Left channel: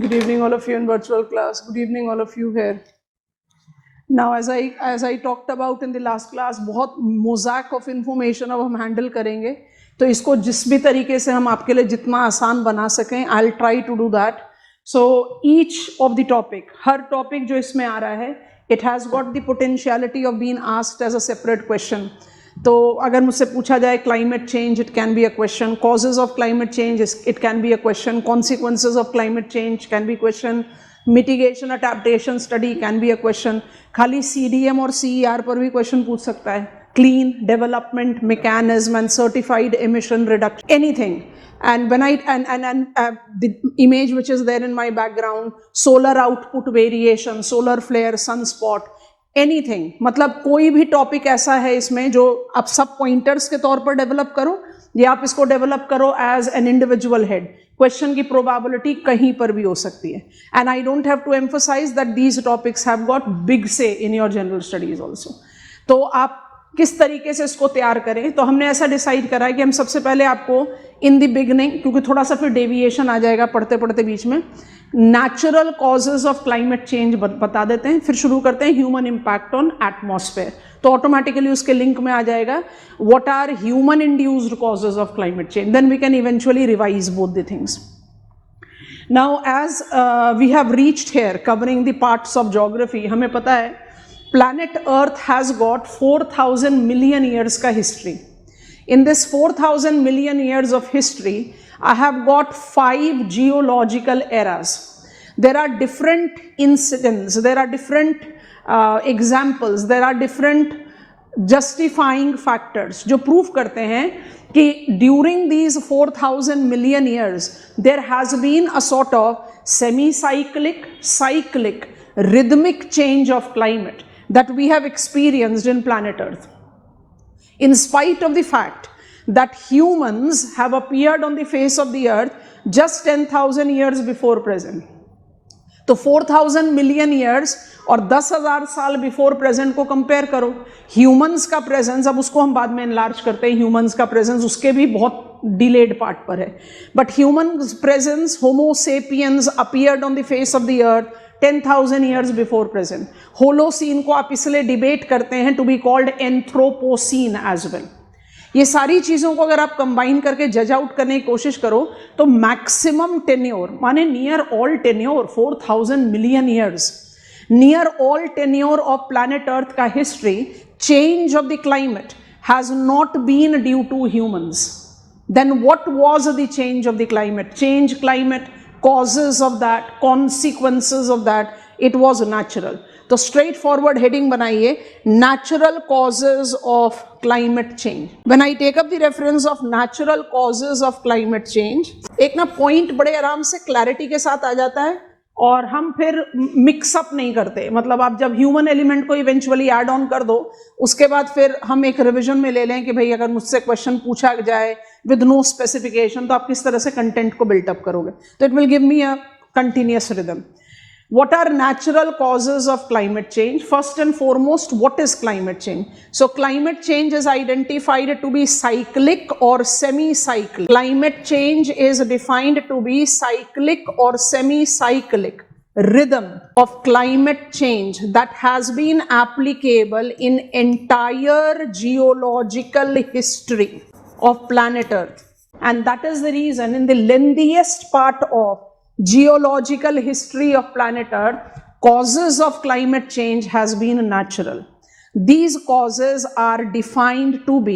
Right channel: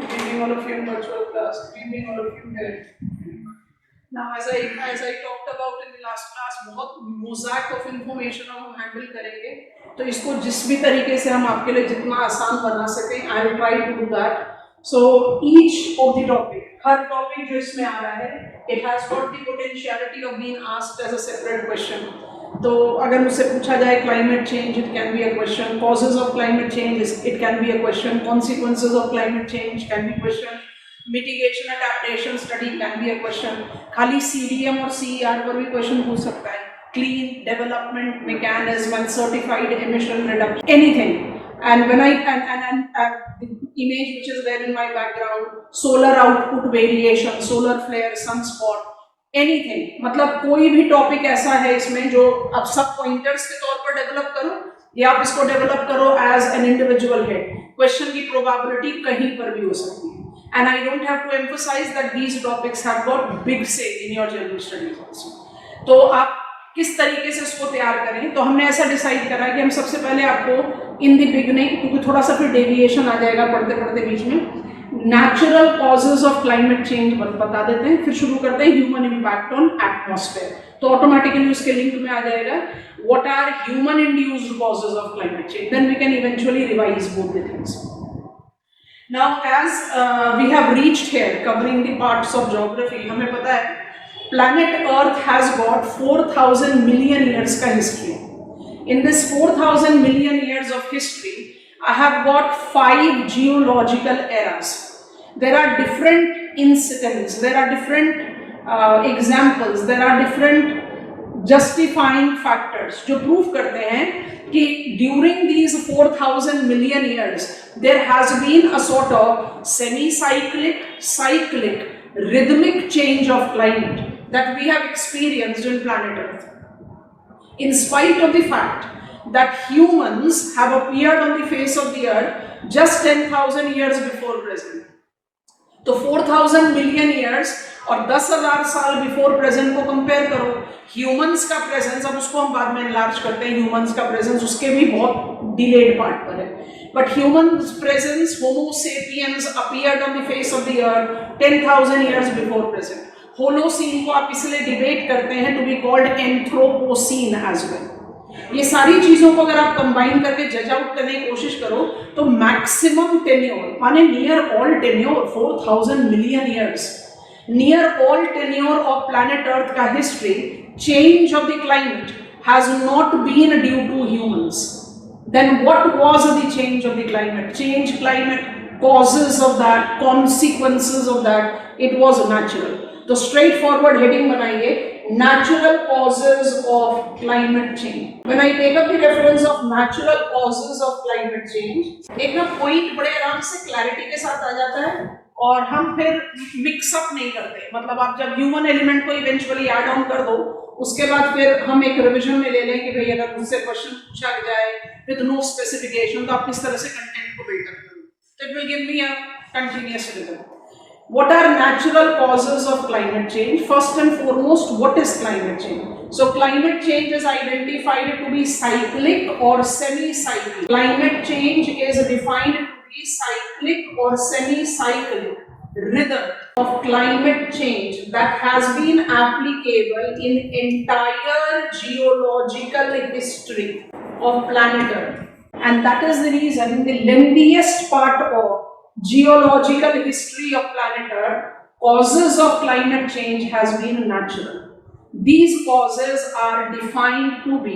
Good evening, all of you in virtual class. Good evening, all of you here. Now, as I talked about in the last class, बहुत mosaic of information अब हम handle करेंगे, तो इसको जिस भी तरीके से हम आपके लिए जितना आसान बना सकें, I'll try to do that. So each of the topic, her topic जो इसमें आ रहा है, it has got the potentiality of being asked as a separate question. तो अगर मुझसे पूछा जाए climate change, it can be a question. Causes of climate change, it can be a question. Consequences of climate change can be a question. Mitigation adaptation study can be a question. खाली CDM और CER पर भी question पूछ सकता है. Clean development mechanism and certified emission reduction, anything. And when the image which is there in my background, solar output variation, solar flare, sunspot, anything. मतलब कोई भी टॉपिक ऐसा है इसमें जो आप सब पॉइंटर्स के तौर पर डेवलप करो या आप इसको डेवलप करो as an individual head. Question की प्रोबेबिलिटी कहीं पर भी हो सकती है. And I don't have to emphasise that these topics have got big say in your general studies also. तो आप किस तरीके से इसको तैयार करें, तो हमने ऐसा डिसाइड करा कि हम सबसे पहले आपको इन द बिगनिंग, क्योंकि थोड़ा सा फिर डेविएशन आ जाएगा पढ़ते पढ़ते बीच में, natural causes of climate change बता देते हैं. फिर शुरू करते हैं ह्यूमन इम्पैक्ट ऑन एटमॉस्फेयर. तो ऑटोमेटिकली उसके लिंक में आ जाएगा what are human induced causes of climate change. Then we can eventually revise both the things. Now as we have reached here covering the parts of geography, हमें पता है planet Earth has got 4,000 million years का history. In this 4,000 million years of history, I have got 5 geological eras. There are different incidents, there are different examples, there are different justifying factors जो prove करते हैं कि during these 4,000 million years, there has been a sort of semi-cyclic, cyclic, rhythmic change of climate that we have experienced in planet Earth. In spite of the fact that humans have appeared on the face of the earth just 10,000 years before present. तो 4,000 million years और 10,000 साल before present को compare करो. Humans का presence, अब उसको हम बाद में एनलार्ज करते हैं, ह्यूमंस का प्रेजेंस उसके भी बहुत डिलेड पार्ट पर है. But human presence, homo sapiens appeared on the face of the earth 10,000 years before present. Holocene को आप इसलिए डिबेट करते हैं to be called Anthropocene as well. ये सारी चीजों को अगर आप कंबाइन करके जज आउट करने की कोशिश करो तो मैक्सिमम टेन्योर माने near all tenure 4,000 million years, near all tenure of planet earth का हिस्ट्री, change of the climate has not been due to humans. Then what was the change of the climate? Change climate, causes of that, consequences of that, it was natural. तो straightforward heading बनाइए, natural causes of climate change. When I take up the reference of natural causes of climate change, एक ना point बड़े आराम से clarity के साथ आ जाता है और हम फिर मिक्स अप नहीं करते. मतलब आप जब ह्यूमन एलिमेंट को इवेंचुअली ऐड ऑन कर दो, उसके बाद फिर हम एक रिवीजन में ले लें कि भाई अगर मुझसे क्वेश्चन पूछा जाए विद नो स्पेसिफिकेशन तो आप किस तरह से कंटेंट को बिल्टअप करोगे. तो it will give me a continuous rhythm. What are natural causes of climate change? First and foremost, what is climate change? So climate change is identified to be cyclic or semi-cyclic. Climate change is defined to be cyclic or semi-cyclic rhythm of climate change that has been applicable in entire geological history of planet Earth. And that is the reason in the lengthiest part of geological history of planet Earth, causes of climate change has been natural. These causes are defined to be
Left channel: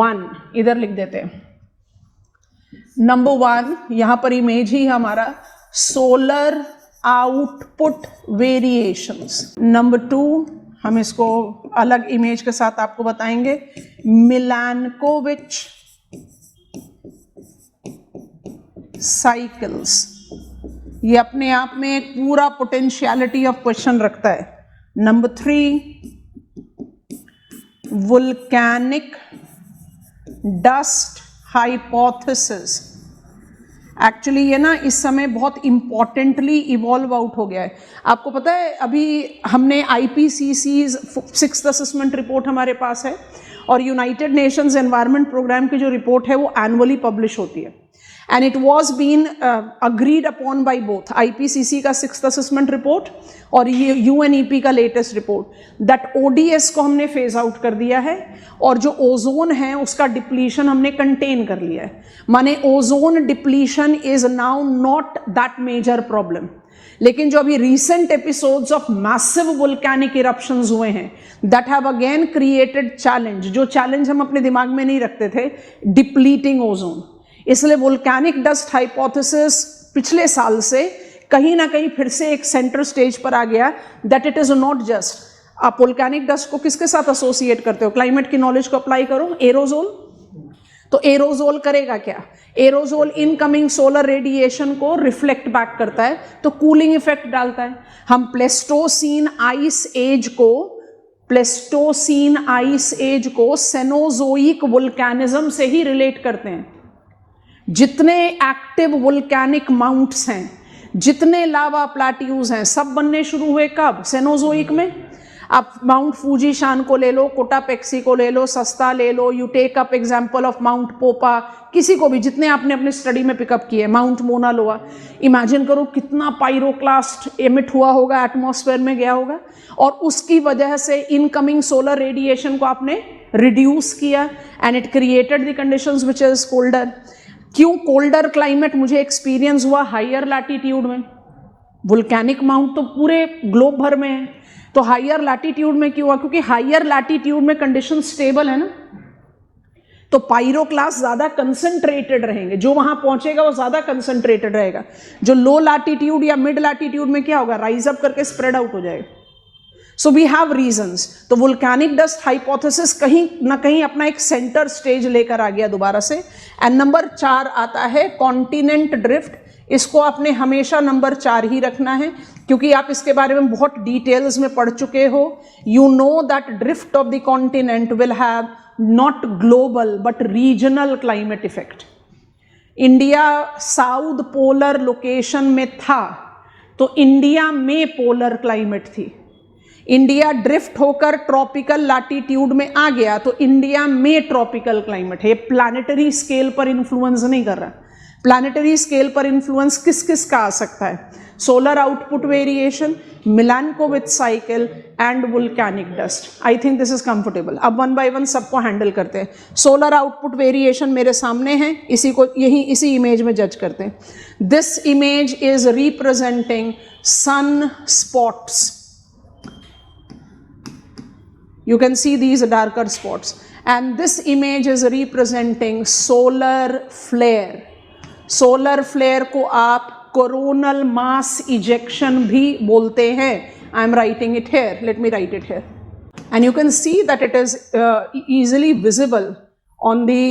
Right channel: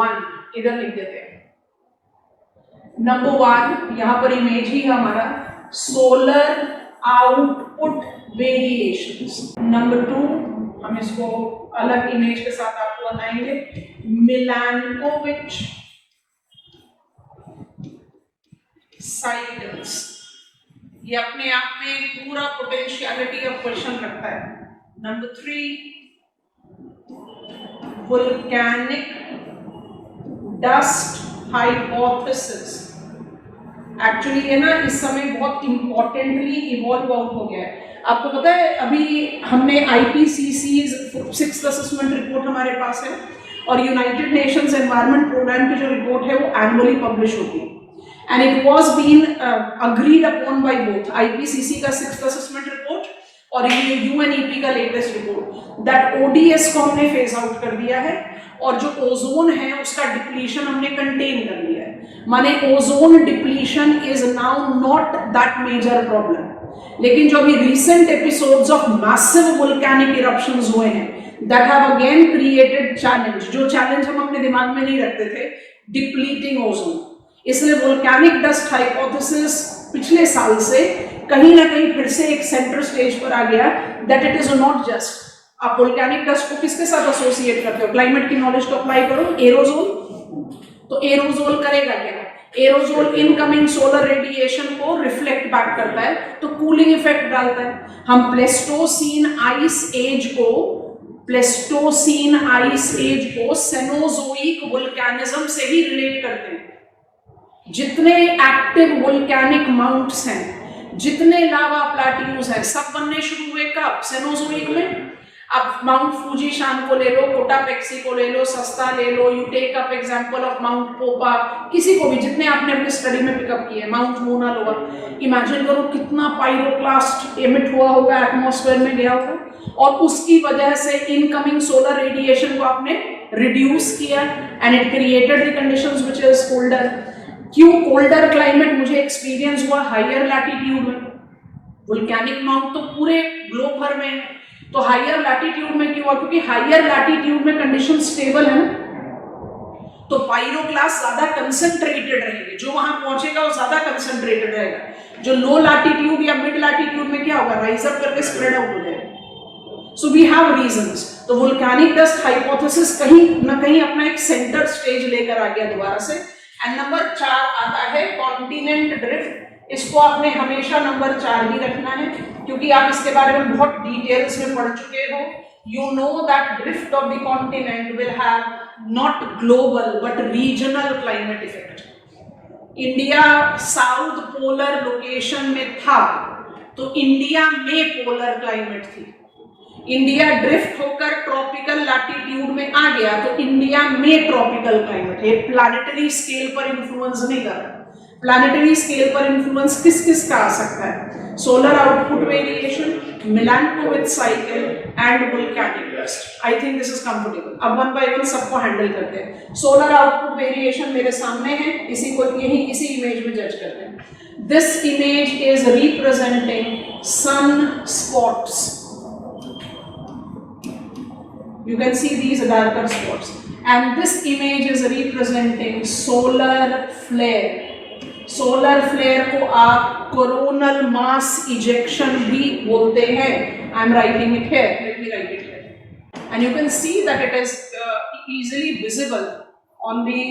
1, इधर लिख देते हैं. Number 1, यहां पर image ही हमारा solar output variations. Number 2, हम इसको अलग इमेज के साथ आपको बताएंगे, मिलानकोविच साइकिल्स. ये अपने आप में एक पूरा पोटेंशियलिटी ऑफ क्वेश्चन रखता है. Number 3, volcanic dust hypothesis. Actually ये ना इस समय बहुत इंपॉर्टेंटली इवॉल्व आउट हो गया है. आपको पता है अभी हमने IPCC's 6th असेसमेंट रिपोर्ट हमारे पास है और यूनाइटेड नेशंस एनवायरनमेंट प्रोग्राम की जो रिपोर्ट है वो एनुअली पब्लिश होती है. and it was been agreed upon by both IPCC का 6th assessment report और UNEP का लेटेस्ट रिपोर्ट दैट ODS को हमने फेज आउट कर दिया है और जो ओजोन है उसका डिप्लीशन हमने कंटेन कर लिया है। माने ozone depletion is now not that major problem. लेकिन जो अभी recent episodes of massive volcanic eruptions हुए हैं that have again created challenge, जो चैलेंज हम अपने दिमाग में नहीं रखते थे, डिप्लीटिंग ओजोन। इसलिए वोल्केनिक डस्ट हाइपोथेसिस पिछले साल से कहीं ना कहीं फिर से एक सेंटर स्टेज पर आ गया that it is not just. आप वोल्केनिक डस्ट को किसके साथ एसोसिएट करते हो? क्लाइमेट की नॉलेज को अप्लाई करो, एरोजोल। तो एरोजोल करेगा क्या? एरोजोल इनकमिंग सोलर रेडिएशन को रिफ्लेक्ट बैक करता है तो कूलिंग इफेक्ट डालता है। हम प्लेस्टोसीन आइस एज को सेनोजोइक वोल्केनिज्म से ही रिलेट करते हैं। जितने एक्टिव वोल्केनिक माउंट्स हैं, जितने लावा प्लाट्यूज हैं, सब बनने शुरू हुए कब? सेनोजोइक में। आप माउंट फूजीशान को ले लो, कोटापेक्सी को ले लो, सस्ता ले लो, you take up example of Mount Popa, किसी को भी, जितने आपने अपनी स्टडी में पिकअप किए, माउंट मोना लोआ, इमेजिन करो कितना पायरोक्लास्ट एमिट हुआ होगा, एटमॉस्फेयर में गया होगा, और उसकी वजह से इनकमिंग सोलर रेडिएशन को आपने रिड्यूस किया and it created the conditions which is colder. क्यों कोल्डर क्लाइमेट मुझे एक्सपीरियंस हुआ हायर लैटिट्यूड में? वोल्केनिक माउंट तो पूरे ग्लोब भर में है, तो हायर लैटिट्यूड में क्यों? क्योंकि हायर लैटिट्यूड में कंडीशन स्टेबल है ना, तो पायरोक्लास्ट ज्यादा कंसंट्रेटेड रहेंगे, जो वहां पहुंचेगा वो ज्यादा कंसंट्रेटेड रहेगा। जो लो लैटिट्यूड या मिड लैटिट्यूड में क्या होगा? राइज अप करके स्प्रेड आउट हो जाएगा। So we have reasons. तो वोल्केनिक डस्ट हाइपोथेसिस कहीं ना कहीं अपना एक सेंटर स्टेज लेकर आ गया दोबारा से। एंड नंबर 4 आता है कॉन्टिनेंट ड्रिफ्ट। इसको आपने हमेशा नंबर 4 ही रखना है क्योंकि आप इसके बारे में बहुत डिटेल्स में पढ़ चुके हो। You know that drift of the continent will have not global but regional climate effect. India south polar location में था तो इंडिया में पोलर क्लाइमेट थी। इंडिया ड्रिफ्ट होकर ट्रॉपिकल लैटिट्यूड में आ गया तो इंडिया में ट्रॉपिकल क्लाइमेट है। प्लानिटरी स्केल पर इन्फ्लुएंस नहीं कर रहा। प्लानिटरी स्केल पर इन्फ्लुएंस किस किस का आ सकता है? Solar output variation, Milankovitch cycle and volcanic dust. I think this is comfortable. अब वन बाय वन सबको हैंडल करते हैं। सोलर आउटपुट वेरिएशन मेरे सामने है, इसी इमेज में जज करते हैं। This image is representing sun spots. You can see these darker spots, and this image is representing solar flare. Solar flare को आप coronal mass ejection भी बोलते हैं. I am writing it here. Let me write it here. And you can see that it is easily visible on the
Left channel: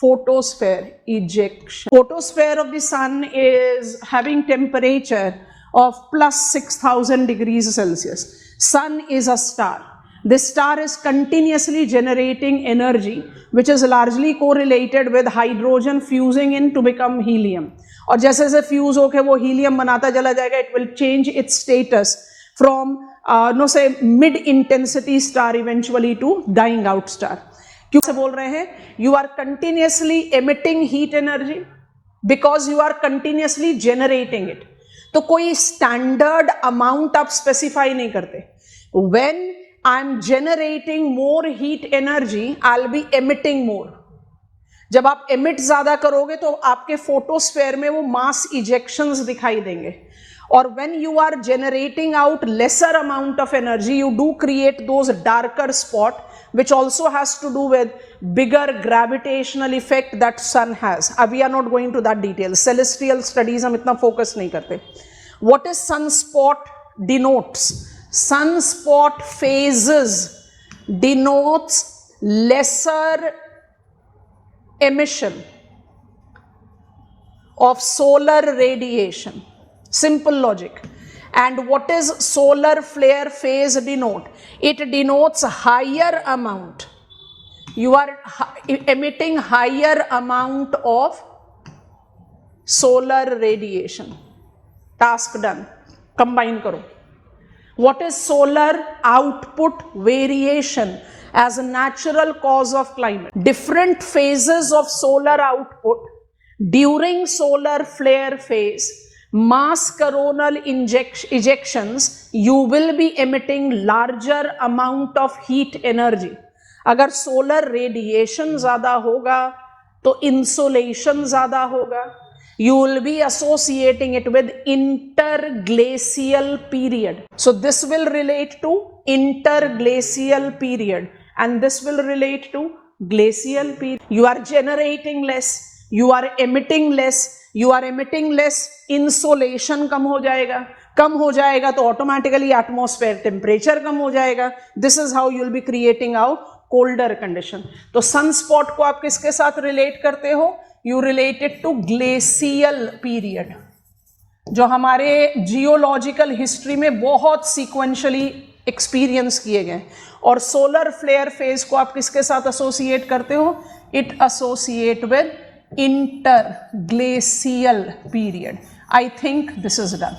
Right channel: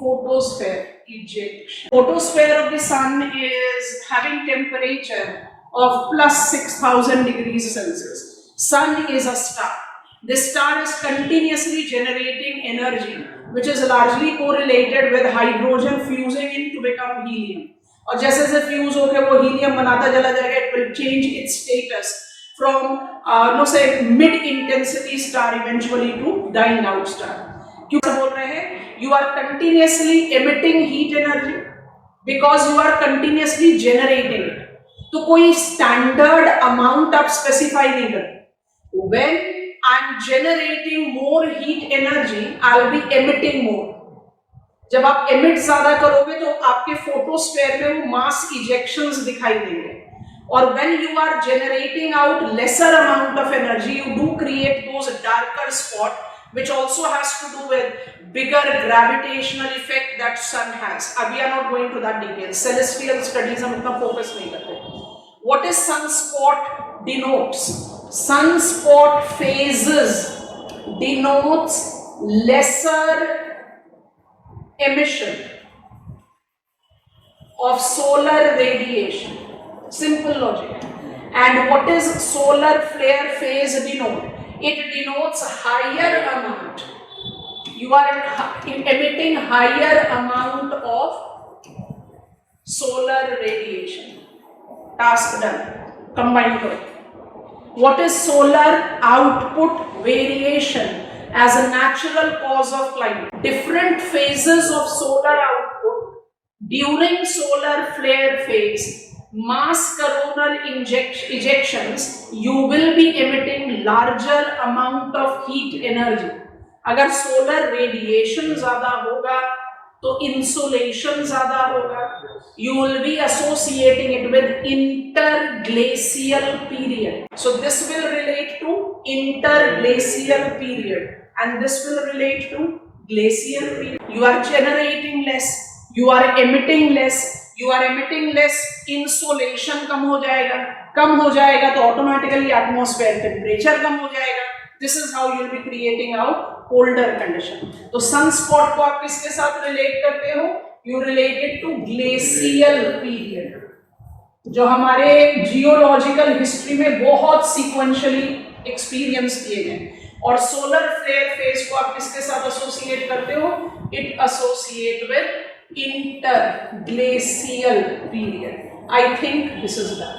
photosphere ejection. Photosphere of the sun is having temperature of plus 6,000 degrees Celsius. Sun is a star. This star is continuously generating energy which is largely correlated with hydrogen fusing in to become helium. और जैसे जैसे fuse होकर वो helium बनाता चला जाएगा, it will change its status from say mid intensity star eventually to dying out star. क्यों से बोल रहे हैं? You are continuously emitting heat energy because you are continuously generating it. तो कोई standard amount आप specify नहीं करते. When I'm generating more heat energy, I'll be emitting more. जब आप emit ज्यादा करोगे तो आपके फोटोस्फेयर में वो mass ejections दिखाई देंगे। और when you are generating out lesser amount of energy, you do create those darker spot, which also has to do with bigger gravitational effect that sun has. We are not going to that detail. Celestial studies हम इतना focus नहीं करते. What is sunspot denotes? Sunspot phases denotes lesser emission of solar radiation. Simple logic. And what is solar flare phase denote? It denotes higher amount. You are emitting higher amount of solar radiation. Task done. Combine karo. What is solar output variation as a natural cause of climate? Different phases of solar output During solar flare phase, mass coronal ejections, you will be emitting larger amount of heat energy. अगर solar radiation ज्यादा होगा तो insolation ज्यादा होगा. You will be associating it with interglacial period. So this will relate to interglacial period, and this will relate to glacial period. You are generating less, you are emitting less, you are emitting less, insolation कम हो जाएगा तो automatically atmosphere temperature कम हो जाएगा. This is how you will be creating out colder condition. तो sunspot को आप किसके साथ relate करते हो? You relate it to glacial period, जो हमारे जियोलॉजिकल हिस्ट्री में बहुत सीक्वेंशियली एक्सपीरियंस किए गए. और सोलर फ्लेयर फेज को आप किसके साथ एसोसिएट करते हो? It associate with interglacial period. I think this is done.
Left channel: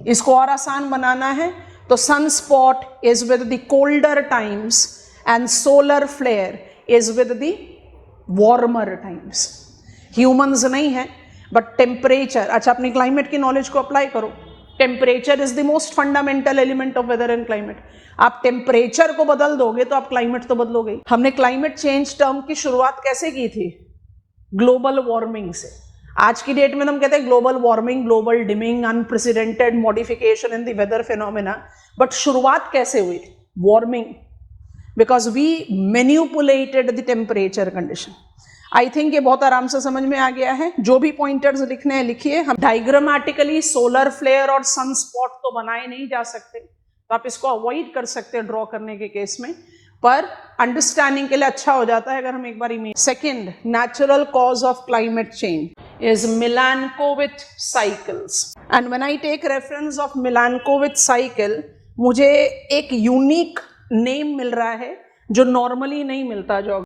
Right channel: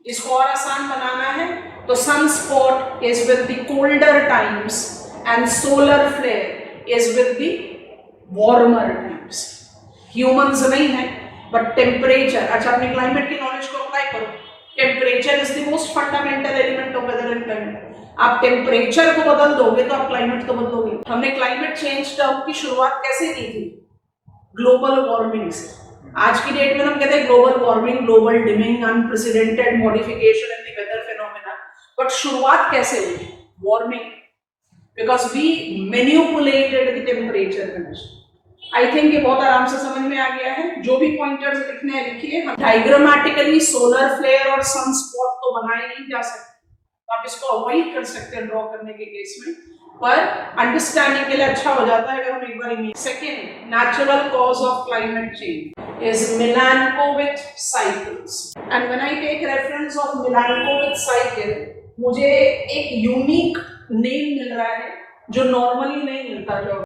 इसको और आसान बनाना है तो sunspot is with the colder times and solar flare is with the warmer times. Humans नहीं है बट टेम्परेचर. अच्छा, अपनी क्लाइमेट की नॉलेज को अप्लाई करो. Temperature is the most fundamental element of weather and climate. आप टेम्परेचर को बदल दोगे तो आप क्लाइमेट तो बदलोगे. हमने क्लाइमेट चेंज टर्म की शुरुआत कैसे की थी? ग्लोबल वार्मिंग से. आज की डेट में हम कहते हैं global warming, global dimming, unprecedented modification in the weather phenomena. But शुरुआत कैसे हुई? Warming, because we manipulated the temperature condition. I think ये बहुत आराम से समझ में आ गया है. जो भी पॉइंटर्स लिखने हैं लिखिए. हम डायग्रामेटिकली सोलर फ्लेयर और सनस्पॉट तो बनाए नहीं जा सकते, तो आप इसको अवॉइड कर सकते हैं ड्रॉ करने के केस में, पर अंडरस्टैंडिंग के लिए अच्छा हो जाता है अगर हम एक बार image. Second natural cause of climate change is Milankovitch cycles. And when I take reference of Milankovitch cycle, मुझे एक यूनिक नेम मिल रहा है जो नॉर्मली नहीं मिलता. जो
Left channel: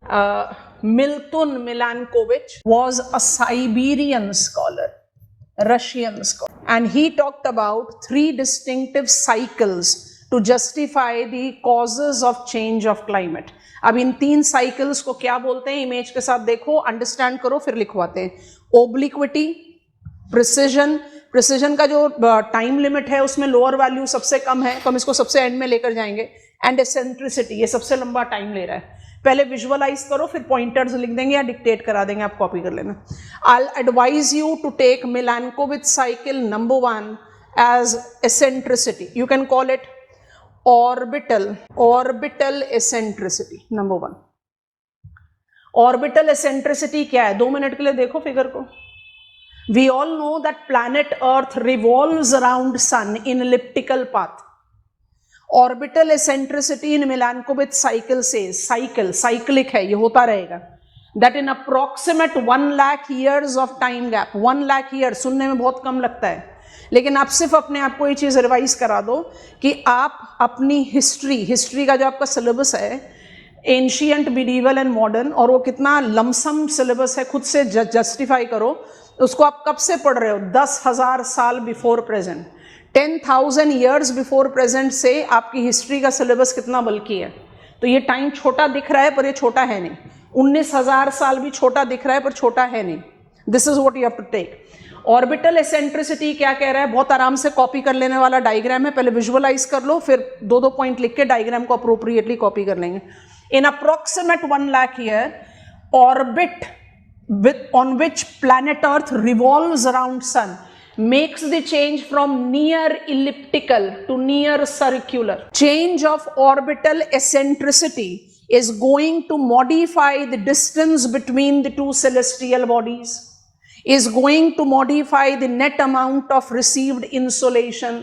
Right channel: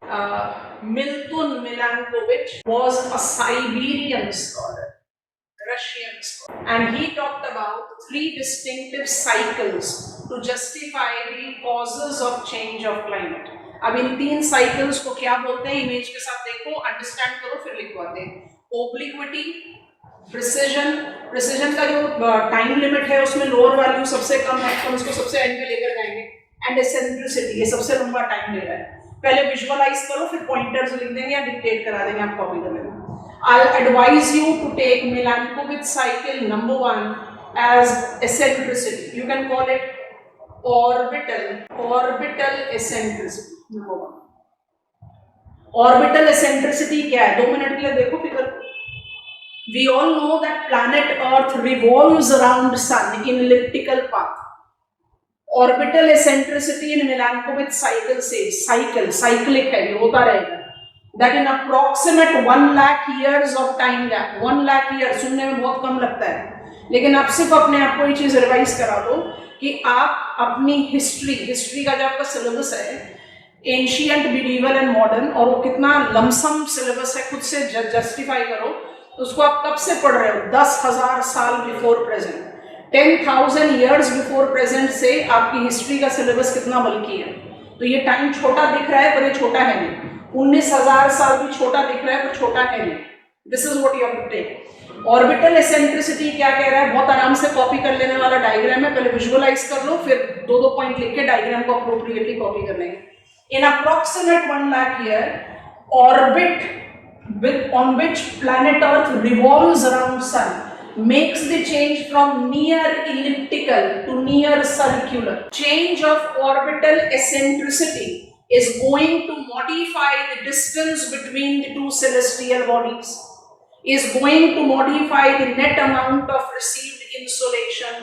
Milton Milankovitch was a Siberian scholar, Russian scholar, and he talked about 3 distinctive cycles to justify the causes of change of climate. अब इन 3 cycles को क्या बोलते हैं? इमेज के साथ देखो, अंडरस्टैंड करो, फिर लिखवाते हैं. ओब्लिक्विटी, प्रिसिजन. प्रिसिजन का जो टाइम लिमिट है उसमें लोअर वैल्यू सबसे कम है, तो हम इसको सबसे एंड में लेकर जाएंगे. एंड एसेंट्रिसिटी, ये सबसे लंबा टाइम ले रहा है. पहले विजुअलाइज करो, फिर पॉइंटर्स लिख देंगे या डिक्टेट करा देंगे, आप कॉपी कर लेना. I advise you to take Milankovitch cycle number 1 as eccentricity. You can call it orbital eccentricity number 1. Orbital eccentricity क्या है? 2 मिनट के लिए देखो फिगर को. We all know that planet earth revolves around sun in elliptical path. Orbital eccentricity in Milankovitch cycle से, cyclic है, ये होता रहेगा. That in approximate 1 lakh years of time gap. 1 lakh year सुनने में बहुत कम लगता है, लेकिन आप सिर्फ अपने आप को ये चीज रिवाइज करा दो कि आप अपनी हिस्ट्री का जो आपका सिलेबस है, एंशियंट, मिडीवल एंड मॉडर्न, और वो कितना लमसम सिलेबस है, खुद से जस्टिफाई करो. उसको आप कब से पढ़ रहे हो? 10,000 साल before present, 10,000 years before present से आपकी हिस्ट्री का सिलेबस कितना बल्कि है. तो ये टाइम छोटा दिख रहा है पर ये छोटा है नहीं. 19,000 साल भी छोटा दिख रहा है पर छोटा है नहीं. This is what you have to take. Orbital eccentricity क्या कह रहा है? बहुत आराम से कॉपी कर लेने वाला डायग्राम है. पहले विजुअलाइज कर लो, फिर 2-2 पॉइंट लिख के डायग्राम को अप्रोप्रिएटली कॉपी कर लेंगे. In approximate 1 lakh year, orbit on which planet Earth revolves around Sun makes the change from near elliptical to near circular. Change of orbital eccentricity is going to modify the distance between the 2 celestial bodies, is going to modify the net amount of received insolation,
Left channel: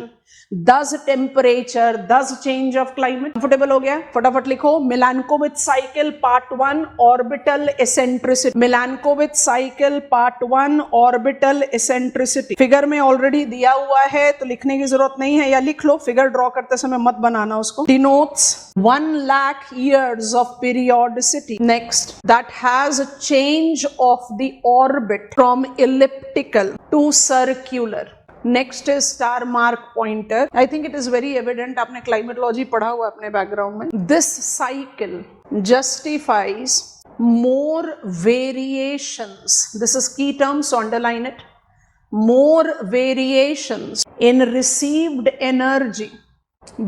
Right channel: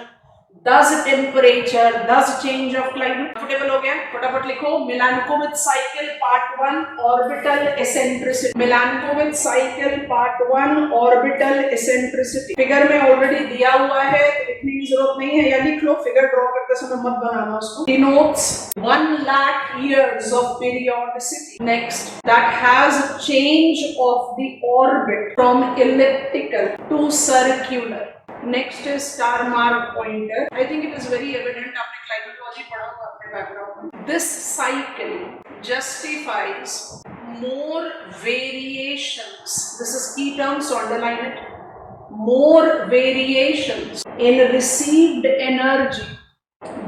thus temperature, thus change of climate. Comfortable हो गया? फटाफट लिखो. Milankovitch cycle part 1 orbital eccentricity. Milankovitch cycle part 1 orbital eccentricity. Figure में already दिया हुआ है तो लिखने की जरूरत नहीं है, या लिख लो. फिगर ड्रॉ करते समय मत बनाना उसको. Denotes 1 lakh years of periodicity. Next, that has a change of the orbit from elliptical to circular. Next is star mark pointer. I think it is very evident, आपने क्लाइमेटोलॉजी पढ़ा हुआ अपने background में. This cycle justifies more variations, this is key term, so underline it, more variations in received energy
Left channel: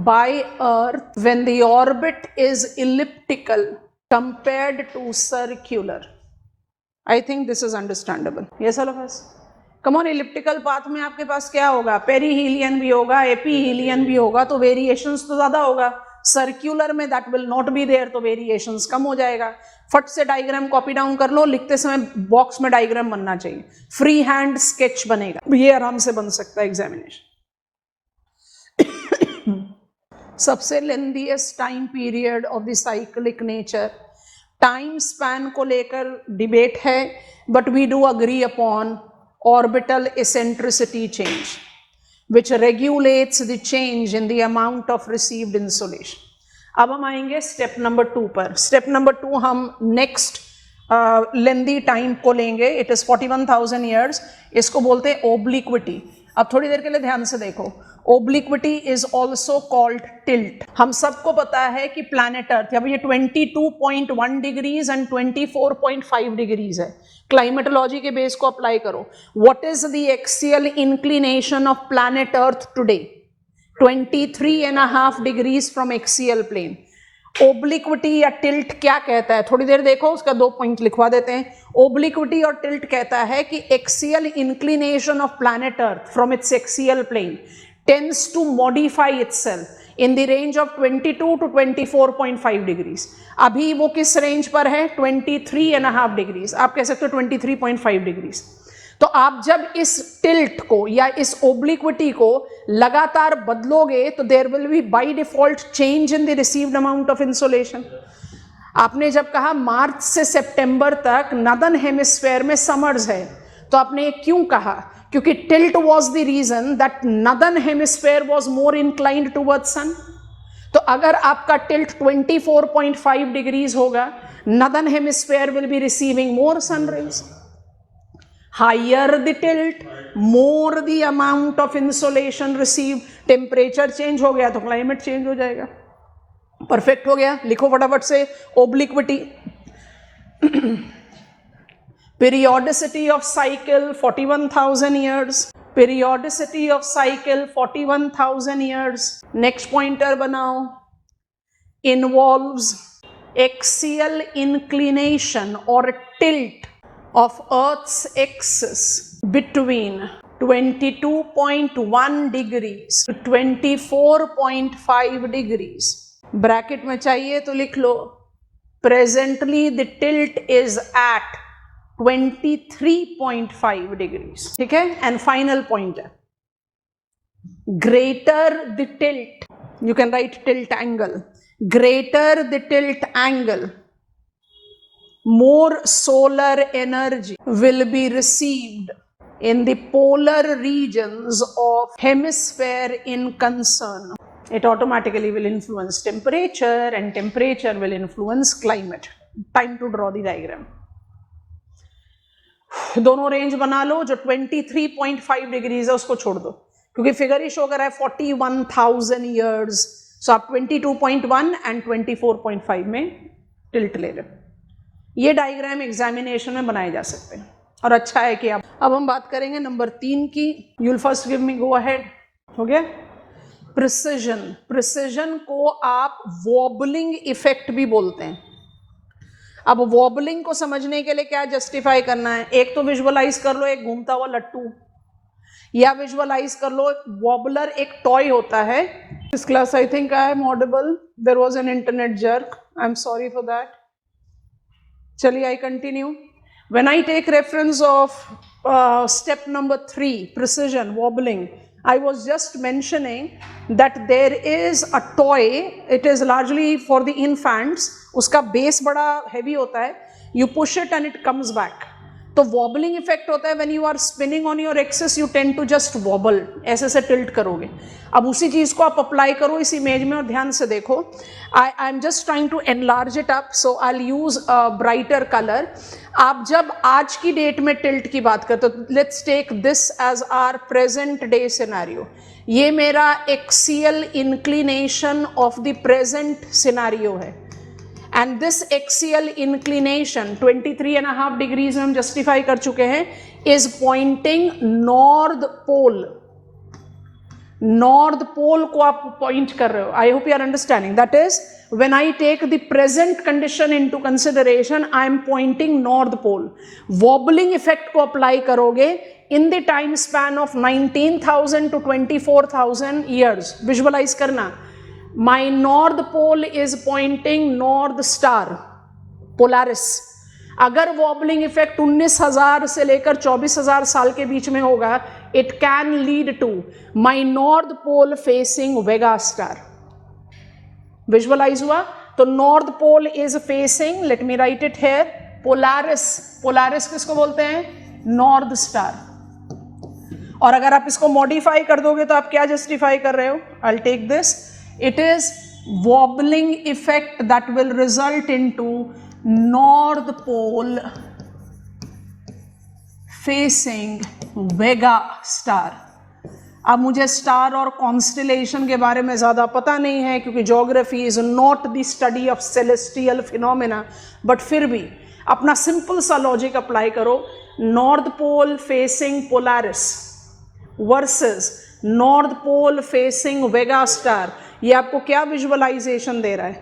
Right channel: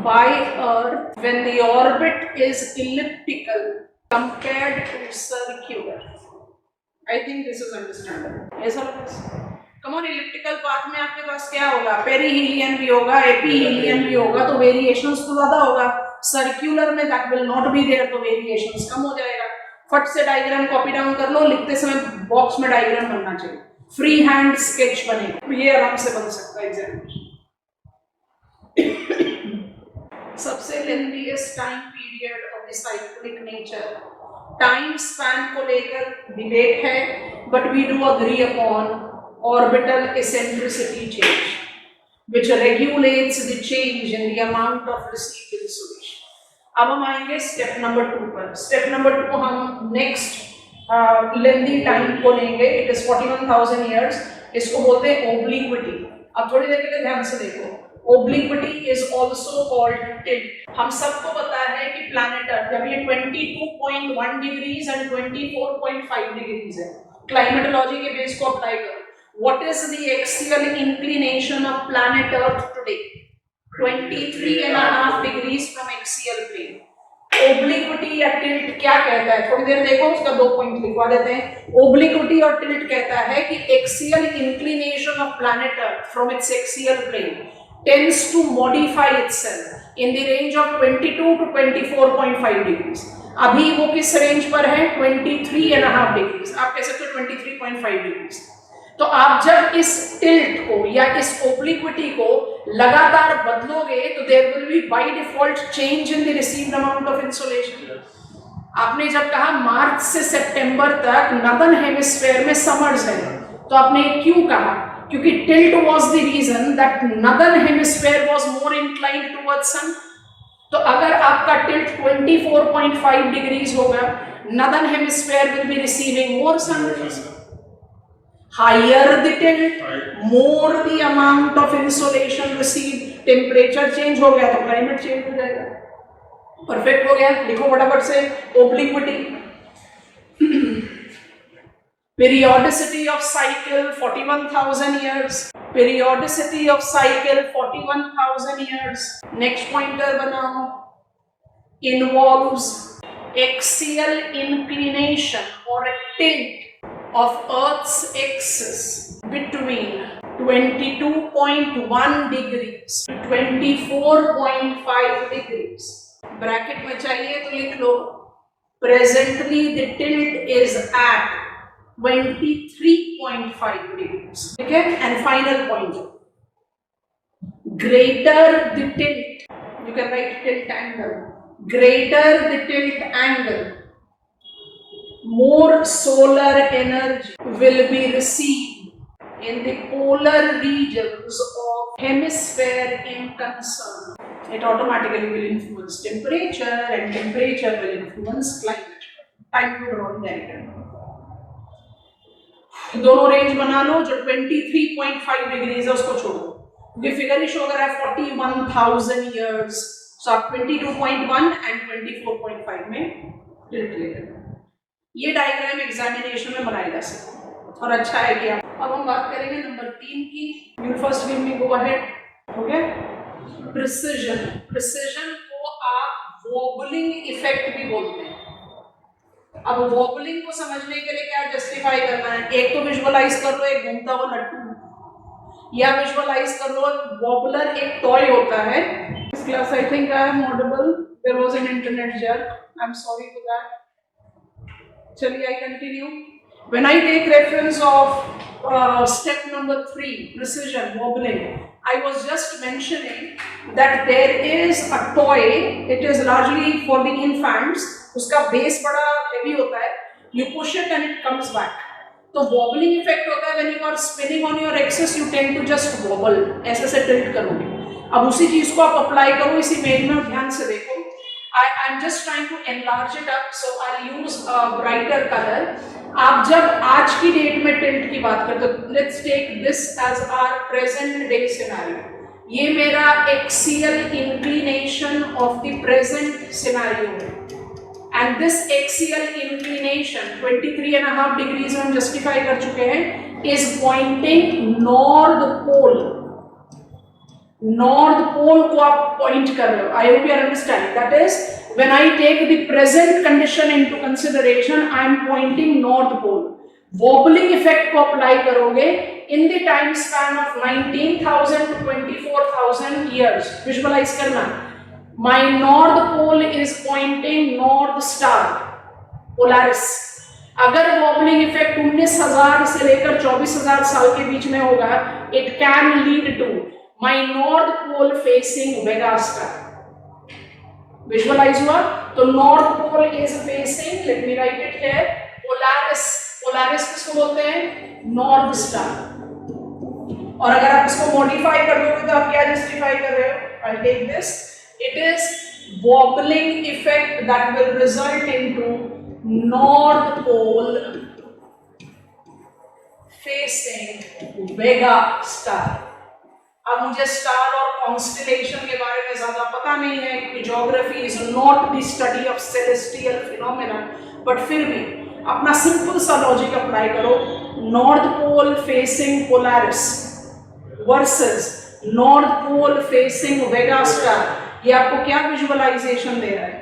by Earth when the orbit is elliptical compared to circular. I think this is understandable. Yes or no? Come on, elliptical path में आपके पास क्या होगा, perihelion भी होगा, एपीहीलियन भी होगा, तो variations तो ज्यादा होगा. सर्क्यूलर में that will not be there, तो वेरिएशंस कम हो जाएगा. फट से डायग्राम कॉपी डाउन कर लो, लिखते समय बॉक्स में डायग्राम बनना चाहिए, फ्री हैंड स्केच बनेगा, ये आराम से बन सकता है एग्जामिनेशन. सबसे lengthiest time period of the cyclic nature. Time span को लेकर डिबेट है, but we do agree upon orbital eccentricity change, which regulates the change in the amount of received insolation. अब हम आएंगे स्टेप नंबर 2 पर. Step number 2 हम next lengthy time को लेंगे. It is 41,000 years. इसको बोलते हैं ओब्लिक्विटी. अब थोड़ी देर के लिए ध्यान से देखो. ओब्लिक्विटी इज ऑल्सो कॉल्ड टिल्ट. हम सबको पता है कि प्लैनेट अर्थ अभी ये 22.1 डिग्रीज एंड 24.5 डिग्रीज है. क्लाइमेटोलॉजी के बेस को अप्लाई करो. What is the axial inclination of planet earth today? 23.5 degrees from axial plane. Obliquity या टिल्ट क्या कहता है? थोड़ी देर देखो, उसका 2 पॉइंट लिखवा देते हैं. ओब्लिक्विटी और टिल्ट कहता है कि axial inclination of planet earth from its axial plane tends to modify itself in the range of 22 to 24.5 degrees. अभी वो किस रेंज पर है? 23.5 डिग्रीज. आप कह सकते हो 23.5 डिग्रीज. तो आप जब इस टिल्ट को या इस ओब्लिक्विटी को लगातार बदलोगे तो there will be by default change in the received amount of insolation. आपने जब कहा मार्च से सितंबर तक नॉर्दर्न हेमिस्फीयर में समर्स है, तो आपने क्यों कहा? क्योंकि tilt was the reason that northern hemisphere was more inclined towards sun. तो अगर आपका टिल्ट 24.5 डिग्रीज होगा, northern hemisphere will be receiving more sun rays. Higher the tilt, more the amount of insolation received. Temperature change हो गया तो climate change हो जाएगा. Perfect हो गया. लिखो फटाफट से ओब्लिक्विटी. Periodicity of cycle 41,000 years. Periodicity of cycle 41,000 years. Next pointer बनाओ. Involves axial inclination or a tilt of Earth's axis between 22.1 degrees to 24.5 degrees. Bracket में चाहिए तो लिख लो. Presently the tilt is at 23.5 degrees. ठीक है. एंड फाइनल पॉइंट है, greater the tilt, you can write tilt angle, greater the tilt angle, more solar energy will be received in the polar regions of hemisphere in concern. It automatically will influence temperature and temperature will influence climate. Time to draw the diagram. दोनों range बना लो. जो 23.5 degrees है उसको छोड़ दो, क्योंकि figure ही show कर रहा है 41,000 years. सो आप 22.1 एंड 24.5 में टिल्ट ले रहे हो. ये डायग्राम एग्जामिनेशन में बनाए जा सकते हैं और अच्छा है कि आप. अब हम बात करेंगे नंबर 3 की. You'll first give me go ahead. हो गया. प्रिसिजन. प्रिसिजन को आप वॉबलिंग इफेक्ट भी बोलते हैं. अब वॉबलिंग को समझने के लिए क्या जस्टिफाई करना है? एक तो विजुअलाइज कर लो एक घूमता हुआ लट्टू, या विजुअलाइज कर लो वॉबलर एक टॉय होता है. इस class I think I am audible. There was an internet jerk. I am sorry for that. चलिए I continue. When I take reference of step number 3, precession, wobbling, I was just mentioning that there is a toy. It is largely for the infants. उसका base बड़ा heavy होता है. You push it and it comes back. तो wobbling effect होता है. when you are spinning on your axis you tend to just wobble. ऐसे से tilt करोगे. अब उसी चीज को आप अप्लाई करो इस इमेज में और ध्यान से देखो. I am just trying to enlarge it up, so I will use a brighter colour. आप जब आज की डेट में टिल्ट की बात करें तो let's take this as our present day scenario. ये मेरा axial inclination of the present scenario है. And this axial inclination 23.5 degrees में हम जस्टिफाई कर चुके हैं, is pointing north pole. North pole को आप पॉइंट कर रहे हो. I hope you are understanding. That is when I take the present condition into consideration, I am pointing north pole. Wobbling effect को अप्लाई करोगे इन the time span of 19,000 to 24,000 years. Visualise करना. My north pole is pointing north star, Polaris. अगर wobbling effect 19,000 से लेकर 24,000 साल के बीच में होगा, it can lead to my north pole facing Vega star. Visualize हुआ? तो north pole is facing, let me write it here, Polaris. Polaris किसको बोलते हैं? North star. और अगर आप इसको मॉडिफाई कर दोगे तो आप क्या जस्टिफाई कर रहे हो? I'll take this. It is wobbling effect that will result into north pole facing Vega star. अब मुझे स्टार और कॉन्स्टिलेशन के बारे में ज्यादा पता नहीं है क्योंकि geography is not the study of celestial phenomena, but फिर भी अपना सिंपल सा लॉजिक अप्लाई करो. North pole facing Polaris versus north pole facing Vega star. ये आपको क्या विजुअलाइजेशन दे रहा है?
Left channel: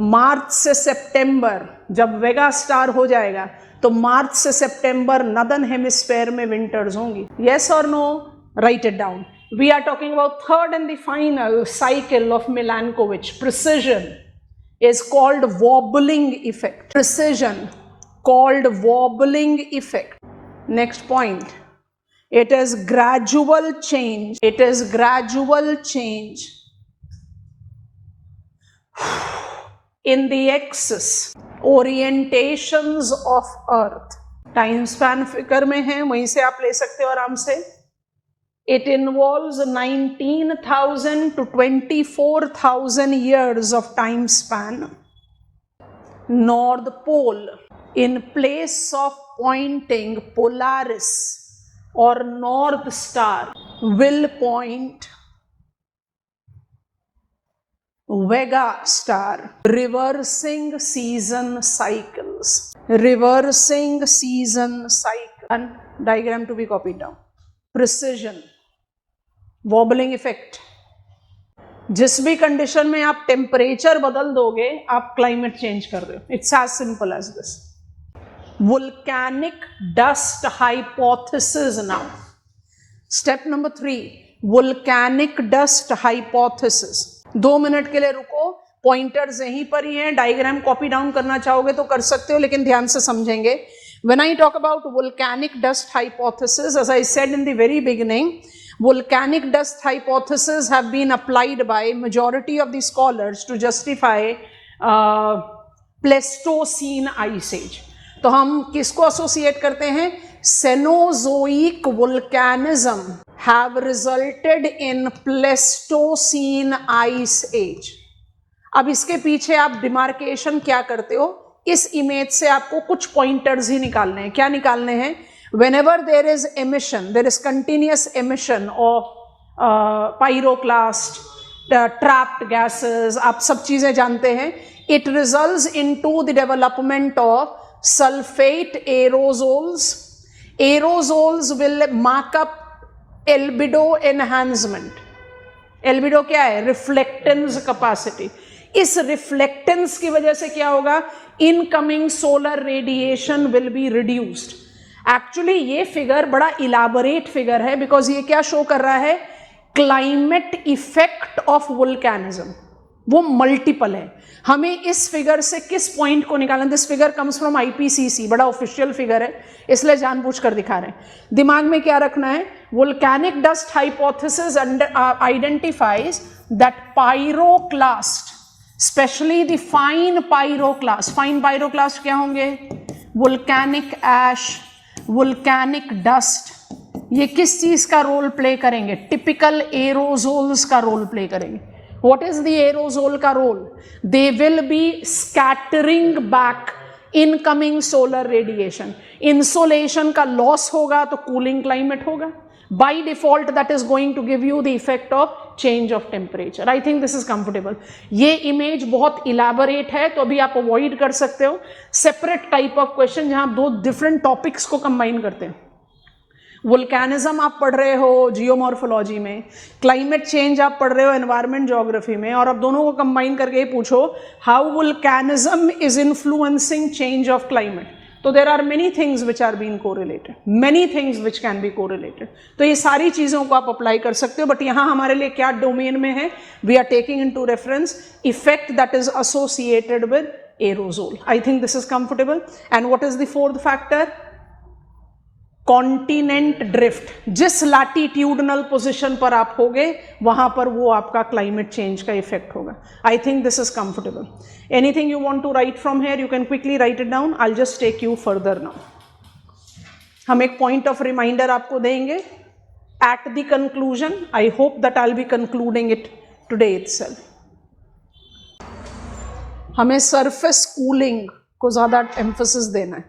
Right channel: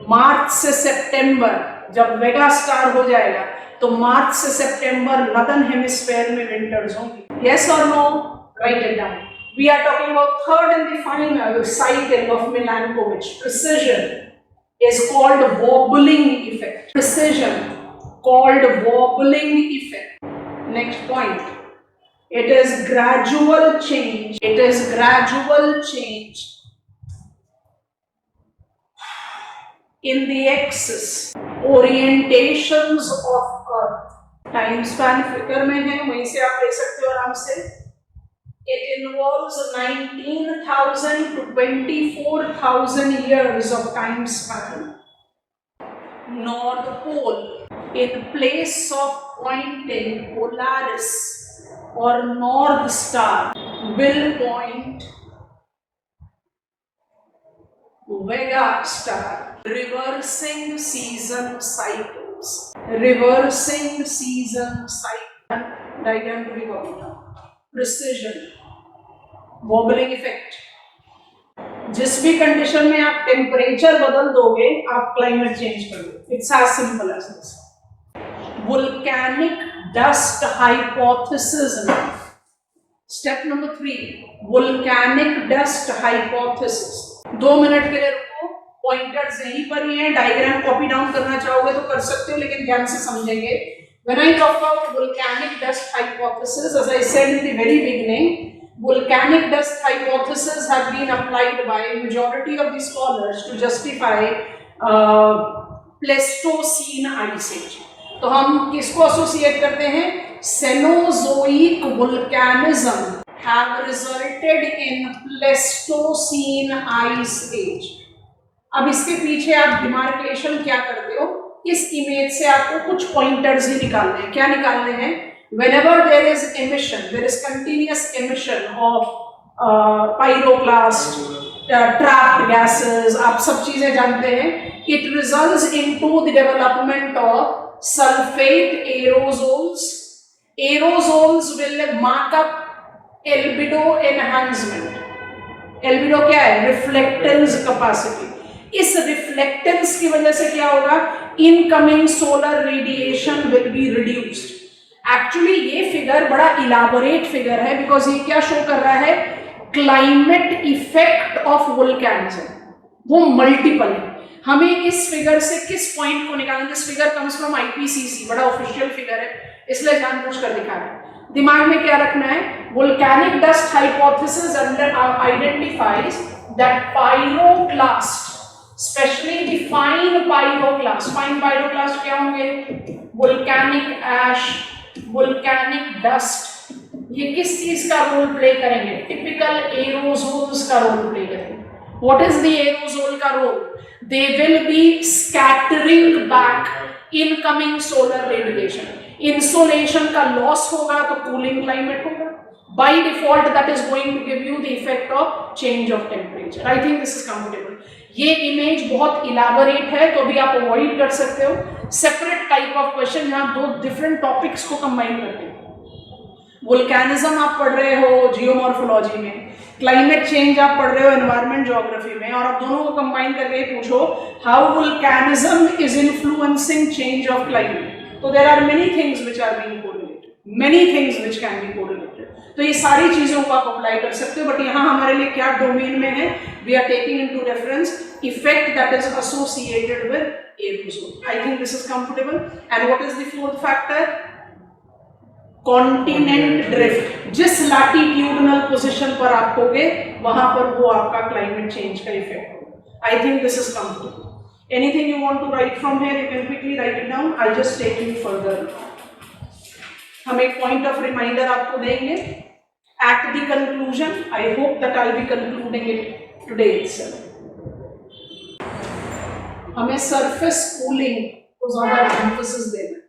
मार्च से सितंबर जब वेगा स्टार हो जाएगा तो मार्च से सितंबर नॉर्दर्न हेमिस्फीयर में विंटर्स होंगी. यस और no? Write it down. We are talking about third and the final cycle of Milankovitch. Precession is called wobbling effect. Precision called wobbling effect. Next point. It is gradual change. It is gradual change in the axis orientations of Earth. Time span figure में है, वहीं से आप ले सकते हो आराम से. It involves 19,000 to 24,000 years of time span. North Pole, in place of pointing Polaris or North Star, will point Vega Star. Reversing season cycles. Reversing season cycle. And diagram to be copied down. Precision. Wobbling effect. जिस भी condition में आप temperature बदल दोगे आप climate change कर दो. It's as simple as this. Volcanic dust hypothesis. Step number 3. Volcanic dust hypothesis. 2 minute के लिए रुको. पॉइंटर्स यहीं पर ही हैं. डायग्राम कॉपी डाउन करना चाहोगे तो कर सकते हो, लेकिन ध्यान से समझेंगे. When I talk about volcanic dust hypothesis, as I said in the very beginning, volcanic dust hypothesis have been applied by majority of the scholars to justify Pleistocene ice age. तो हम किसको एसोसिएट करते हैं? Cenozoic volcanism have resulted in Pleistocene ice age. अब इसके पीछे आप demarcation क्या करते हो? इस इमेज से आपको कुछ पॉइंटर्स ही निकालने हैं. क्या निकालने हैं? Whenever there is emission, there is continuous emission of pyroclast, trapped gases, आप सब चीजें जानते हैं. It results into the development of sulfate aerosols. Aerosols will mark up albedo enhancement. Albedo क्या है? Reflectance capacity. इस रिफ्लेक्टेंस की वजह से क्या होगा? Incoming solar radiation will be reduced. Actually ये फिगर बड़ा इलाबोरेट फिगर है बिकॉज ये क्या शो कर रहा है? Climate effect of volcanism. वो मल्टीपल है. हमें इस फिगर से किस पॉइंट को निकालना? This figure comes from IPCC. बड़ा ऑफिशियल फिगर है, इसलिए जानबूझकर दिखा रहे हैं. दिमाग में क्या रखना है? Volcanic dust hypothesis identifies that pyroclast, especially the fine pyroclast. Fine pyroclast क्या होंगे? वोल्केनिक एश, वोल्केनिक डस्ट, ये किस चीज का रोल प्ले करेंगे? टिपिकल एरोजोल्स का रोल प्ले करेंगे. व्हाट इज द एरोजोल का role? They will be scattering back incoming solar radiation. Insolation का लॉस होगा तो कूलिंग क्लाइमेट होगा. By default, that is going to give you the effect of change of temperature. I think this is comfortable. ये image बहुत elaborate है तो अभी आप अवॉइड कर सकते हो. सेपरेट टाइप ऑफ क्वेश्चन जहां दो डिफरेंट टॉपिक्स को कंबाइन करते हैं. वोल्केनिज्म आप पढ़ रहे हो जियोमॉर्फोलॉजी में, क्लाइमेट चेंज आप पढ़ रहे हो एनवायरमेंट ज्योग्राफी में, और आप दोनों को कंबाइन करके पूछो how volcanism is influencing change of climate. So there are many things which are being correlated, many things which can be correlated. तो ये सारी चीजों को आप अप्लाई कर सकते हो. बट यहाँ हमारे लिए क्या डोमेन में है? We are taking into reference effect that is associated with aerosol. I think this is comfortable. And what is the fourth factor? Continent drift. जिस latitudinal position पर आप होगे वहां पर वो आपका climate change का effect होगा. I think this is comfortable. Anything you want to write from here, you can quickly write it down. I'll just take you further now. हम एक point of reminder आपको देंगे. At the conclusion, I hope that I'll be concluding it today itself. हमें surface cooling को ज़्यादा emphasis देना है.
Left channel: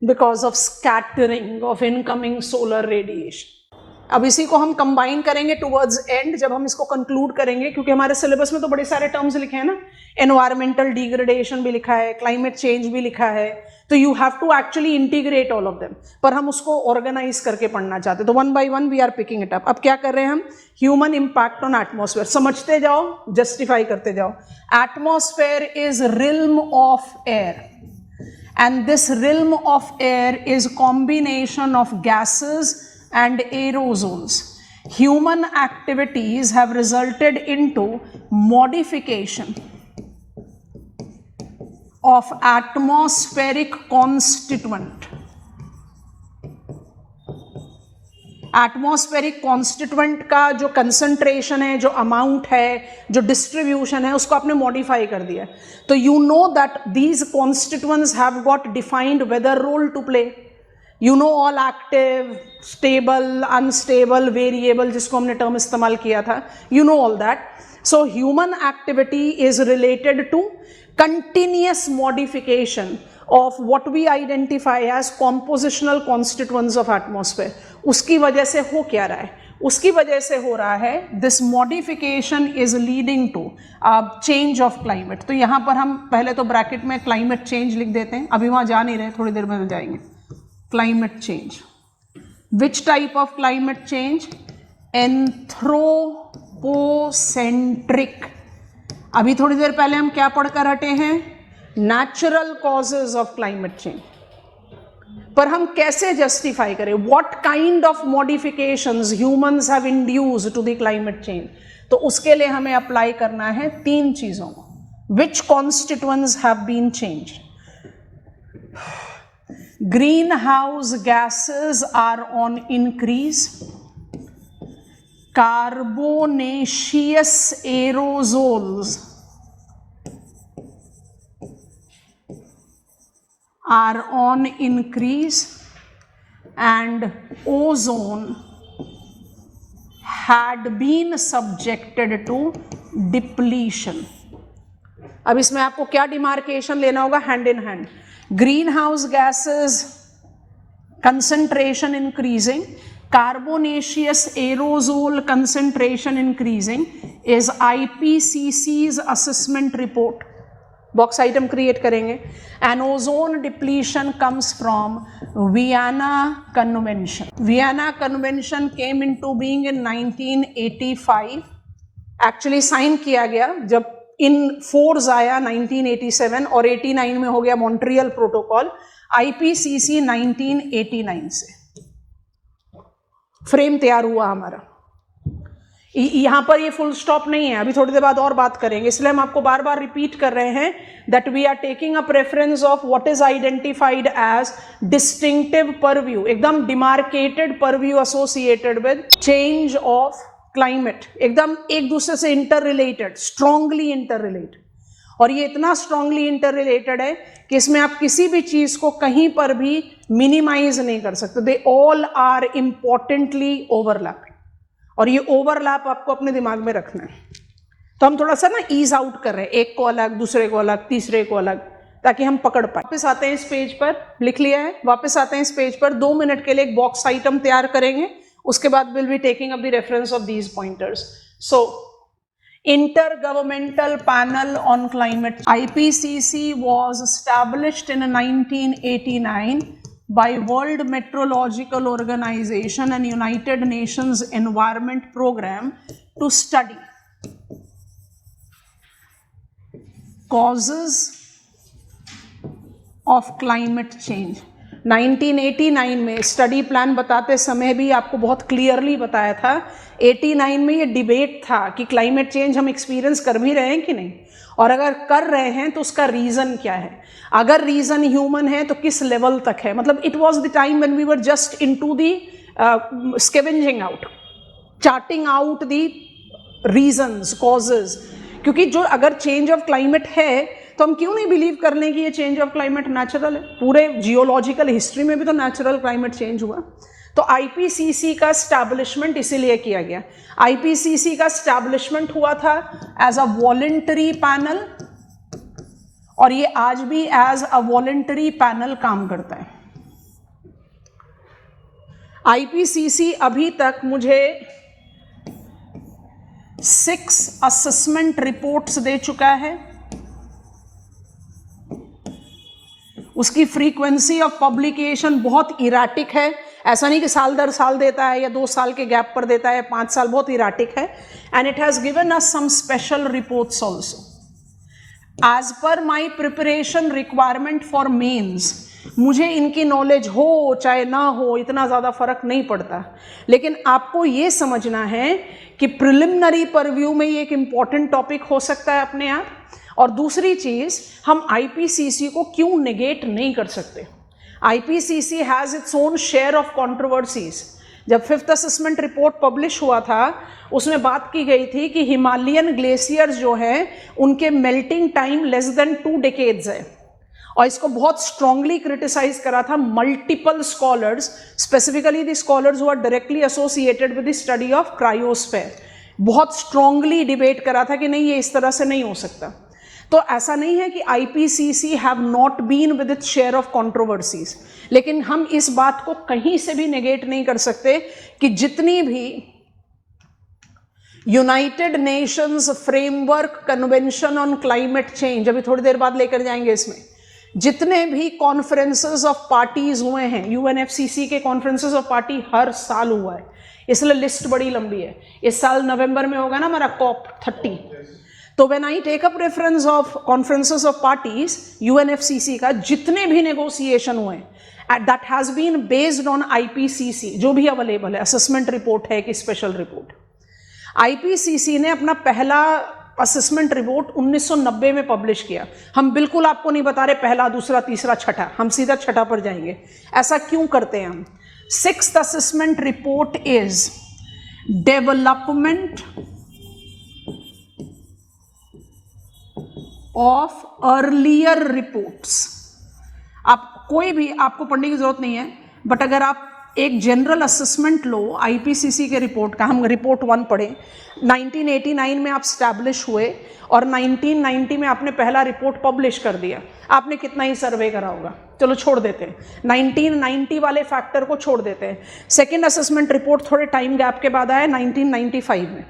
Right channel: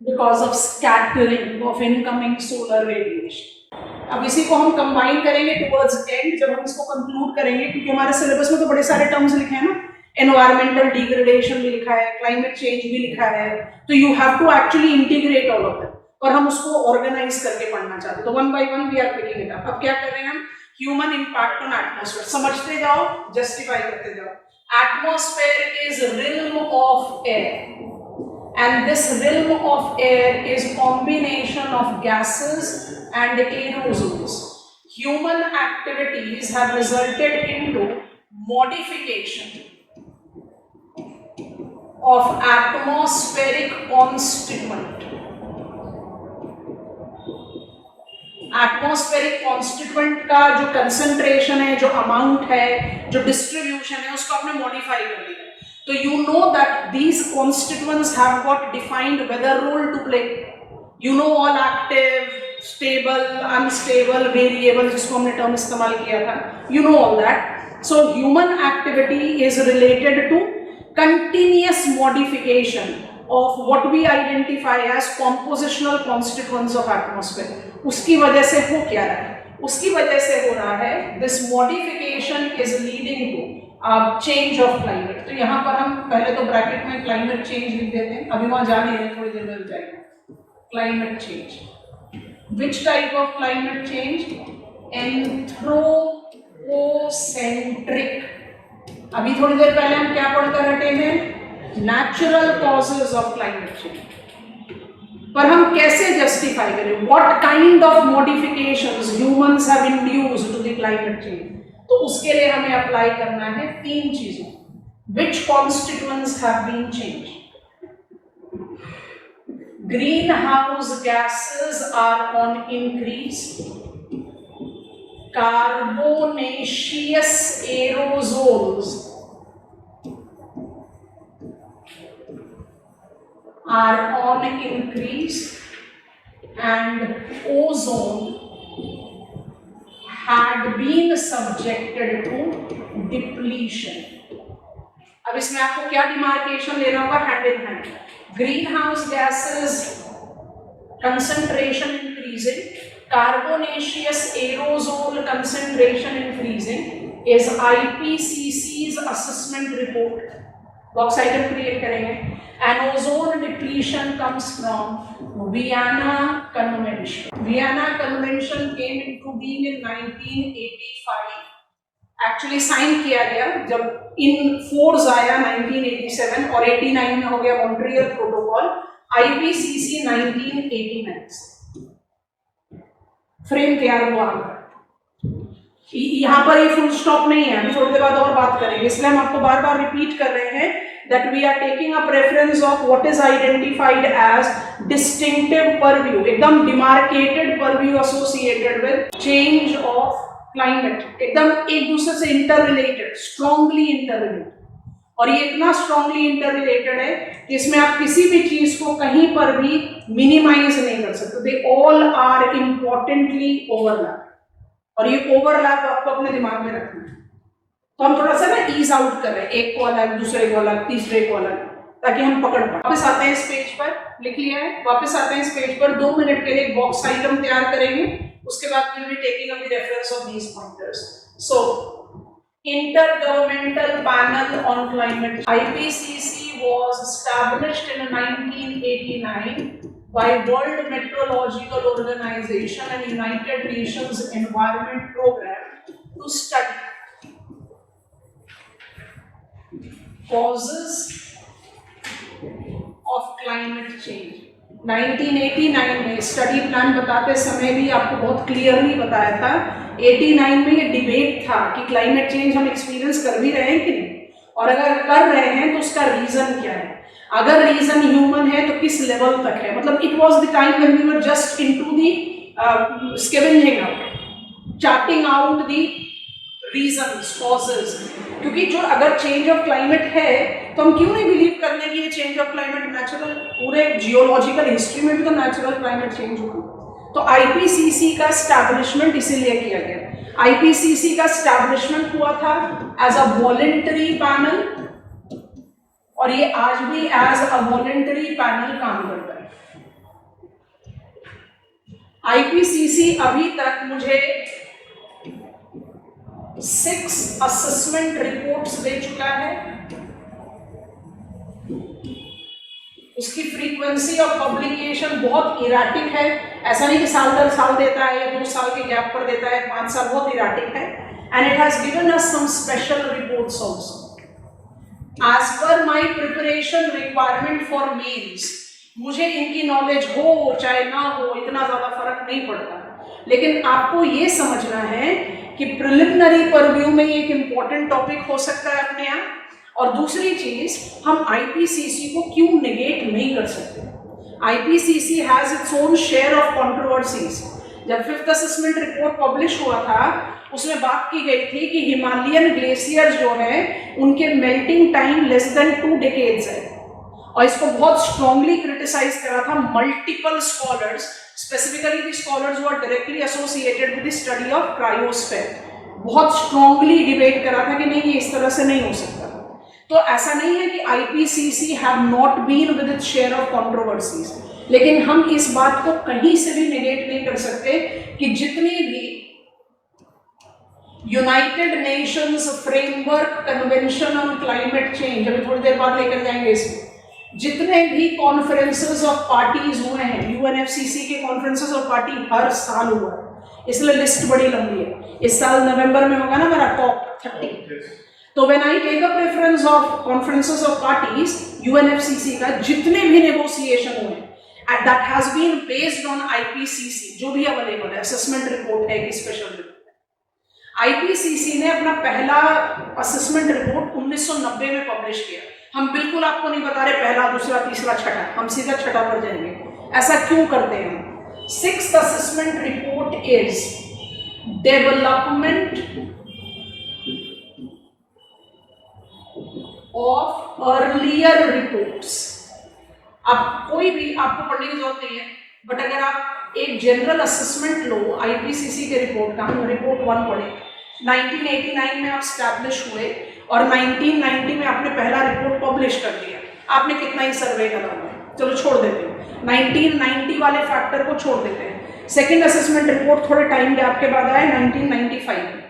Because of scattering of incoming solar radiation. अब इसी को हम कंबाइन करेंगे टुवर्ड्स एंड जब हम इसको कंक्लूड करेंगे, क्योंकि हमारे सिलेबस में तो बड़े सारे टर्म्स लिखे हैं ना. एनवायरमेंटल डिग्रेडेशन भी लिखा है, क्लाइमेट चेंज भी लिखा है, तो you have to actually integrate all of them. पर हम उसको ऑर्गेनाइज करके पढ़ना चाहते हैं, तो one by one we are picking it up. अब क्या कर रहे हैं हम? Human impact on atmosphere. समझते जाओ, जस्टिफाई करते जाओ. Atmosphere is realm of air. And this realm of air is combination of gases and aerosols. Human activities have resulted into modification of atmospheric constituent. Atmospheric constituent का जो concentration है, जो amount है, जो डिस्ट्रीब्यूशन है, उसको आपने मॉडिफाई कर दिया. तो you know that these constituents have got defined weather role to play. You know all active, stable, unstable, variable, जिसको हमने टर्म इस्तेमाल किया था. You know all that. So human activity is related to continuous modification of what we identify as compositional constituents of atmosphere. उसकी वजह से हो क्या रहा है? उसकी वजह से हो रहा है this modification is leading to change of climate. तो यहाँ पर हम पहले तो ब्रैकेट में climate change लिख देते हैं. अभी वहाँ जा नहीं रहे, थोड़ी देर में जाएंगे. Climate change. Which type of climate change? Anthropocentric. अभी थोड़ी देर पहले हम क्या पढ़कर हटे हैं? Natural causes of climate change. पर हम कैसे जस्टिफाई करें? What kind of modifications humans have induced to the climate change? तो उसके लिए हमें अप्लाई करना है तीन चीजों. Which constituents have been changed? Greenhouse gases are on increase. Carbonaceous aerosols are on increase, and ozone had been subjected to depletion. अब इसमें आपको क्या डिमार्केशन लेना होगा? Hand in hand. Green house gases concentration increasing, carbonaceous aerosol concentration increasing is IPCC's assessment report. Box item create करेंगे. And ozone depletion comes from Vienna convention. Vienna convention came into being in 1985. Actually sign किया गया जब in force आया 1987, और 89 में हो गया Montreal protocol. IPCC 1989 से फ्रेम तैयार हुआ हमारा. यहाँ पर ये फुल स्टॉप नहीं है, अभी थोड़ी देर बाद और बात करेंगे, इसलिए हम आपको बार बार रिपीट कर रहे हैं that we are taking up reference of what is identified as distinctive purview, एकदम demarcated purview associated with change of climate, एकदम एक दूसरे से interrelated, strongly interrelated. और ये इतना स्ट्रांगली इंटर रिलेटेड है कि इसमें आप किसी भी चीज को कहीं पर भी मिनिमाइज नहीं कर सकते, they all are importantly overlap, और ये ओवरलैप आपको अपने दिमाग में रखना है। तो हम थोड़ा सा ना ईज आउट कर रहे हैं, एक को अलग, दूसरे को अलग, तीसरे को अलग, ताकि हम पकड़ पाए। वापस आते हैं इस पेज पर, लिख लिया है, वापस आते हैं इस पेज पर, 2 मिनट के लिए एक बॉक्स आइटम तैयार करेंगे, उसके बाद will be taking up the reference of these pointers. So Intergovernmental Panel on Climate, IPCC was established in 1989 by World Meteorological Organization and United Nations Environment Program to study causes of climate change। 1989 में study plan बताते समय भी आपको बहुत clearly बताया था, 89 में ये डिबेट था कि क्लाइमेट चेंज हम एक्सपीरियंस कर भी रहे हैं कि नहीं, और अगर कर रहे हैं तो उसका रीजन क्या है, अगर रीजन ह्यूमन है तो किस लेवल तक है। मतलब it was the time when we were just into the scavenging out, charting out the reasons, causes, क्योंकि जो अगर चेंज ऑफ क्लाइमेट है तो हम क्यों नहीं बिलीव कर लें कि ये चेंज ऑफ क्लाइमेट नेचुरल, पूरे जियोलॉजिकल हिस्ट्री में भी तो नेचुरल क्लाइमेट चेंज हुआ। तो आईपीसीसी का स्टैब्लिशमेंट इसीलिए किया गया। आईपीसीसी का स्टैब्लिशमेंट हुआ था एज अ वॉलंटरी पैनल, और ये आज भी एज अ वॉलंटरी पैनल काम करता है। आईपीसीसी अभी तक मुझे 6 असेसमेंट रिपोर्ट्स दे चुका है। उसकी फ्रीक्वेंसी ऑफ पब्लिकेशन बहुत इराटिक है, ऐसा नहीं कि साल दर साल देता है या 2 साल के गैप पर देता है, 5 साल, बहुत इराटिक है। And it has given us some special reports also as per my preparation requirement for mains. मुझे इनकी नॉलेज हो चाहे ना हो, इतना ज्यादा फर्क नहीं पड़ता, लेकिन आपको ये समझना है कि प्रिलिमिनरी परव्यू में ये एक इंपॉर्टेंट टॉपिक हो सकता है अपने आप। और दूसरी चीज, हम आईपीसीसी को क्यों नेगेट नहीं कर सकते। IPCC has its own share of controversies. जब 5th असेसमेंट रिपोर्ट पब्लिश हुआ था, उसमें बात की गई थी कि हिमालयन ग्लेशियर्स जो है उनके melting time less than 2 decades है, और इसको बहुत स्ट्रांगली क्रिटिसाइज करा था multiple scholars, specifically the scholars who are directly associated with the study of cryosphere. बहुत स्ट्रांगली डिबेट करा था कि नहीं, ये इस तरह से नहीं हो सकता। तो ऐसा नहीं है कि IPCC have not been with its share of controversies, लेकिन हम इस बात को कहीं से भी नेगेट नहीं कर सकते कि जितनी भी United Nations framework convention on climate change, अभी थोड़ी देर बाद लेकर जाएंगे इसमें, जितने भी कॉन्फ्रेंसेस ऑफ पार्टीज हुए हैं, यूएनएफसीसी के कॉन्फ्रेंसेस ऑफ पार्टी हर साल हुआ है, इसलिए लिस्ट बड़ी लंबी है। इस साल नवंबर में होगा ना हमारा COP30। तो when I take up reference of conferences of parties, UNFCC का जितने भी नेगोशिएशन हुए that has been based on IPCC, जो भी अवेलेबल है, असेसमेंट रिपोर्ट है कि स्पेशल रिपोर्ट। आईपीसीसी ने अपना पहला असेसमेंट रिपोर्ट 1990 में पब्लिश किया। हम बिल्कुल आपको नहीं बता रहे पहला, दूसरा, तीसरा, छठा, हम सीधा छठा पर जाएंगे। ऐसा क्यों करते हैं हम? 6th assessment report is development of earlier reports. आप कोई भी, आपको पढ़ने की जरूरत नहीं है, बट अगर आप एक जनरल असेसमेंट लो आईपीसीसी के रिपोर्ट का, हम रिपोर्ट 1 पढ़े, 1989 में आप स्टैब्लिश हुए और 1990 में आपने पहला रिपोर्ट पब्लिश कर दिया। आपने कितना ही सर्वे करा होगा, चलो छोड़ देते हैं, 1990 वाले फैक्टर को छोड़ देते हैं। सेकेंड असेसमेंट रिपोर्ट थोड़े टाइम गैप के बाद आया 1995 में।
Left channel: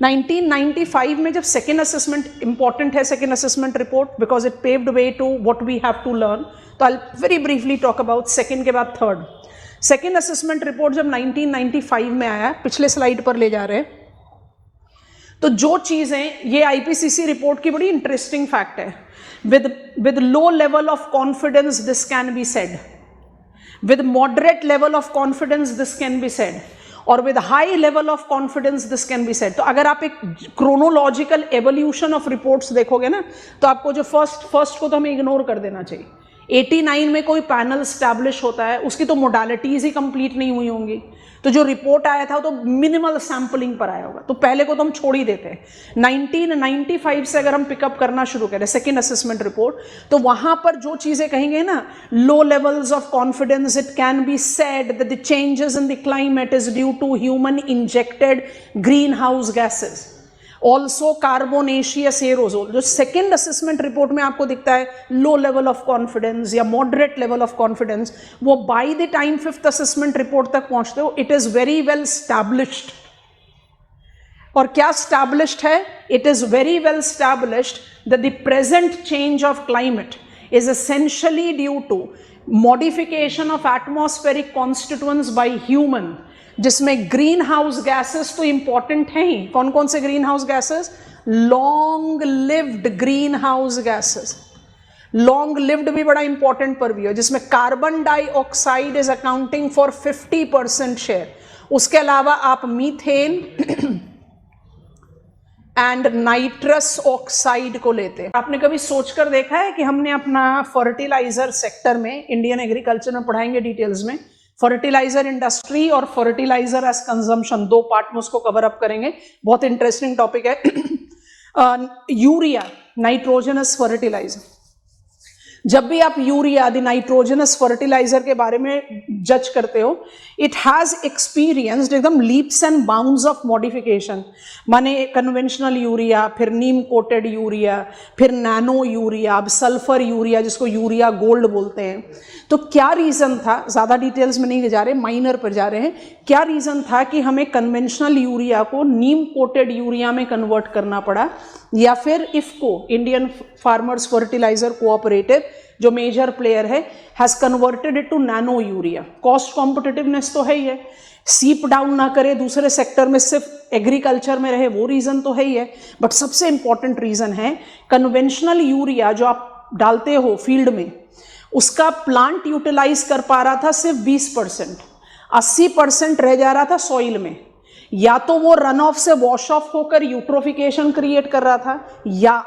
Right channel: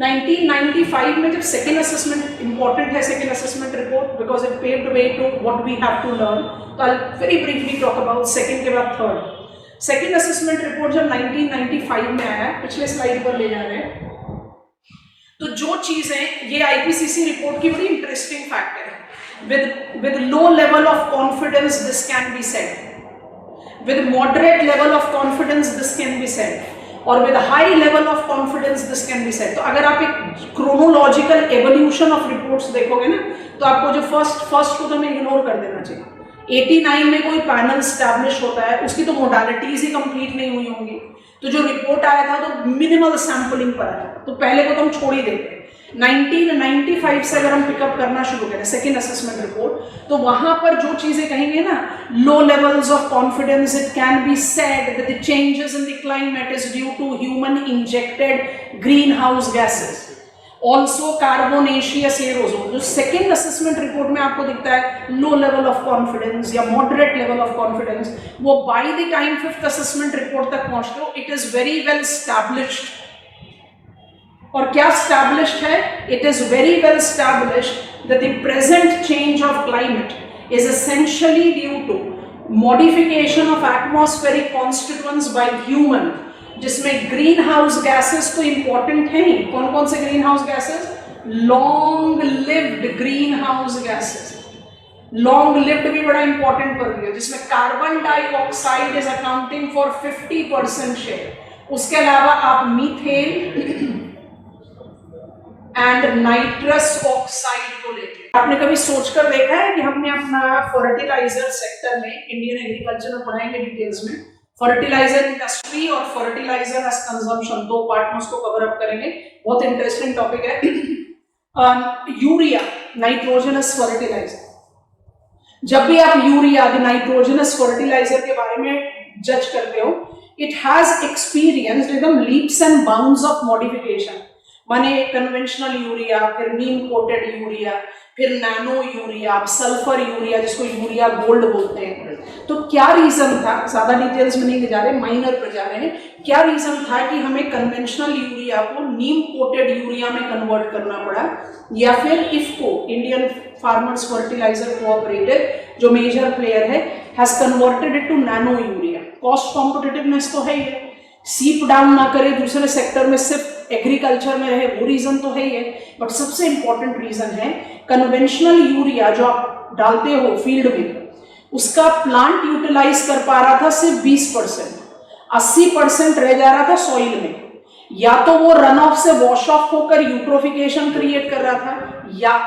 1995 में जब सेकेंड असेसमेंट, इंपॉर्टेंट है second assessment report because it paved way to what we have to learn, तो I very briefly talk about second के बाद थर्ड। सेकेंड असेसमेंट रिपोर्ट जब 1995 में आया, पिछले स्लाइड पर ले जा रहे हैं, तो जो चीजें, ये आईपीसीसी रिपोर्ट की बड़ी इंटरेस्टिंग फैक्ट है। With low level of confidence this can be said, with moderate level of confidence this can be said, और with high level of confidence this can be said. तो अगर आप एक chronological evolution of reports देखोगे ना, तो आपको जो फर्स्ट को तो हमें इग्नोर कर देना चाहिए। 89 में कोई पैनल स्टैब्लिश होता है, उसकी तो मोडालिटीज ही कंप्लीट नहीं हुई होंगी, तो जो रिपोर्ट आया था तो मिनिमल सैंपलिंग पर आया था, तो पहले को तो हम छोड़ ही देते हैं। 1995 से अगर हम पिकअप करना शुरू करें सेकेंड असेसमेंट रिपोर्ट, तो वहां पर जो चीजें कहेंगे ना, low levels of confidence, it can be said that the changes in the climate is due to human injected green house gases, also carbonaceous aerosol. जो सेकेंड असेसमेंट रिपोर्ट में आपको दिखता है लो लेवल ऑफ कॉन्फिडेंस या moderate level of confidence, वो by the time fifth assessment report तक पहुंचते हो it is very well established. और क्या स्टैब्लिश्ड है? It is very well established that the present change of climate is essentially due to modification of atmospheric constituents by human, जिसमें green house gases तो important है ही। कौन कौन से green house gases? Long lived green house gases. Long lived भी बड़ा important पर भी है, जिसमें carbon dioxide is accounting for 50% share. उसके अलावा आप मीथेन एंड नाइट्रस ऑक्साइड को लेते हैं। आपने कभी सोचकर देखा है कि हमने अपना फर्टिलाइजर सेक्टर में, इंडियन एग्रीकल्चर में पढ़ाएंगे डिटेल्स में, फर्टिलाइजर इंडस्ट्री और फर्टिलाइजर एज कंजम्पशन, दो पार्ट में उसको कवर अप करेंगे, बहुत इंटरेस्टिंग टॉपिक है। Urea, nitrogenous fertiliser. जब भी आप यूरिया, नाइट्रोजनस फर्टिलाइजर के बारे में जज करते हो, इट हैज एक्सपीरियंस्ड एकदम leaps and bounds of modification. माने कन्वेंशनल यूरिया, फिर नीम कोटेड यूरिया, फिर नैनो यूरिया, अब सल्फर यूरिया जिसको यूरिया गोल्ड बोलते हैं। तो क्या रीजन था, ज्यादा डिटेल्स में नहीं जा रहे, माइनर पर जा रहे हैं, क्या रीजन था कि हमें कन्वेंशनल यूरिया को नीम कोटेड यूरिया में कन्वर्ट करना पड़ा, या फिर IFFCO, Indian farmers fertiliser cooperative जो मेजर प्लेयर है, has converted it to nano urea. Cost competitiveness तो है ही है, सीप डाउन ना करे दूसरे सेक्टर में, सिर्फ एग्रीकल्चर में रहे, वो रीजन तो है ही है। बट सबसे इंपॉर्टेंट रीजन है कन्वेंशनल यूरिया जो आप डालते हो फील्ड में, उसका प्लांट यूटिलाइज कर पा रहा था सिर्फ 20%, 80% रह जा रहा था सॉइल में। या तो वो रन ऑफ से वॉश ऑफ होकर यूट्रोफिकेशन क्रिएट कर रहा था, या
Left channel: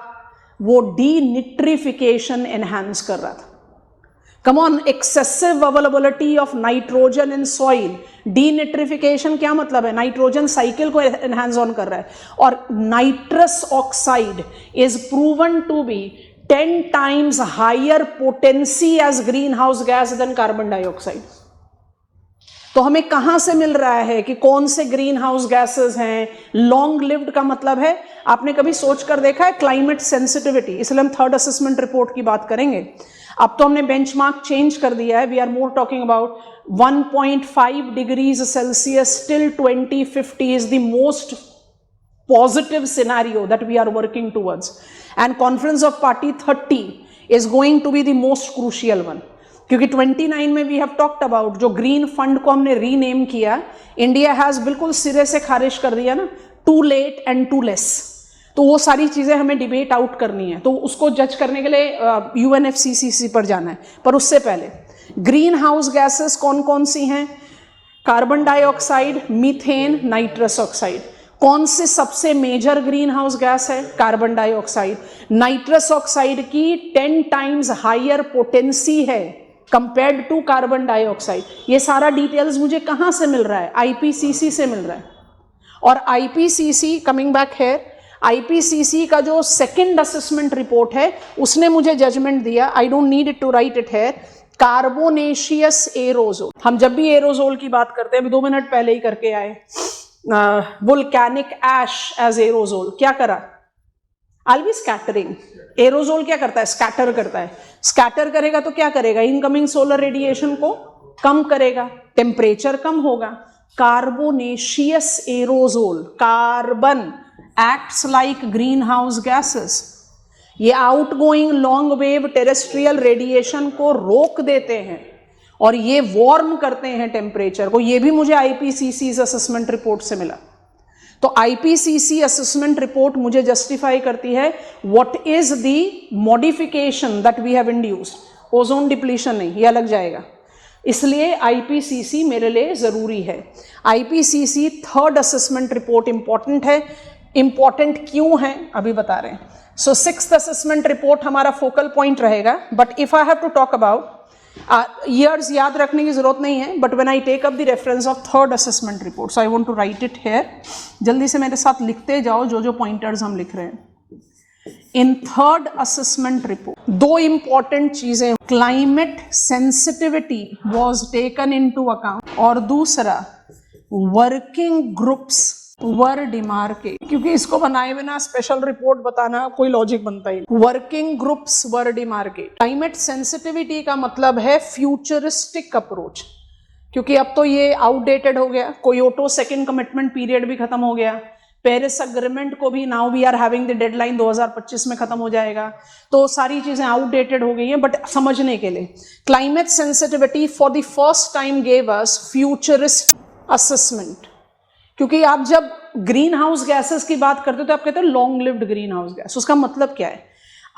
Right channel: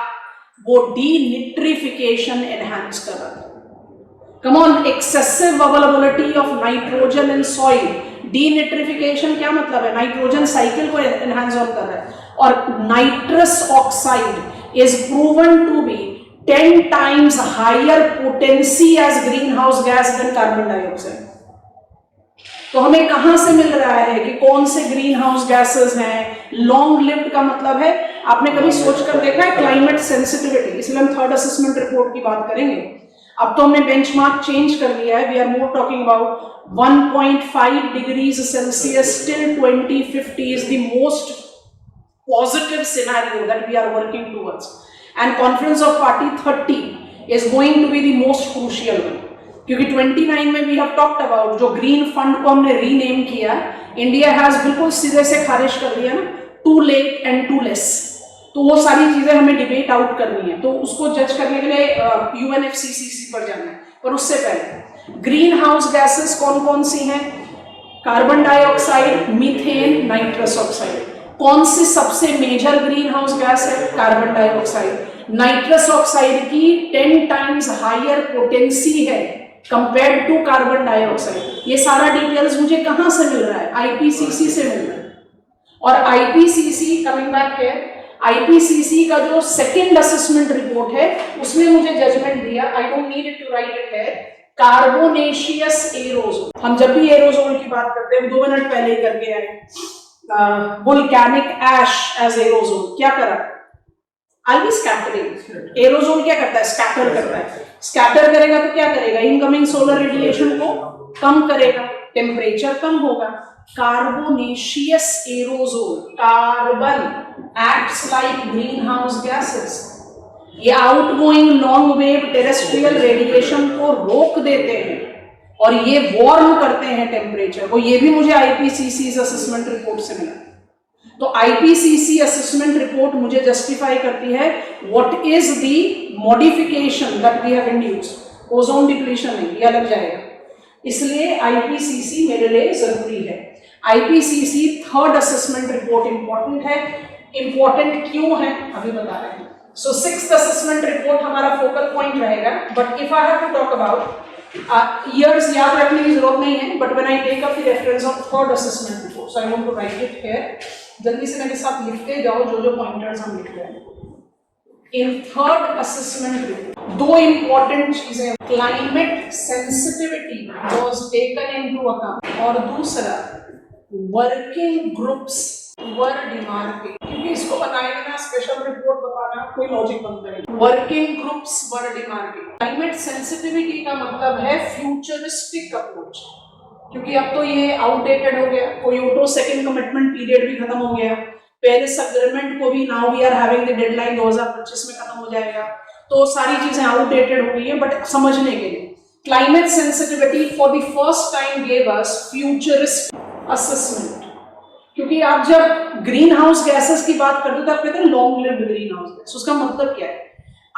वो डीनिट्रिफिकेशन एनहांस कर रहा था। Come on, excessive availability of nitrogen in soil. Denitrification क्या मतलब है? नाइट्रोजन साइकिल को एनहांस ऑन कर रहा है। और nitrous oxide is proven to be 10 times higher potency as greenhouse gas than carbon dioxide। तो हमें कहां से मिल रहा है कि कौन से ग्रीन हाउस गैसेस हैं? लॉन्ग लिव्ड का मतलब है, आपने कभी सोचकर देखा है क्लाइमेट सेंसिटिविटी, इसलिए हम थर्ड असेसमेंट रिपोर्ट की बात करेंगे। अब तो हमने बेंचमार्क चेंज कर दिया है, we are more talking about 1.5 degrees Celsius till 2050 is the most positive scenario that we are working towards, and conference of party 30 is going to be the most crucial one, क्योंकि 29 में we have talked about जो green fund को हमने rename किया, India has बिल्कुल सिरे से खारिज कर दिया ना, too late and too less. तो वो सारी चीजें हमें डिबेट आउट करनी है, तो उसको जज करने के लिए UNFCCC पर जाना है। पर उससे पहले ग्रीन हाउस गैसेस कौन कौन सी हैं? Carbon dioxide, methane, nitrous oxide. कौन सी सबसे मेजर ग्रीन हाउस गैस है? Carbon dioxide. नाइट्रस ऑक्साइड की 10 times हायर पोटेंसी है कंपेयर्ड टू कार्बन डाइऑक्साइड। ये सारा डिटेल्स मुझे कहां से मिल रहा है? IPCC से मिल रहा है। और IPCC, कमिंग बैक है, IPCC का जो सेकेंड असेसमेंट रिपोर्ट है उसने मुझे जजमेंट दिया, I don't need it to write it है, कार्बोनेशियस एरोजोल। हम जब भी एरोजोल की बात करते हैं, हम 2 मिनट पहले ही करके आए, वोल्केनिक ऐश एज एरोजोल। क्या करा? I'll be scattering। एरोजोल क्या करता है? स्कैटर करता है। स्कैटर करेगा तो क्या करेगा? इनकमिंग सोलर रेडिएशन को कम करेगा, टेम्परेचर कम होगा। Carbonaceous aerosol, carbon acts like green house gases, ये outgoing long wave terrestrial radiation को रोक देते हैं और ये वार्म करते हैं टेम्परेचर को। ये भी मुझे IPCC असेसमेंट रिपोर्ट से मिला। तो IPCC असेसमेंट रिपोर्ट मुझे जस्टिफाई करती है what is the modification that we have induced. Ozone depletion नहीं, ये अलग जाएगा, इसलिए IPCC मेरे लिए जरूरी है। IPCC third assessment report important है। इंपॉर्टेंट क्यों है अभी बता रहे हैं। सो सिक्स्थ असेसमेंट रिपोर्ट हमारा फोकल पॉइंट रहेगा, but if I have to talk about years याद रखने की जरूरत नहीं है, but when I take up the reference of third assessment report, so I want to write it here. जल्दी से मेरे साथ लिखते जाओ जो जो पॉइंटर्स हम लिख रहे हैं। इन थर्ड असेसमेंट रिपोर्ट दो इंपॉर्टेंट चीजें, climate sensitivity was taken into account, और दूसरा वर्किंग ग्रुप्स वर डिमार्केट, क्योंकि इसको बनाए बिना स्पेशल रिपोर्ट बताना कोई लॉजिक बनता ही नहीं। वर्किंग ग्रुप्स वर डिमार्केट। क्लाइमेट सेंसिटिविटी का मतलब है फ्यूचरिस्टिक अप्रोच, क्योंकि अब तो ये आउटडेटेड हो गया, क्योटो सेकंड कमिटमेंट पीरियड भी खत्म हो गया, पेरिस अग्रीमेंट को भी now we are having the deadline 2025 में खत्म हो जाएगा, तो सारी चीजें आउटडेटेड हो गई है। बट समझने के लिए climate sensitivity for the first time gave us futurist assessment, क्योंकि आप जब ग्रीन हाउस गैसेस की बात करते थे आप कहते हैं long lived green house gas. उसका मतलब क्या है,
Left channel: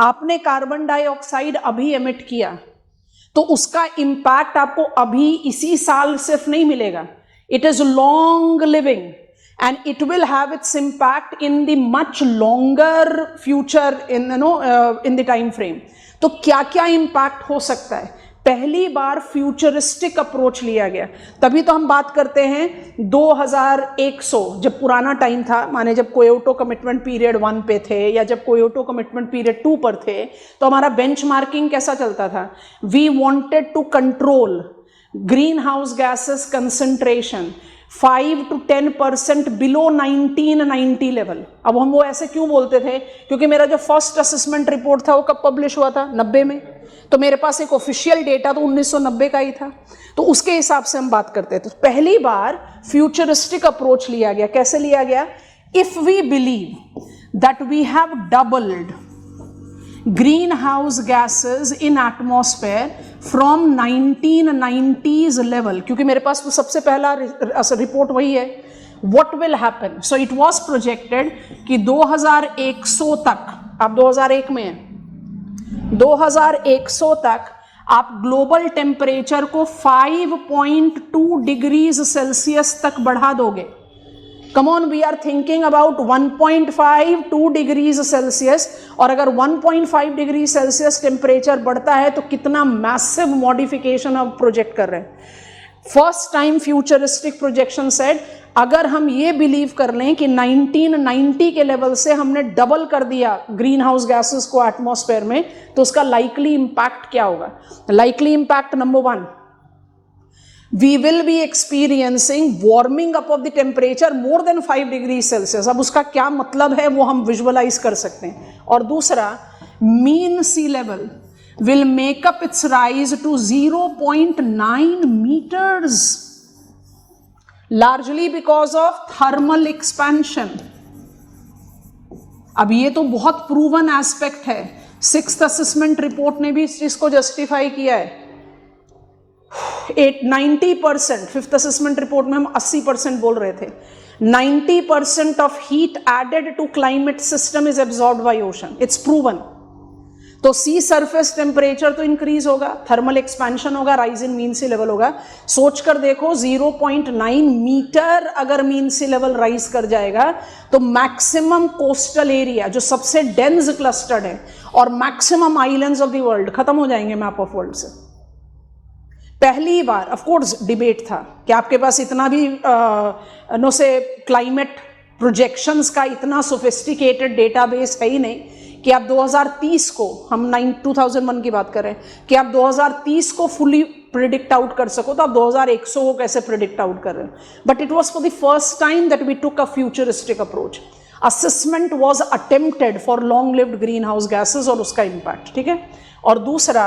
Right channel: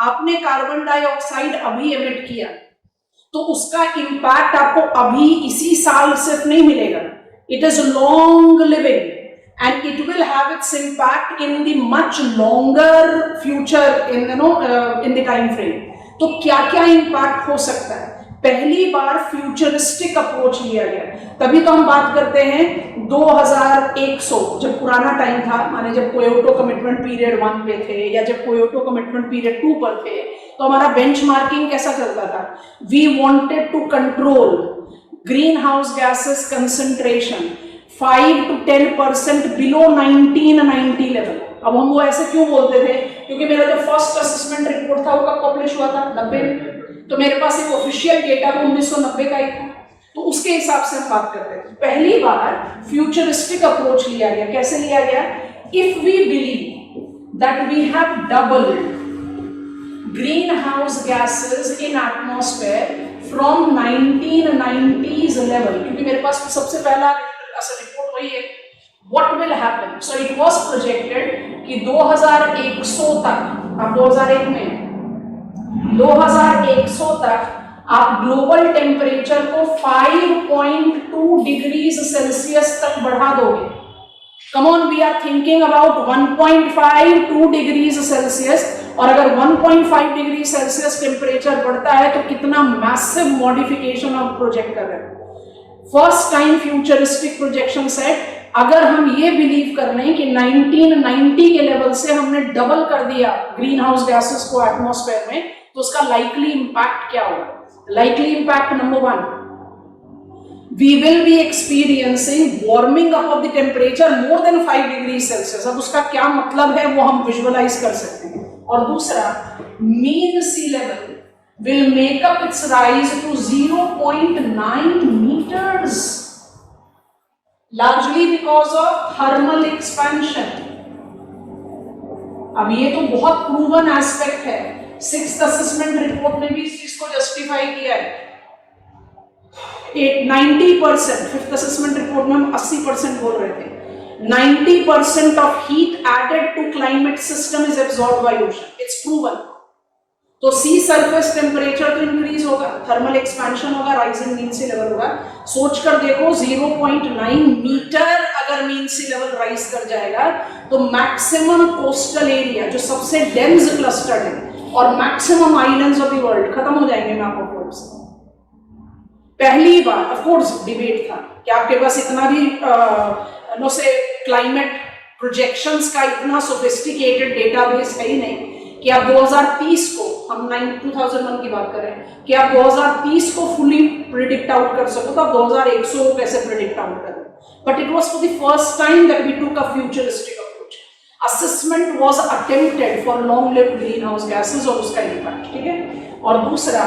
आपने कार्बन डाइऑक्साइड अभी एमिट किया तो उसका इंपैक्ट आपको अभी इसी साल सिर्फ नहीं मिलेगा, it is long living and it will have its impact in the much longer future in the time frame। तो क्या क्या इम्पैक्ट हो सकता है, पहली बार फ्यूचरिस्टिक अप्रोच लिया गया। तभी तो हम बात करते हैं 2100 जब पुराना टाइम था, माने जब क्योटो कमिटमेंट पीरियड 1 पे थे या जब क्योटो कमिटमेंट पीरियड 2 पर थे, तो हमारा बेंचमार्किंग कैसा चलता था, we wanted to control green house gases concentration 5 to 10% below 1990 level. अब हम वो ऐसे क्यों बोलते थे, क्योंकि मेरा जो फर्स्ट असेसमेंट रिपोर्ट था वो कब पब्लिश हुआ था, 90 में, तो मेरे पास एक ऑफिशियल डेटा तो 1990 का ही था, तो उसके हिसाब से हम बात करते थे। तो पहली बार फ्यूचरिस्टिक अप्रोच लिया गया। कैसे लिया गया, if we believe that we have doubled green house gases in atmosphere from 1990s level, क्योंकि मेरे पास तो सबसे पहला रिपोर्ट वही है, what will happen. So it was projected कि 2100 तक, अब 2001 में है, 2100 तक आप ग्लोबल टेम्परेचर को 5.2 डिग्रीज सेल्सियस तक बढ़ा दोगे। Come on, we are thinking about 1.52 degrees Celsius, और अगर 1.5 डिग्री सेल्सियस टेम्परेचर बढ़ता है तो कितना मैसिव मॉडिफिकेशन हम प्रोजेक्ट कर रहे हैं। First time futuristic projection set, अगर हम ये बिलीव कर रहे हैं कि 1990 के लेवल से हमने डबल कर दिया ग्रीन हाउस गैसेस को एटमॉस्फेयर में, तो उसका लाइकली इंपैक्ट क्या होगा। Likely impact number 1, we will be experiencing warming up of the temperature more than 5 degrees Celsius। अब उसका क्या मतलब है वो हम विजुअलाइज कर सकते हैं। और दूसरा, mean sea level will make up its rise to 0.9 meters, largely because of thermal expansion। अब ये तो बहुत प्रूवन एस्पेक्ट है, 6th असेसमेंट रिपोर्ट ने भी इस चीज को जस्टिफाई किया है। 90%, 5th असेसमेंट रिपोर्ट में हम 80% बोल रहे थे, 90% of heat added to climate system is absorbed by ocean, it's proven. तो सी सरफेस टेम्परेचर तो इंक्रीज होगा, थर्मल एक्सपेंशन होगा, राइजिंग मीन सी लेवल होगा। सोचकर देखो 0.9 मीटर अगर मीन सी लेवल राइज कर जाएगा तो मैक्सिमम कोस्टल एरिया जो सबसे डेंस क्लस्टर्ड है और maximum islands of the world खत्म हो जाएंगे मैप ऑफ वर्ल्ड से। पहली बार ऑफ कोर्स डिबेट था कि आपके पास इतना भी नो से क्लाइमेट प्रोजेक्शंस का इतना सोफिस्टिकेटेड डेटाबेस है ही नहीं कि आप 2030 को, हम 2001 की बात कर रहे हैं, कि आप 2030 को फुली प्रिडिक्ट आउट कर सको, तो आप 2100 को कैसे प्रिडिक्ट आउट कर रहे हैं। But it was for the first time that we took a futuristic approach. Assessment was attempted for long lived green house gases और उसका इंपैक्ट, ठीक है। और दूसरा,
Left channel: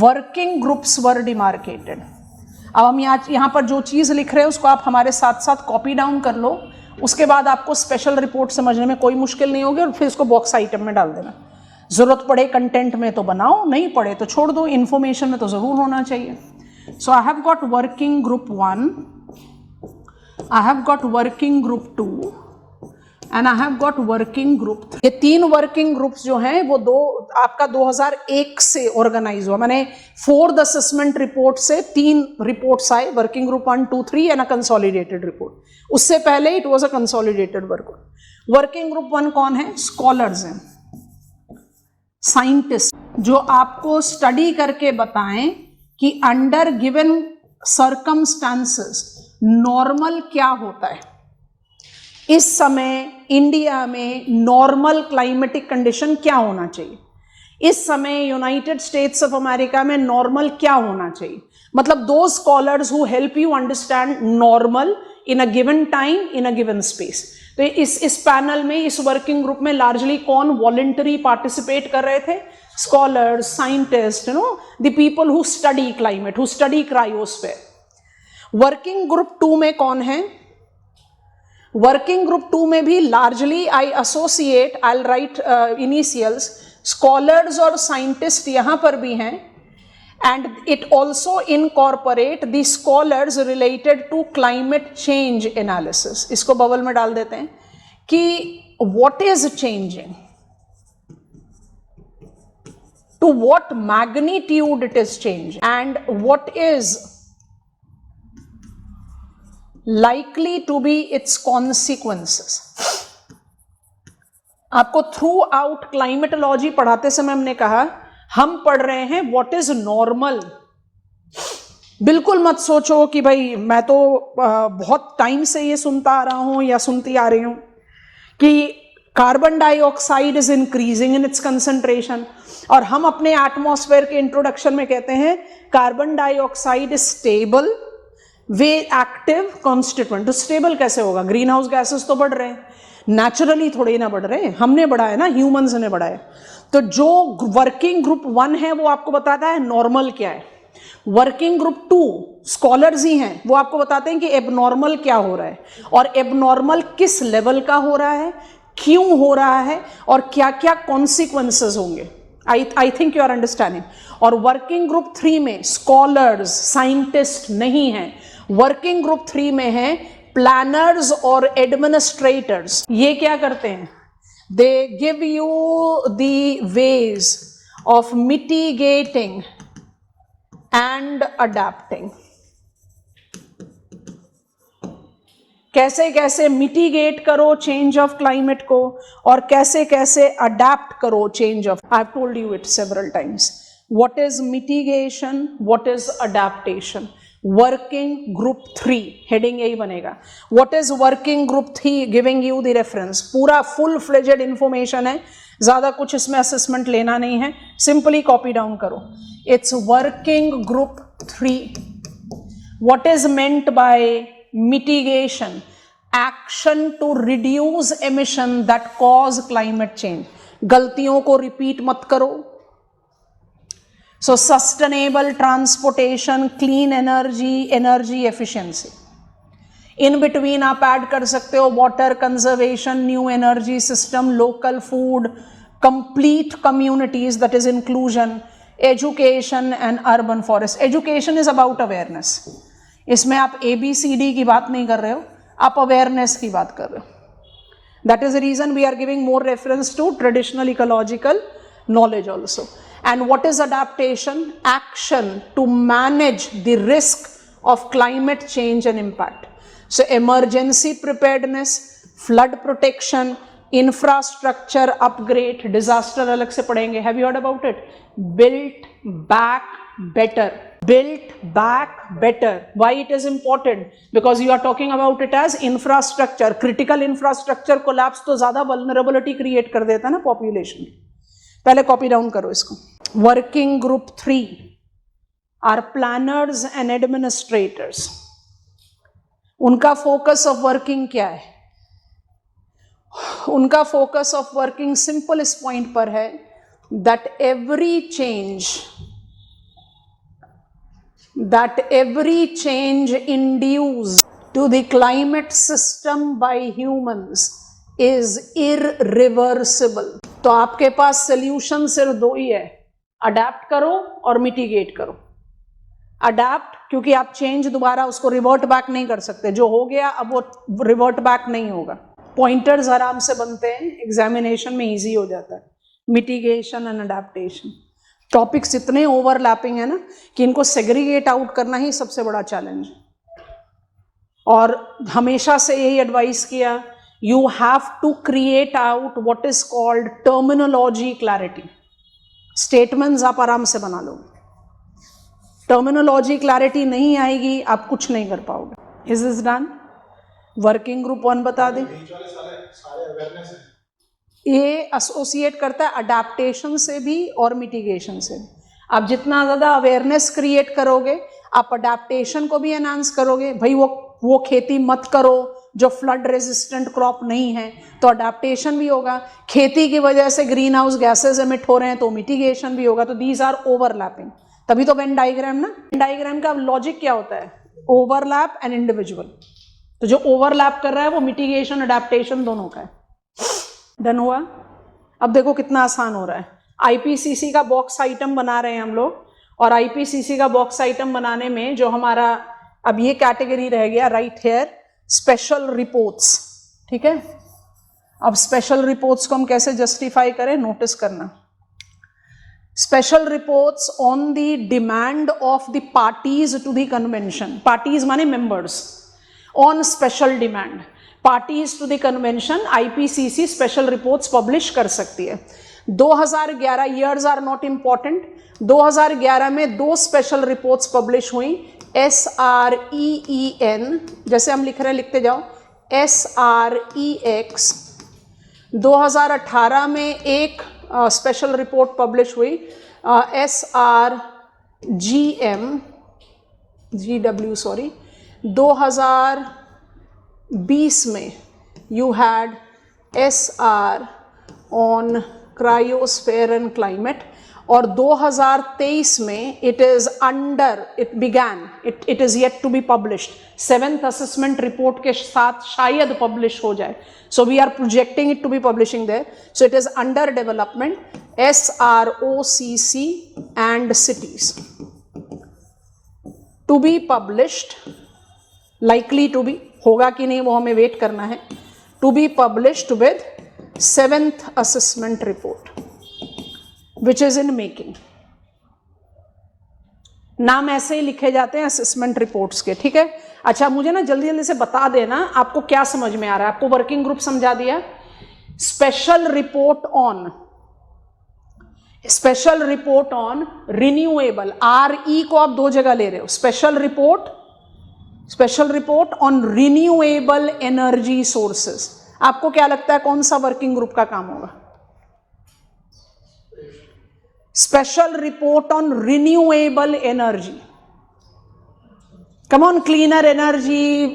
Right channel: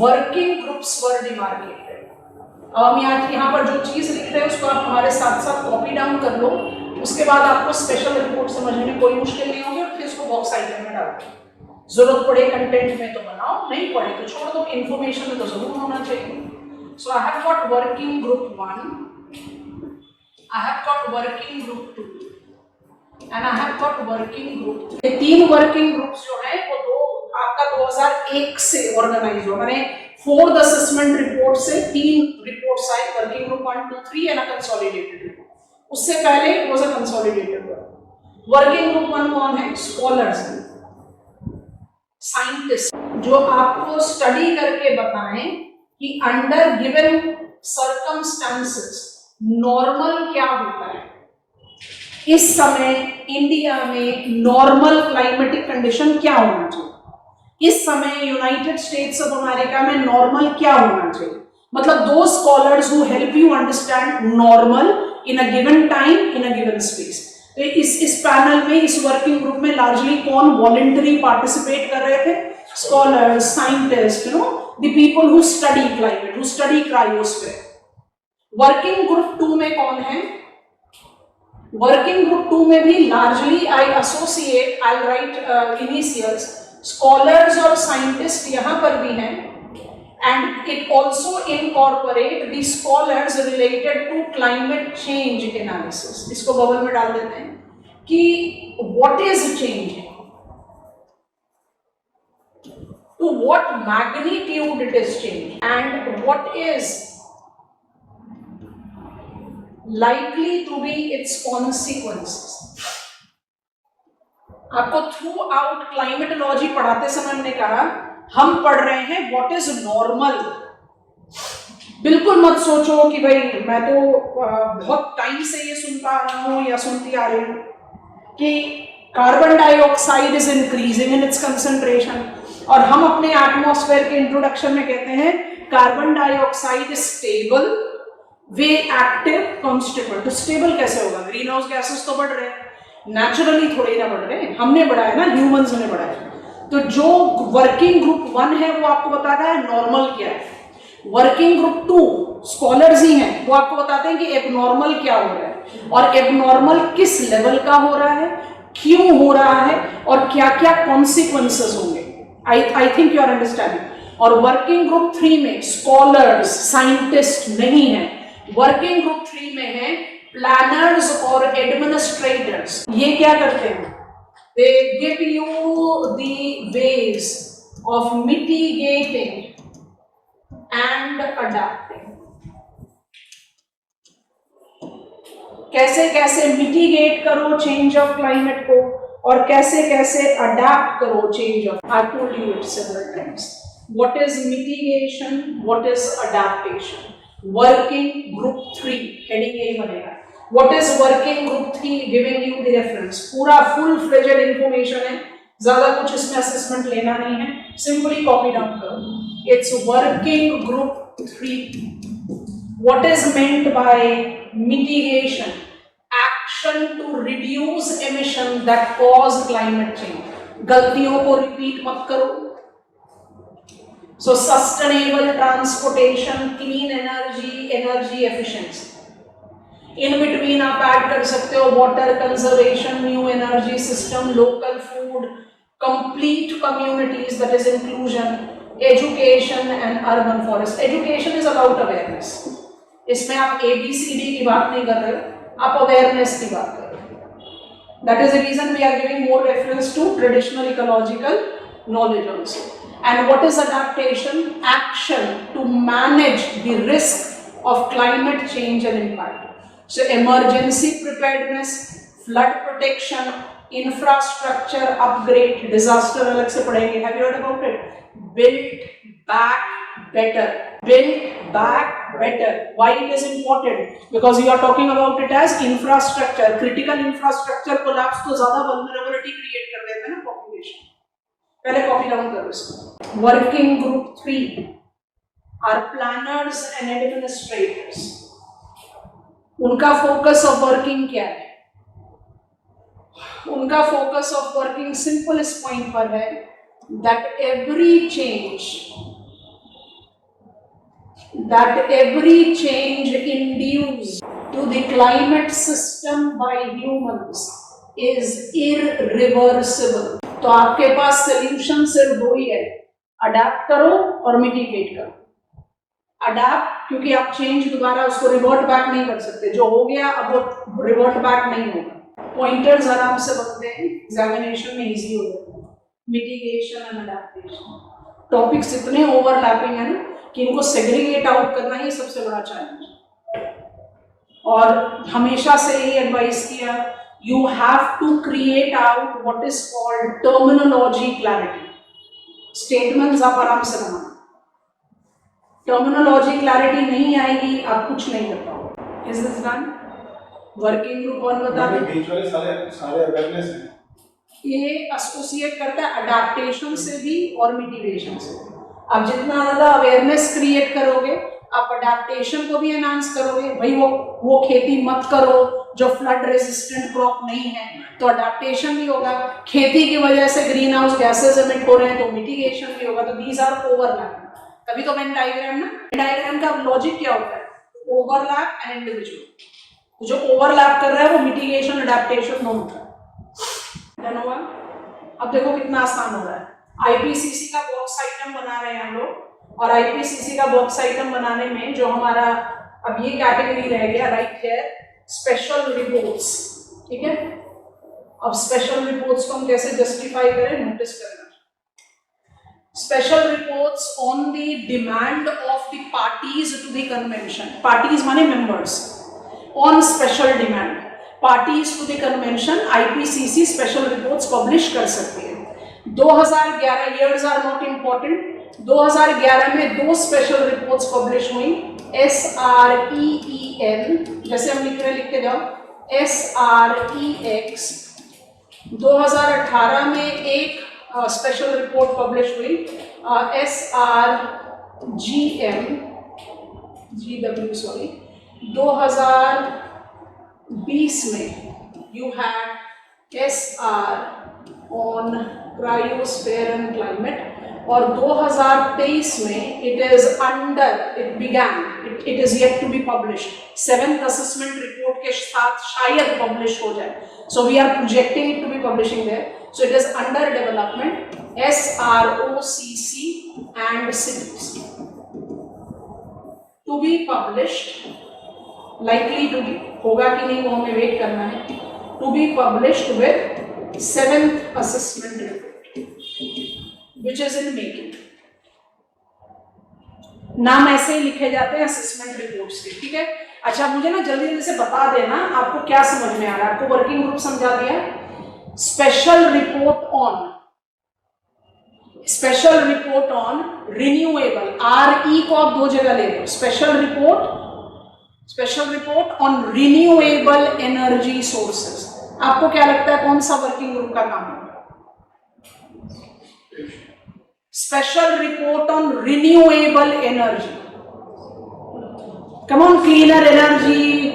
वर्किंग ग्रुप्स वर डिमार्केटेड। अब हम यहाँ पर जो चीज लिख रहे हैं उसको आप हमारे साथ साथ कॉपी डाउन कर लो, उसके बाद आपको स्पेशल रिपोर्ट समझने में कोई मुश्किल नहीं होगी और फिर इसको बॉक्स आइटम में डाल देना। जरूरत पड़े कंटेंट में तो बनाओ, नहीं पड़े तो छोड़ दो, इंफॉर्मेशन में तो जरूर होना चाहिए। So I have got working group 1, I have got working group 2 and I have got working group. ये 3 वर्किंग ग्रुप्स जो हैं वो आपका 2001 से ऑर्गेनाइज हुआ, मैंने 4th असेसमेंट रिपोर्ट से 3 रिपोर्ट्स आए, working group 1, 2, 3 and a consolidated report. उससे पहले it was a consolidated work. Working group 1 कौन है? स्कॉलर्स हैं, साइंटिस्ट, जो आपको स्टडी करके बताएं कि अंडर गिवन सर्कमस्टांसेस नॉर्मल क्या होता है। इस समय इंडिया में नॉर्मल क्लाइमेटिक कंडीशन क्या होना चाहिए, इस समय यूनाइटेड स्टेट्स ऑफ अमेरिका में नॉर्मल क्या होना चाहिए, मतलब दो scholars who help you understand normal in a given time in a given space. तो इस पैनल में, इस वर्किंग ग्रुप में लार्जली कौन वॉलंटरी पार्टिसिपेट कर रहे थे? Scholars, scientist, the people who study climate, who study cryosphere. Working group 2 में कौन है? वर्किंग ग्रुप 2 में भी लार्जली आई एसोसिएट, आई राइट इनिशियल्स, स्कॉलर्स और साइंटिस्ट यहां पर भी हैं, and it also incorporate the scholars related to climate change analysis। इसको बबल में डाल देते हैं कि what is changing, to what magnitude it is changing, and what is likely to be its consequences। आपको थ्रू आउट क्लाइमेटोलॉजी पढ़ाते समय हमने कहा हम पढ़ रहे हैं व्हाट इज नॉर्मल। बिल्कुल मत सोचो कि भाई मैं तो बहुत टाइम से ये सुनता आ रहा हूं या सुनती आ रही हूं कि carbon dioxide is increasing in its concentration, और हम अपने एटमॉस्फेयर के इंट्रोडक्शन में कहते हैं carbon dioxide is stable, way active, constituent. तो स्टेबल कैसे होगा? ग्रीन हाउस गैसेस तो बढ़ रहे हैं, नेचुरली थोड़ी ना बढ़ रहे हैं, हमने बढ़ाया ना, ह्यूमंस ने बढ़ाया। तो जो वर्किंग ग्रुप 1 है वो आपको बताता है नॉर्मल क्या है, वर्किंग ग्रुप 2 स्कॉलर्स ही हैं, वो आपको बताते हैं कि एबनॉर्मल क्या हो रहा है, और एबनॉर्मल किस लेवल का हो रहा है, क्यों हो रहा है, और क्या क्या कॉन्सिक्वेंसेस होंगे। I think you are understanding. और वर्किंग ग्रुप 3 में स्कॉलर्स, साइंटिस्ट नहीं है, वर्किंग ग्रुप 3 में है प्लानर्स और एडमिनिस्ट्रेटर्स। ये क्या करते हैं? They give you the ways of mitigating and adapting। कैसे कैसे मिटिगेट करो चेंज ऑफ क्लाइमेट को, और कैसे कैसे अडेप्ट करो change of. I told you it several times. What is mitigation? What is adaptation? Working group 3 heading यही बनेगा। What is working group 3? Giving you the reference, पूरा फुल फ्लेजेड इंफॉर्मेशन है, ज्यादा कुछ इसमें असेसमेंट लेना नहीं है, सिंपली कॉपी डाउन करो। It's working group 3। What is meant by mitigation? Action to reduce emission that cause climate change. गलतियों को रिपीट मत करो। So sustainable transportation, clean energy, energy efficiency। In between आप ऐड कर सकते हो water conservation, new energy system, local food, complete communities, that is inclusion, education and urban forest। Education is about awareness। इसमें आप ABCD की बात नहीं कर रहे हो, आप awareness की बात कर रहे हो। That is the reason we are giving more reference to traditional ecological knowledge also। And what is adaptation? Action to manage the risk of climate change and impact। So emergency preparedness, flood protection, infrastructure upgrade, disaster अलग से पढ़ेंगे। Have you heard about it? Build back better, build back better। Why it is important? Because you are talking about it as infrastructure। Critical infrastructure collapse तो ज्यादा vulnerability create कर देता है ना population। पहले कॉपी डाउन करो इसको। Working group 3 are planners and administrators. उनका फोकस ऑफ वर्किंग क्या है? उनका फोकस ऑफ वर्किंग सिंपल इस पॉइंट पर है that every change induced to the climate system by humans is irreversible. तो आपके पास सोल्यूशन सिर्फ 2 ही है, अडेप्ट करो और मिटिगेट करो। अडेप्ट क्योंकि आप चेंज दोबारा उसको रिवर्ट बैक नहीं कर सकते, जो हो गया अब वो रिवर्ट बैक नहीं होगा। पॉइंटर्स आराम से बनते हैं, एग्जामिनेशन में इजी हो जाता है। मिटिगेशन एंड अडेप्टेशन टॉपिक्स इतने ओवरलैपिंग है ना कि इनको सेग्रीगेट आउट करना ही सबसे बड़ा चैलेंज है। और हमेशा से यही एडवाइस किया, you have to create out what is called terminology clarity। statements आप आराम से बना लो। टर्मिनोलॉजी क्लैरिटी नहीं आएगी, आप कुछ नहीं कर पाओगे। Is this done? Working group 1 बता दें। सारे अवेयरनेस हैं। ये एसोसिएट करता है अडेप्टेशन से भी और मिटिगेशन से। आप जितना ज्यादा अवेयरनेस क्रिएट करोगे, आप अडेप्टेशन को भी एनहांस करोगे। भाई वो खेती मत करो जो फ्लड रेजिस्टेंट क्रॉप नहीं है, तो अडेप्टेशन भी होगा। खेती की वजह से ग्रीन हाउस गैसेज एमिट हो रहे हैं, तो मिटिगेशन भी होगा। तो दीज आर ओवरलैपिंग। तभी तो वेन डायग्राम ना, डायग्राम का लॉजिक क्या होता है? Overlap and individual. तो जो ओवरलैप कर रहा है वो मिटिगेशन अडेप्टेशन दोनों का है। डन हुआ? अब देखो कितना आसान हो रहा है। आईपीसीसी का बॉक्स आइटम बना रहे हैं हम लोग, और आईपीसीसी का बॉक्स आइटम बनाने में जो हमारा अब ये कैटेगरी रह गया राइट हियर, स्पेशल रिपोर्ट्स। ठीक है, अब स्पेशल रिपोर्ट्स को हम कैसे जस्टिफाई करें, नोटिस करना। Special reports on the demand of the parties to the convention. Parties माने members. On special demand parties to the convention IPCC special reports publish कर सकती है। 2011 ईयर्स आर नॉट इंपॉर्टेंट। 2011 में 2 स्पेशल रिपोर्ट्स पब्लिश हुई। SREEN, जैसे हम लिख रहे हैं लिखते जाओ, SREX। 2018 में एक स्पेशल रिपोर्ट पब्लिश हुई, GW सॉरी। 2020 में you had SR on cryosphere and climate, और 2023 में it is yet to be published. 7th assessment report के साथ शायद पब्लिश हो जाए। So we are projecting it to be publishing there. So it is under development. SROCC and cities to be published, likely to be, होगा कि नहीं वो हमें वेट करना है। To be published with 7th assessment report which is in making। नाम ऐसे ही लिखे जाते हैं असेसमेंट रिपोर्ट्स के। ठीक है, अच्छा मुझे ना जल्दी जल्दी से बता देना आपको क्या समझ में आ रहा है। आपको वर्किंग ग्रुप समझा दिया। Special report on renewable, RE को आप 2 जगह ले रहे हो। Special report on renewable energy sources. आपको क्या लगता है कौन सा वर्किंग ग्रुप का काम होगा? Special report on renewable energy. Come on, cleaner energy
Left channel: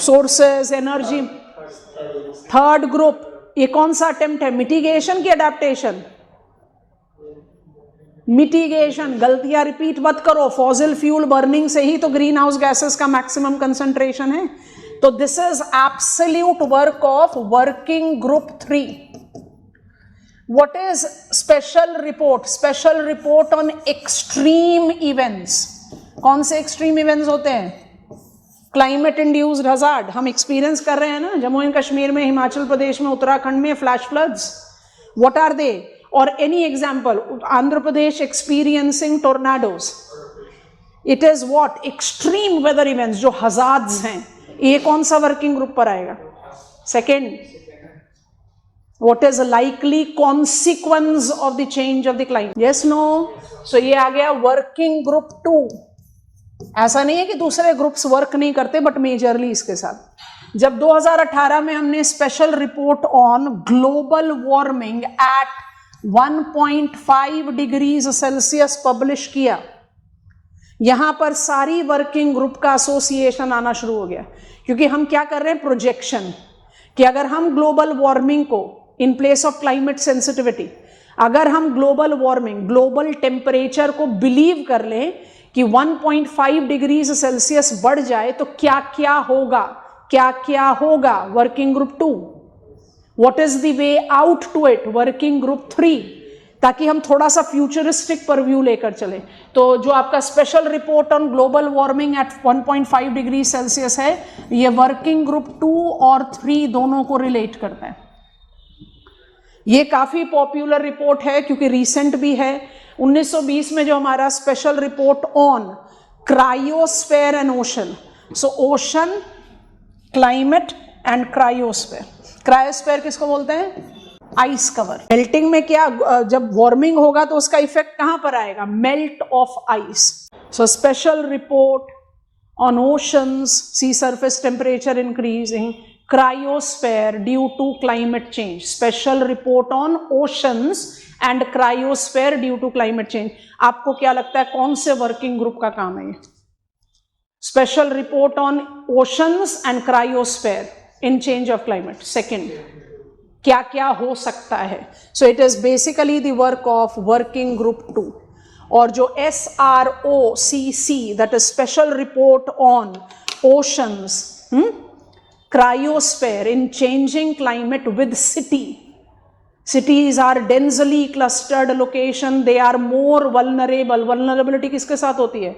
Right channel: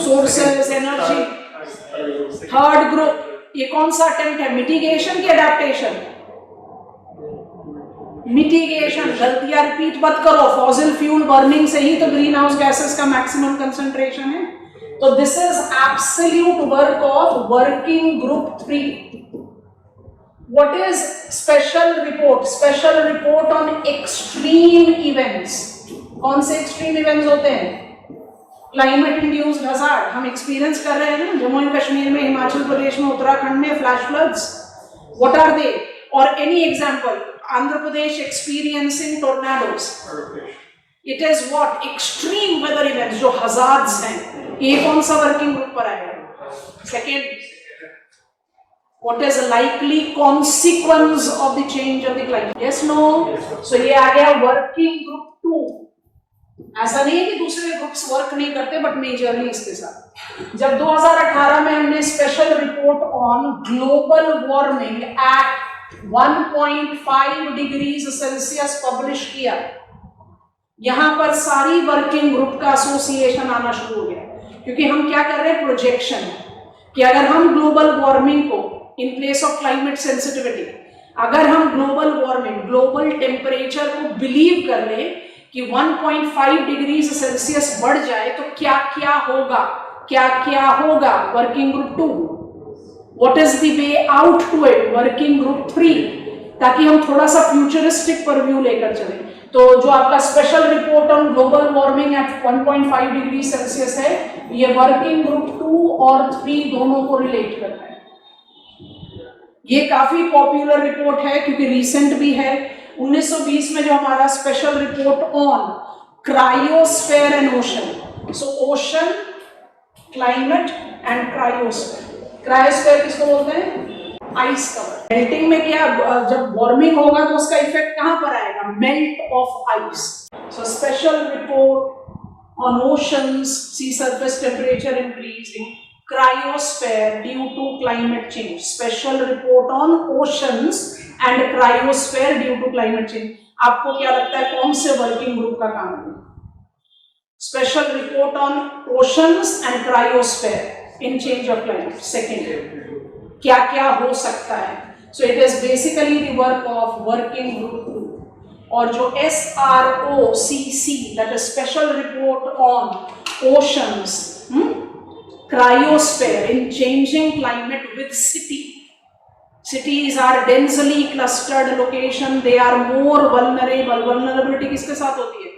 sources, energy. Third group, ये कौन सा अटेम्प्ट है? मिटिगेशन की अडेप्टेशन? मिटिगेशन। गलतियां रिपीट मत करो। फॉसिल फ्यूल बर्निंग से ही तो ग्रीन हाउस गैसेस का मैक्सिमम कंसंट्रेशन है। तो this is absolute work of working group 3। What is special report? Special report on extreme events. कौन से एक्सट्रीम इवेंट्स होते हैं? Climate induced hazard. हम एक्सपीरियंस कर रहे हैं ना, जम्मू एंड कश्मीर में, हिमाचल प्रदेश में, उत्तराखंड में flash floods. What are they? और any example, Andhra Pradesh experiencing tornadoes. It is what? Extreme weather events जो हजार्ड्स हैं। ये कौन सा वर्किंग ग्रुप पर आएगा? Second. What is likely consequence of the change of the climate? Yes, no? So ये आ गया वर्किंग ग्रुप 2। ऐसा नहीं है कि दूसरे ग्रुप्स वर्क नहीं करते, बट मेजरली इसके साथ। जब 2018 में हमने special report on global warming at 1.5 degrees Celsius publish किया, यहां पर सारी वर्किंग ग्रुप का एसोसिएशन आना शुरू हो गया। क्योंकि हम क्या कर रहे हैं? प्रोजेक्शन, कि अगर हम ग्लोबल वार्मिंग को in place of climate sensitivity, अगर हम ग्लोबल वार्मिंग, ग्लोबल टेम्परेचर को बिलीव कर लें कि 1.5 डिग्रीज सेल्सियस बढ़ जाए तो क्या क्या होगा? Working group 2। What is the way out to it? Working group 3। ताकि हम थोड़ा सा फ्यूचरिस्टिक पर व्यू लेकर चले। तो जो आपका special report on global warming at 1.5 degree Celsius है, ये वर्किंग ग्रुप 2 और 3 दोनों को रिलेट करता है। ये काफी पॉपुलर रिपोर्ट है क्योंकि रीसेंट भी है। 1920 में जो हमारा special report on cryosphere and ocean, so ocean, climate and cryosphere. Cryosphere किसको बोलते हैं? Ice cover. मेल्टिंग में क्या, जब वार्मिंग होगा तो उसका इफेक्ट कहां पर आएगा, melt of ice. So special report on oceans, sea surface temperature increasing, cryosphere due to climate change. Special report on oceans and cryosphere due to climate change. आपको क्या लगता है कौन से वर्किंग ग्रुप का काम है? Special report on oceans and cryosphere in change of climate. Second, क्या क्या हो सकता है? So it is basically the work of working group 2। और जो SROCC, that is special report on oceans, cryosphere in changing climate with city. Cities are densely clustered location, they are more vulnerable. Vulnerability किसके साथ होती है?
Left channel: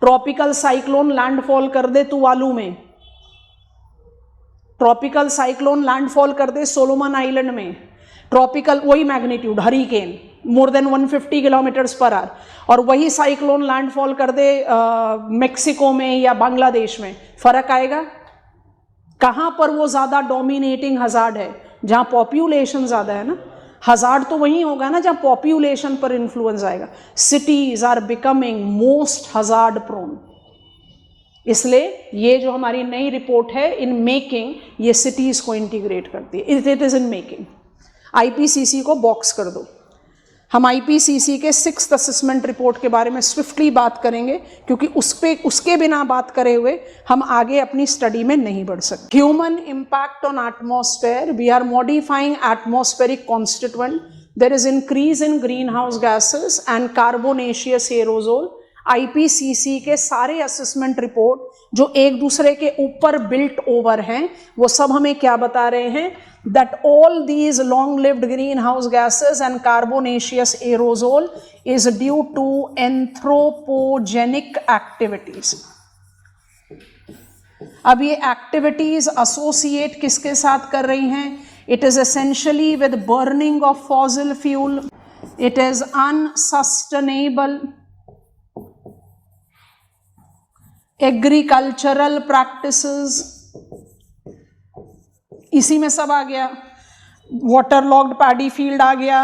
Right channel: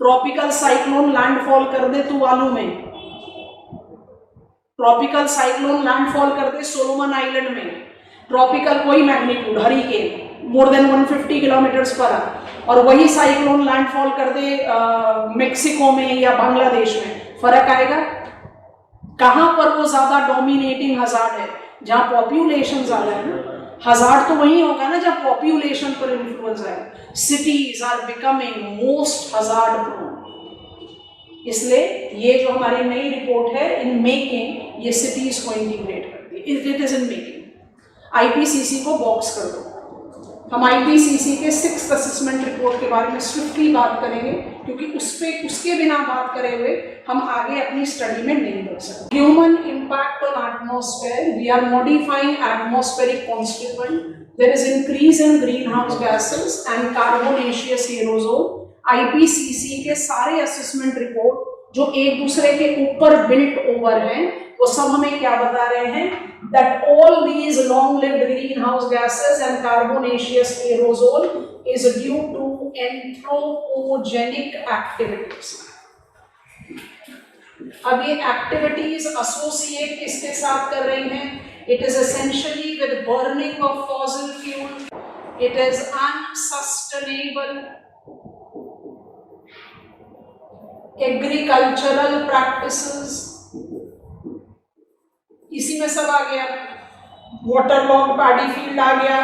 Tropical cyclone landfall कर दे Tuvalu में, tropical cyclone landfall कर दे Solomon island में, tropical वही magnitude hurricane more than 150 kilometres per hour, और वही साइक्लोन लैंडफॉल कर दे मेक्सिको में या बांग्लादेश में, फर्क आएगा? कहां पर वो ज्यादा डोमिनेटिंग हजार्ड है? जहां पॉपुलेशन ज्यादा है ना, हजार्ड तो वही होगा ना जहां पॉपुलेशन पर इन्फ्लुएंस आएगा। Cities are becoming most hazard prone. इसलिए ये जो हमारी नई रिपोर्ट है इन मेकिंग, ये सिटीज को इंटीग्रेट करती है। It is in making. IPCC को बॉक्स कर दो। हम आईपीसीसी के 6th असेसमेंट रिपोर्ट के बारे में स्विफ्टली बात करेंगे, क्योंकि उसके बिना बात करे हुए हम आगे अपनी स्टडी में नहीं बढ़ सकते। Human impact on atmosphere, we are modifying atmospheric constituent, there is increase in green house gases and carbonaceous aerosol. IPCC के सारे असेसमेंट रिपोर्ट जो एक दूसरे के ऊपर बिल्ट ओवर हैं, वो सब हमें क्या बता रहे हैं? that all these long-lived greenhouse gases and carbonaceous aerosol is due to anthropogenic activities. अब ये एक्टिविटीज एसोसिएट किसके साथ कर रही हैं? It is essentially with burning of fossil fuel. It is unsustainable agricultural practices. इसी में सब आ गया, वाटर लॉग्ड पैडी फील्ड आ गया,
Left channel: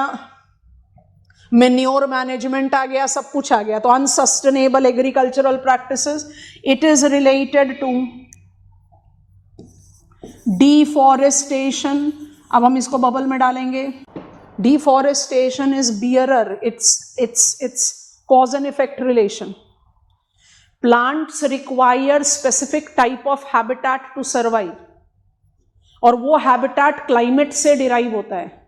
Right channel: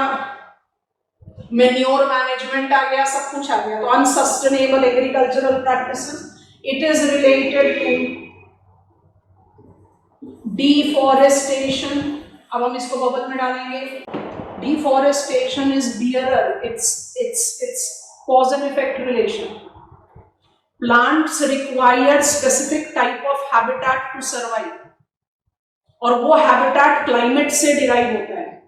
मैन्योर मैनेजमेंट आ गया, सब कुछ आ गया। तो unsustainable agricultural practices, it is related to deforestation. अब हम इसको बबल में डालेंगे। Deforestation is bearer, it's cause and effect relation. Plants require specific type of habitat to survive, और वो हैबिटेट क्लाइमेट से डिराइव होता है।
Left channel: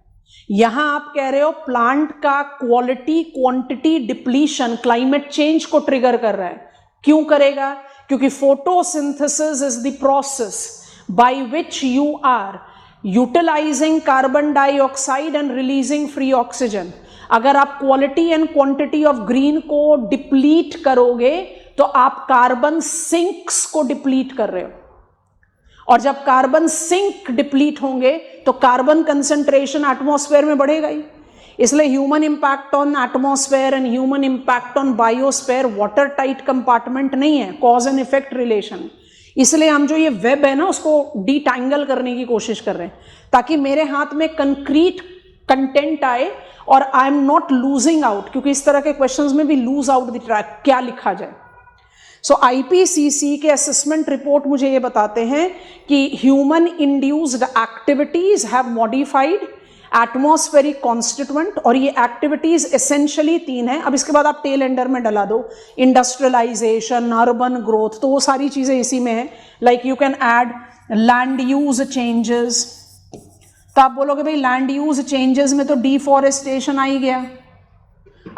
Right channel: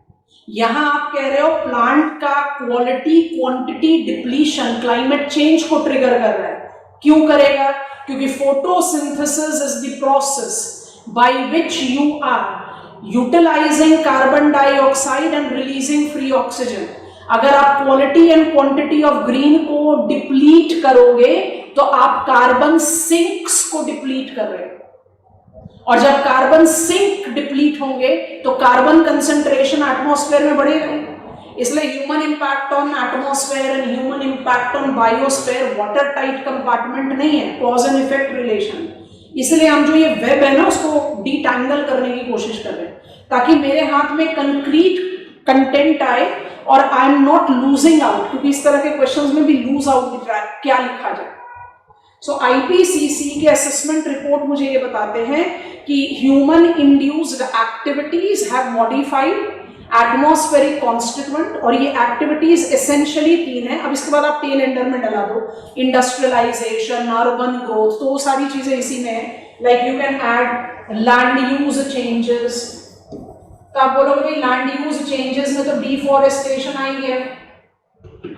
यहां आप कह रहे हो प्लांट का quality quantity depletion climate change को ट्रिगर कर रहा है। क्यों करेगा? क्योंकि photosynthesis is the process by which you are utilising carbon dioxide and releasing free oxygen. अगर आप quality and quantity of green को डिप्लीट करोगे तो आप कार्बन सिंक्स को डिप्लीट कर रहे हो, और जब कार्बन सिंक डिप्लीट होंगे तो कार्बन कंसंट्रेशन एटमॉस्फेयर में बढ़ेगा ही। इसलिए human impact on atmosphere and human impact on biosphere water tight compartment नहीं है, कॉज एंड इफेक्ट रिलेशन। इसलिए हम जो ये वेब है ना उसको डिटैंगल करने की कोशिश कर रहे हैं, ताकि मेरे हाथ में कंक्रीट कंटेंट आए और I am not losing out, क्योंकि इस तरह के क्वेश्चंस में भी लूज आउट द ट्रैक, क्या लिखा जाए। सो आईपीसीसी के असेसमेंट रिपोर्ट मुझे ये बताते हैं कि human induced activities have modified atmospheric constituent, और ये एक्टिविटीज एसेंशियली 3 है। अब इसके बाद आप टेल एंडर में डला दो इंडस्ट्रियलाइजेशन, अर्बन ग्रोथ, तो वो सारी चीजें इसी में है। Like you can add land use changes. तो आप बोलोगे भाई लैंड यूज चेंजेस में तो डिफॉरेस्टेशन आ ही गया।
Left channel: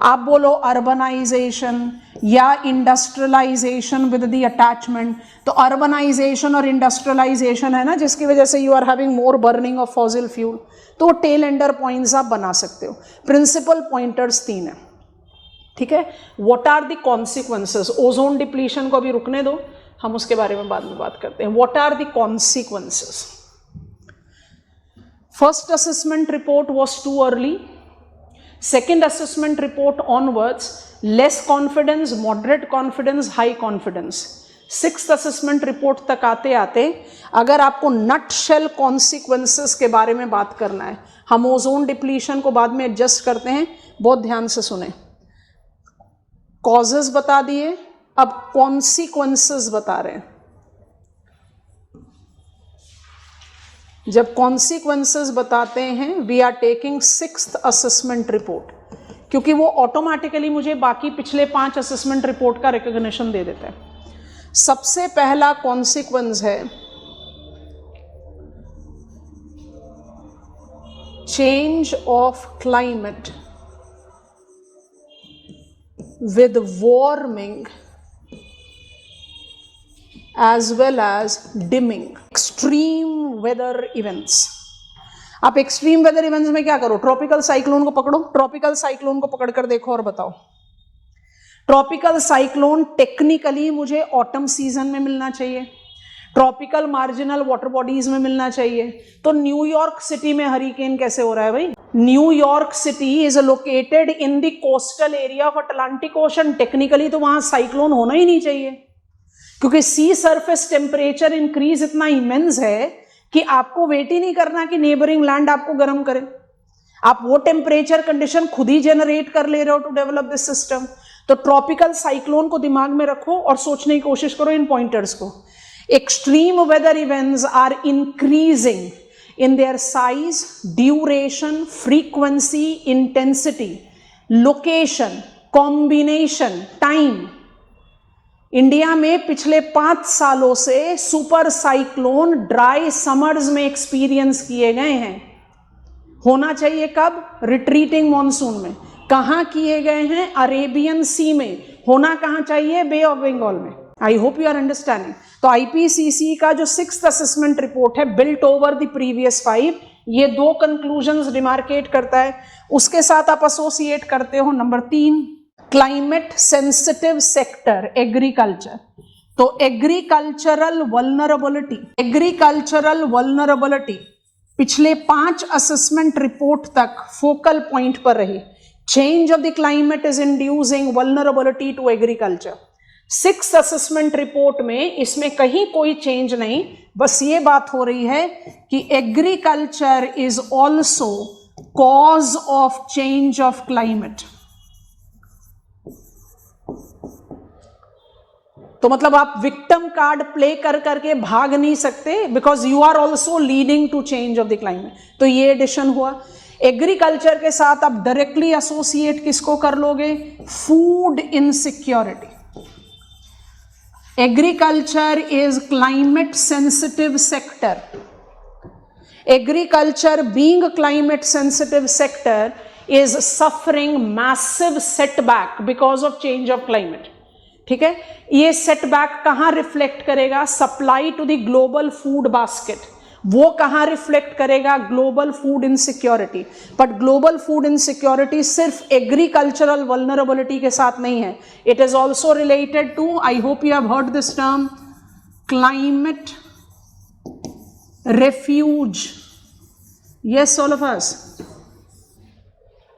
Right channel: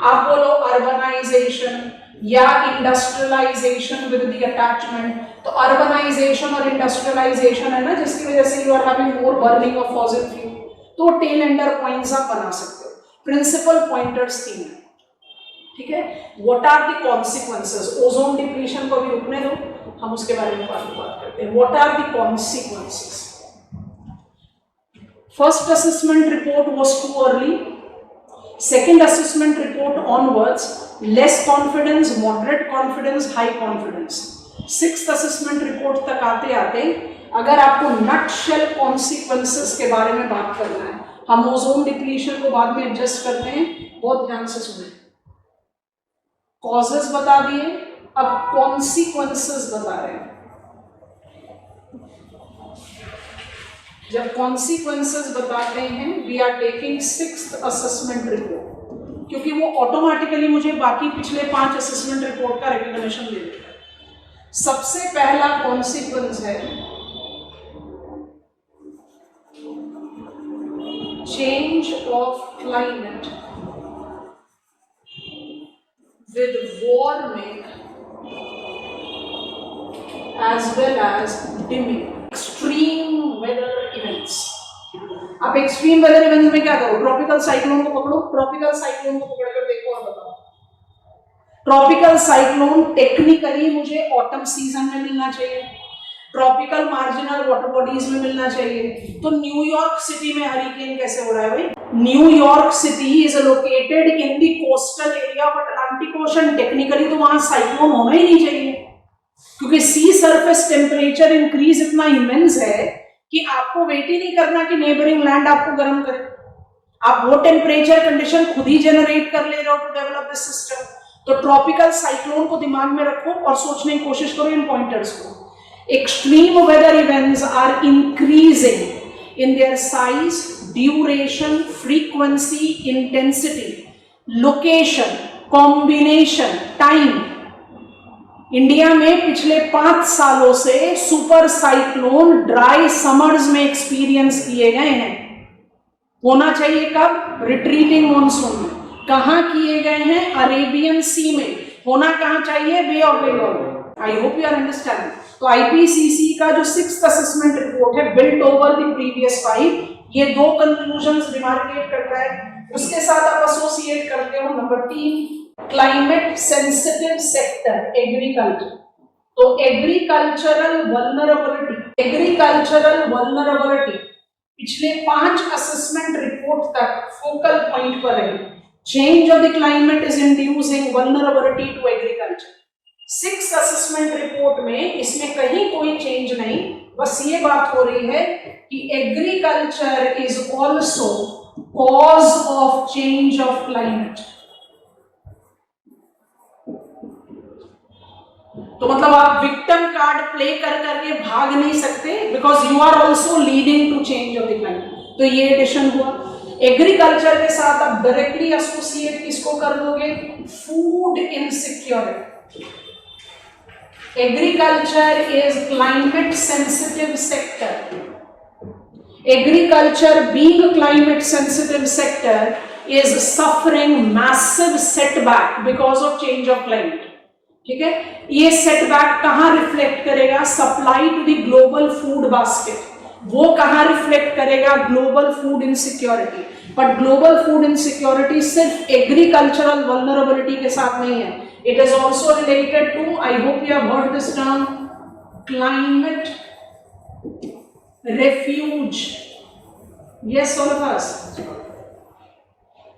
आप बोलो अर्बनाइजेशन या इंडस्ट्रियलाइजेशन विद द अटैचमेंट, तो अर्बनाइजेशन और इंडस्ट्रियलाइजेशन है ना जिसकी वजह से you are having more burning of fossil fuel. तो टेल एंडर पॉइंट्स आप बना सकते हो। प्रिंसिपल पॉइंटर्स 3 है, ठीक है। What are the consequences? Ozone depletion को भी रुकने दो, हम उसके बारे में बाद में बात करते हैं। What are the consequences? First assessment report was too early, second assessment report onwards less confidence, moderate confidence, high confidence। 6th assessment report तक आते आते अगर आपको नटशेल कॉन्सिक्वेंसेस के बारे में बात करना है, हम ओजोन डिप्लीशन को बाद में एडजस्ट करते हैं, बहुत ध्यान से सुने। कॉजेस बता दिए, अब कॉन्सिक्वेंसेस बता रहे हैं। जब कॉन्सिक्वेंसेस बताते हैं, we are taking 6th assessment report, क्योंकि वो ऑटोमेटिकली मुझे बाकी पिछले 5 असेसमेंट रिपोर्ट का रिकॉग्निशन दे देता है। सबसे पहला कॉन्सिक्वेंस है change of climate with warming as well as dimming extreme weather events. आप एक्सट्रीम वेदर इवेंट्स में क्या करो, ट्रॉपिकल साइक्लोन को पकड़ो, ट्रॉपिकल साइक्लोन को पकड़कर देखो और बताओ। ट्रॉपिकल साइक्लोन टेक्निकली मुझे ऑटम सीजन में मिलना चाहिए, ट्रॉपिकल मार्जिनल वाटर बॉडीज में मिलना चाहिए। तो न्यूयॉर्क सिटी में हरिकेन कैसे हो रहा है भाई? New York city is located in the coastal area of Atlantic ocean, technically तो वहां साइक्लोन होना ही नहीं चाहिए, क्योंकि सी सरफेस टेम्परेचर इंक्रीज इतना इमेंस है कि आपको वेट ही नहीं करना कि नेबरिंग लैंड आपको गर्म करे। आप वो टेम्परेचर कंडीशन खुद ही जनरेट कर ले रहे हो टू डेवलप दिस सिस्टम। तो ट्रॉपिकल साइक्लोन को दिमाग में रखो और सोचने की कोशिश करो इन पॉइंटर्स को। Extreme weather events are increasing in their size, duration, frequency, intensity, location, combination, time. India में पिछले 5 सालों से सुपर साइक्लोन ड्राई समर्स में एक्सपीरियंस किए गए हैं। होना चाहिए कब? रिट्रीटिंग मॉनसून में। कहां किए गए हैं? अरेबियन सी में। होना कहां चाहिए? बे ऑफ बंगाल में। I hope you are understanding. तो आईपीसीसी का जो 6th असेसमेंट रिपोर्ट है, बिल्ट ओवर द प्रीवियस 5, ये 2 कंक्लूजन्स रिमार्केट करता है। उसके साथ आप एसोसिएट करते हो number 3, climate sensitive sector agriculture. तो एग्रीकल्चरल वल्नरेबिलिटी पिछले 5 असेसमेंट रिपोर्ट तक फोकल पॉइंट पर रही। Change of the climate is inducing vulnerability to agriculture. 6th assessment report में इसमें कहीं कोई चेंज नहीं, बस ये बात हो रही है कि agriculture is also cause of change of climate. तो मतलब आप विक्टिम कार्ड प्ले कर करके भाग नहीं सकते, because you are also leading to change of the climate. तो ये एडिशन हुआ। एग्रीकल्चर के साथ आप डायरेक्टली एसोसिएट किसको कर लोगे? Food insecurity. Agriculture is climate sensitive sector. Agriculture being a climate sensitive sector is suffering massive setback because of change of climate. ठीक है, ये सेटबैक कहां रिफ्लेक्ट करेगा? Supply to the global food basket. वो कहां रिफ्लेक्ट करेगा? Global food insecurity. But global food insecurity सिर्फ agricultural vulnerability के साथ नहीं है, it is also related to, I hope you have heard this term, climate refuge. Yes, all of us.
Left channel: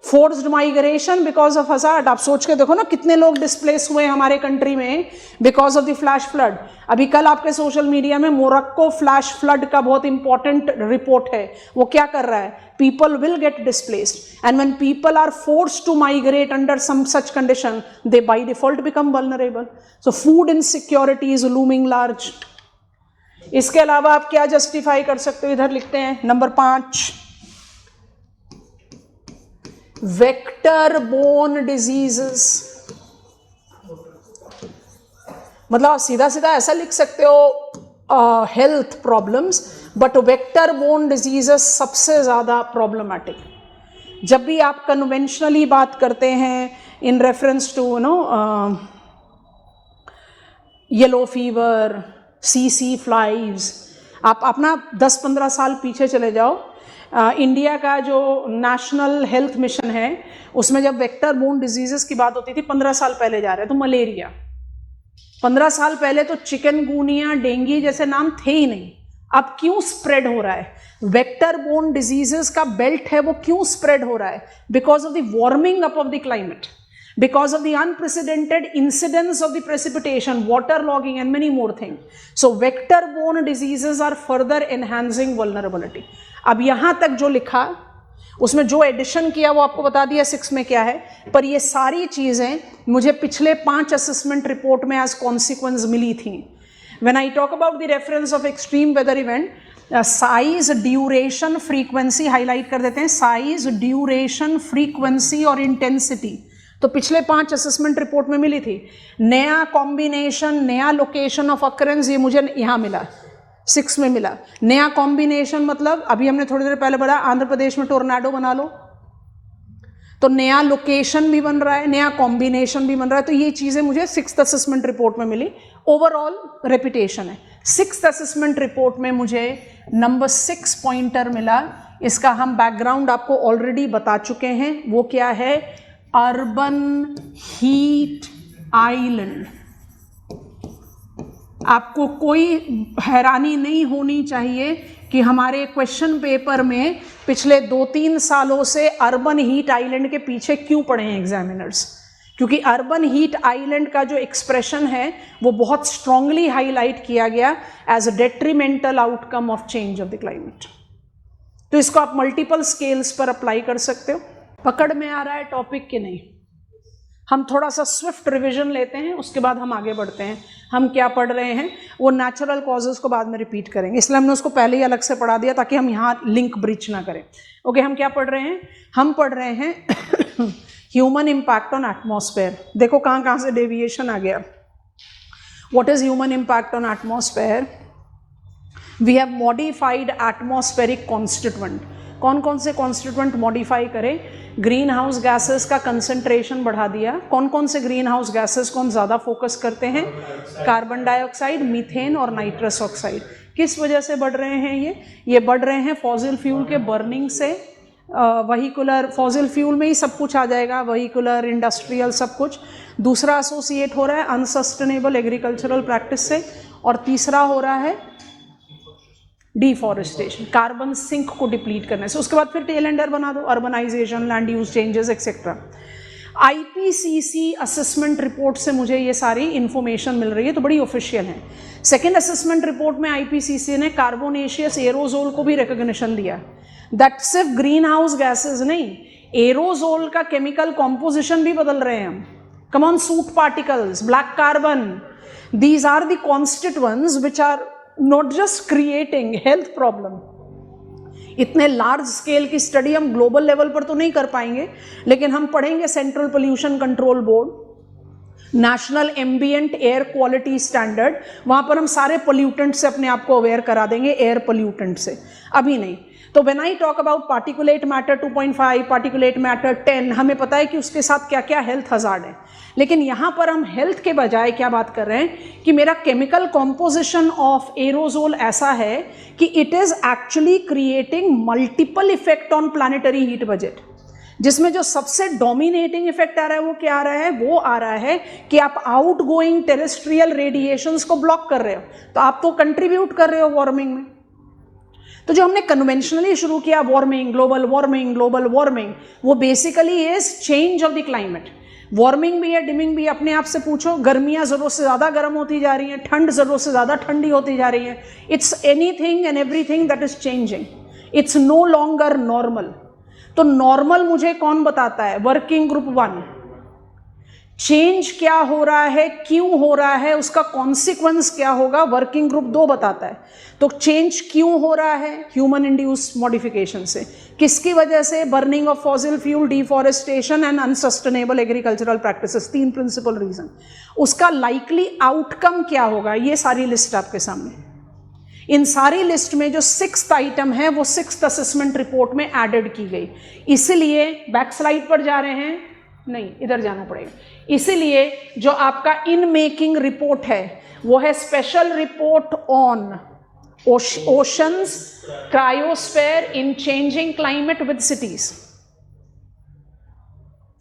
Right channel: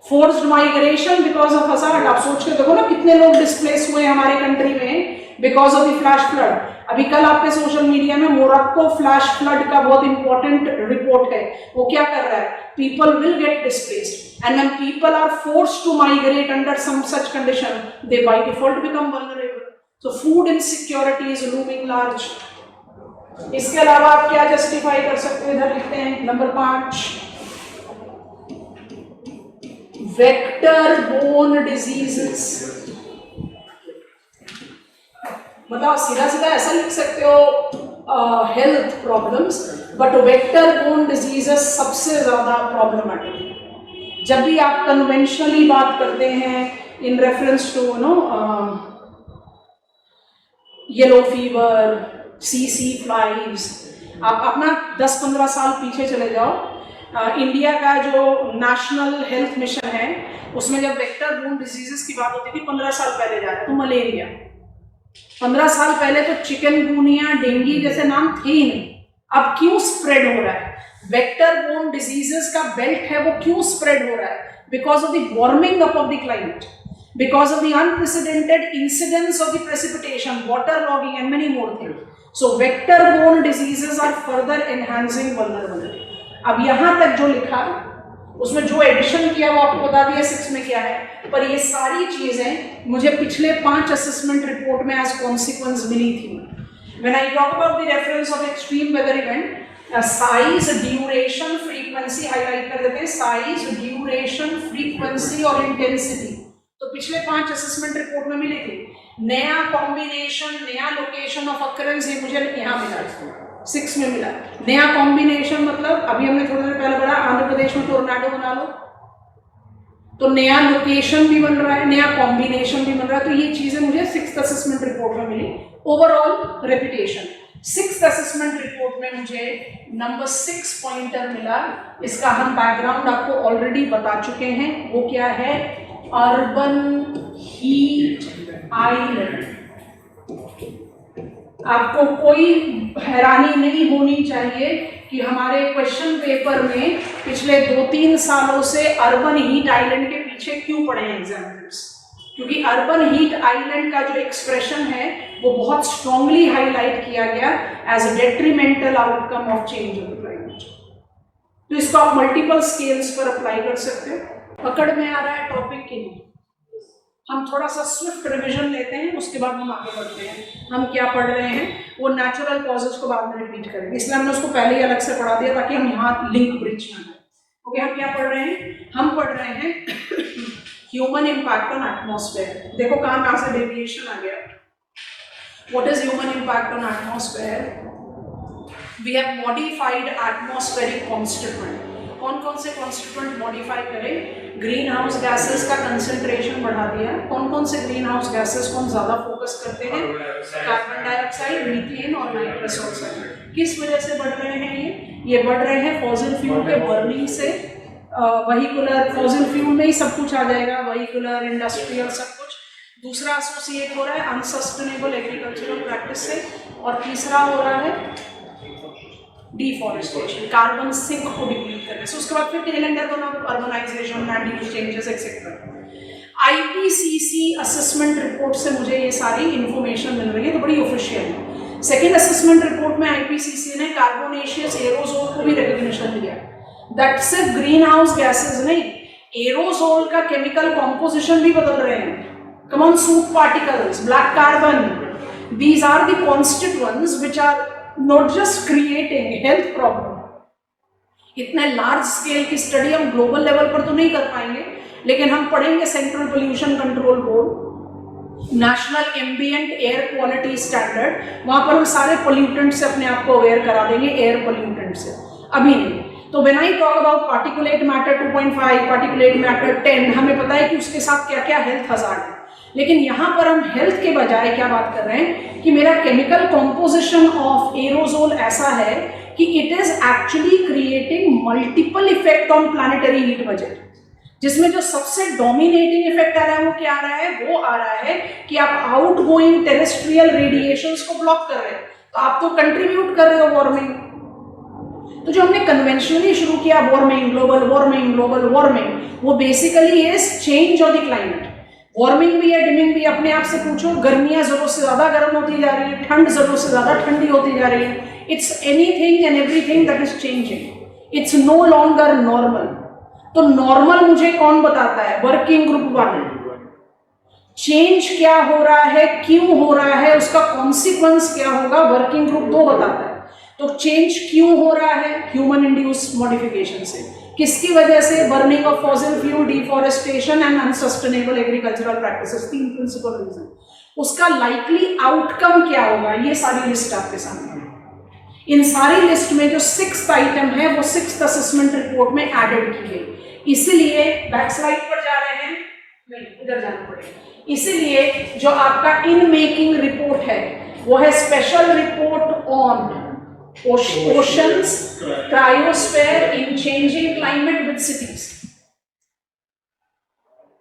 Forced migration because of hazard. आप सोच के देखो ना कितने लोग डिस्प्लेस हुए हमारे कंट्री में because of the flash flood. अभी कल आपके सोशल मीडिया में मोरक्को फ्लैश फ्लड का बहुत इंपॉर्टेंट रिपोर्ट है। वो क्या कर रहा है? People will get displaced and when people are forced to migrate under some such condition, they by default become vulnerable. So food insecurity is looming large. इसके अलावा आप क्या जस्टिफाई कर सकते हो? इधर लिखते हैं नंबर 5, वेक्टर बोर्न डिजीजेस। मतलब आप सीधा सीधा ऐसा लिख सकते हो health problems, but vector borne diseases सबसे ज्यादा प्रॉब्लमैटिक। जब भी आप कन्वेंशनली बात करते हैं in reference to yellow fever, सीसी फ्लाइज, आप अपना 10-15 साल पीछे चले जाओ। इंडिया का जो नेशनल हेल्थ मिशन है उसमें जब वेक्टर बोर्न डिजीजेस की बात होती थी 15 साल पहले जा रहे, तो मलेरिया 15 साल पहले तो चिकनगुनिया, डेंगू जैसे नाम थे ही नहीं। अब क्यों स्प्रेड हो रहा है? वेक्टर बोर्न डिजीजेस का बेल्ट है, वो क्यों स्प्रेड हो रहा है? Because of the warming up of the climate. because of the unprecedented incidence of the precipitation, waterlogging and many more things. So vector-borne diseases are further enhancing vulnerability. अब यहाँ तक जो लिखा उसमें जो एडिशन किया वो आपको बता दिया 6 में क्या है, पर ये सारी चीजें मुझे पिछले 5 असेसमेंट रिपोर्ट में एज कॉन्सिक्वेंस मिली थी. When I talk about the reference of extreme weather event, size, duration, frequency highlight कर देते हैं. साइज, ड्यूरेशन, फ्रीक्वेंसी और इंटेंसिटी तो पिछले 5 असेसमेंट रिपोर्ट में मिली थी. नया कॉम्बिनेशन, नया लोकेशन ऑफ अकरेंस ये मुझे यहाँ मिला, 6 में मिला. नया कॉम्बिनेशन मतलब अभी हमने थोड़ी देर पहले पढ़ा आंध्र प्रदेश में टोर्नाडो बना लो, तो नया लोकेशन भी बन रहा है, नया कॉम्बिनेशन भी बन रहा है. तो ये चीजें मुझे 6th असेसमेंट रिपोर्ट में मिली. ओवरऑल रेपिटेशन है. 6th असेसमेंट रिपोर्ट में मुझे नंबर 6 पॉइंटर मिला. इसका हम बैकग्राउंड आपको ऑलरेडी बता चुके हैं. वो क्या है? Urban heat island. आपको कोई हैरानी नहीं होनी चाहिए कि हमारे क्वेश्चन पेपर में पिछले 2-3 सालों से अर्बन हीट आइलैंड के पीछे क्यों पड़े हैं एग्जामिनर्स, क्योंकि अर्बन हीट आइलैंड का जो एक्सप्रेशन है वो बहुत स्ट्रांगली हाईलाइट किया गया as a detrimental outcome of change of the climate. तो इसको आप मल्टीपल स्केल्स पर अप्लाई कर सकते हो. पकड़ में आ रहा है टॉपिक कि नहीं? हम थोड़ा सा स्विफ्ट रिवीजन लेते हैं, उसके बाद हम आगे बढ़ते हैं. हम क्या पढ़ रहे हैं वो नेचुरल कॉजेज को बाद में रिपीट करेंगे, इसलिए हमने उसको पहले ही अलग से पढ़ा दिया ताकि हम यहाँ लिंक ब्रीच ना करें. ओके, हम क्या पढ़ रहे हैं? हम पढ़ रहे हैं ह्यूमन इम्पैक्ट ऑन एटमॉस्फेयर. देखो कहाँ कहाँ से डेविएशन आ गया. What is human impact on atmosphere? We have modified atmospheric constituent. कौन कौन से कॉन्स्टिट्यूएंट मॉडिफाई करें? ग्रीन हाउस गैसेस का कंसंट्रेशन बढ़ा दिया. कौन कौन से ग्रीन हाउस गैसेस को हम ज्यादा फोकस करते हैं? कार्बन डाइऑक्साइड, मीथेन और नाइट्रस ऑक्साइड. किस वजह से बढ़ रहे हैं ये बढ़ रहे हैं फॉसिल फ्यूल के बर्निंग से. वहीकुलर, फॉसिल फ्यूल में ही सब कुछ आ जाएगा, वहीकुलर, इंडस्ट्रियल, सब कुछ. दूसरा एसोसिएट हो रहा है अनसस्टेनेबल एग्रीकल्चरल प्रैक्टिस से. और तीसरा हो रहा है डिफॉरेस्टेशन, कार्बन सिंक को डिप्लीट करने से. उसके बाद फिर टेल एंडर बना दो, urbanisation, land use changes etcetera. IPCC assessment report से मुझे ये सारी इंफॉर्मेशन मिल रही है, तो बड़ी ऑफिशियल है. सेकेंड असेसमेंट रिपोर्ट में आईपीसीसी ने कार्बोनेशियस एरोजोल को भी रिकॉग्निशन दिया. दैट सिर्फ ग्रीन हाउस गैसेज नहीं, एरोजोल का केमिकल कॉम्पोजिशन भी बदल रहे हैं. Come on, soot particles, black carbon, these are the constituents which are not just creating health problem. इतने लार्ज स्केल की स्टडी हम ग्लोबल लेवल पर तो नहीं कर पाएंगे, लेकिन हम पढ़ेंगे central pollution control board, national ambient air quality standard. वहां पर हम सारे पोल्यूटेंट से अपने आप को अवेयर करा देंगे, एयर पोल्यूटेंट से. अभी नहीं. तो when I talk about particulate matter 2.5, particulate matter 10, हमें पता है कि उसके साथ क्या क्या हेल्थ हजार्ड है. लेकिन यहां पर हम हेल्थ के बजाय क्या बात कर रहे हैं कि मेरा केमिकल कॉम्पोजिशन ऑफ एरोजोल ऐसा है कि it is actually creating multiple effect on planetary heat budget. जिसमें जो सबसे डोमिनेटिंग इफेक्ट आ रहा है वो क्या आ रहा है? वो आ रहा है कि आप आउटगोइंग टेरेस्ट्रियल रेडिएशंस को ब्लॉक कर रहे हो, तो आप तो कंट्रीब्यूट कर रहे हो वार्मिंग. तो जो हमने कन्वेंशनली शुरू किया warming, global warming, global warming, वो basically is change of the climate. Warming भी है, डिमिंग भी. अपने आप से पूछो, गर्मियां जरूरत से ज्यादा गर्म होती जा रही है, ठंड जरूरत से ज्यादा ठंडी होती जा रही है. It's anything and everything that is changing. It's no longer normal. तो नॉर्मल मुझे कौन बताता है? Working group 1. चेंज क्या हो रहा है, क्यों हो रहा है, उसका कॉन्सिक्वेंस क्या होगा, वर्किंग ग्रुप 2 बताता है. तो चेंज क्यों हो रहा है? ह्यूमन इंड्यूस्ड मॉडिफिकेशन से. किसकी वजह से? Burning of fossil fuel, deforestation and unsustainable agricultural practices. 3 principal reason. उसका लाइकली आउटकम क्या होगा, ये सारी लिस्ट आपके सामने है. इन सारी लिस्ट में जो 6th आइटम है वो 6th असेसमेंट रिपोर्ट में एडेड की गई. इसीलिए बैक स्लाइड पर जा रहे हैं, नहीं इधर जाना पड़ेगा. इसीलिए जो आपका इन मेकिंग रिपोर्ट है वो है special report on oceans, cryosphere in changing climate with cities.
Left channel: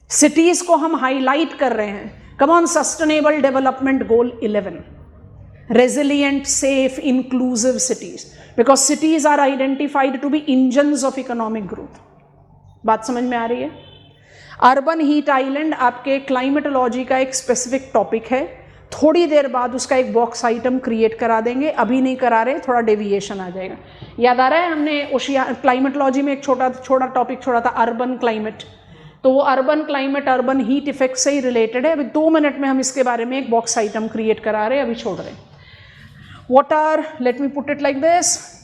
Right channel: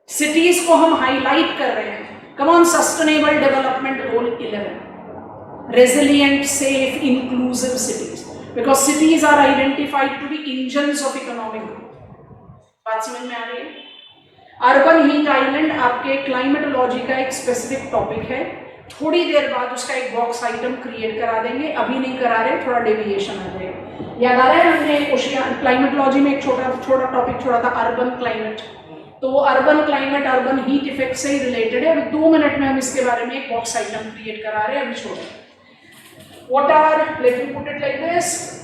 Cities को हम हाईलाइट कर रहे हैं. Come on, Sustainable Development Goal 11, resilient, safe, inclusive cities, because cities are identified to be engines of economic growth. बात समझ में आ रही है? अर्बन हीट आइलैंड आपके क्लाइमेटोलॉजी का एक स्पेसिफिक टॉपिक है, थोड़ी देर बाद उसका एक बॉक्स आइटम क्रिएट करा देंगे, अभी नहीं करा रहे, थोड़ा डेविएशन आ जाएगा। याद आ रहा है हमने क्लाइमेटोलॉजी में एक छोटा टॉपिक छोड़ा था, अर्बन क्लाइमेट। तो वो urban climate urban heat effect से ही रिलेटेड है। अभी 2 मिनट में हम इसके बारे में एक बॉक्स आइटम क्रिएट करा रहे हैं, अभी छोड़ रहे हैं। What are, let me put it like this,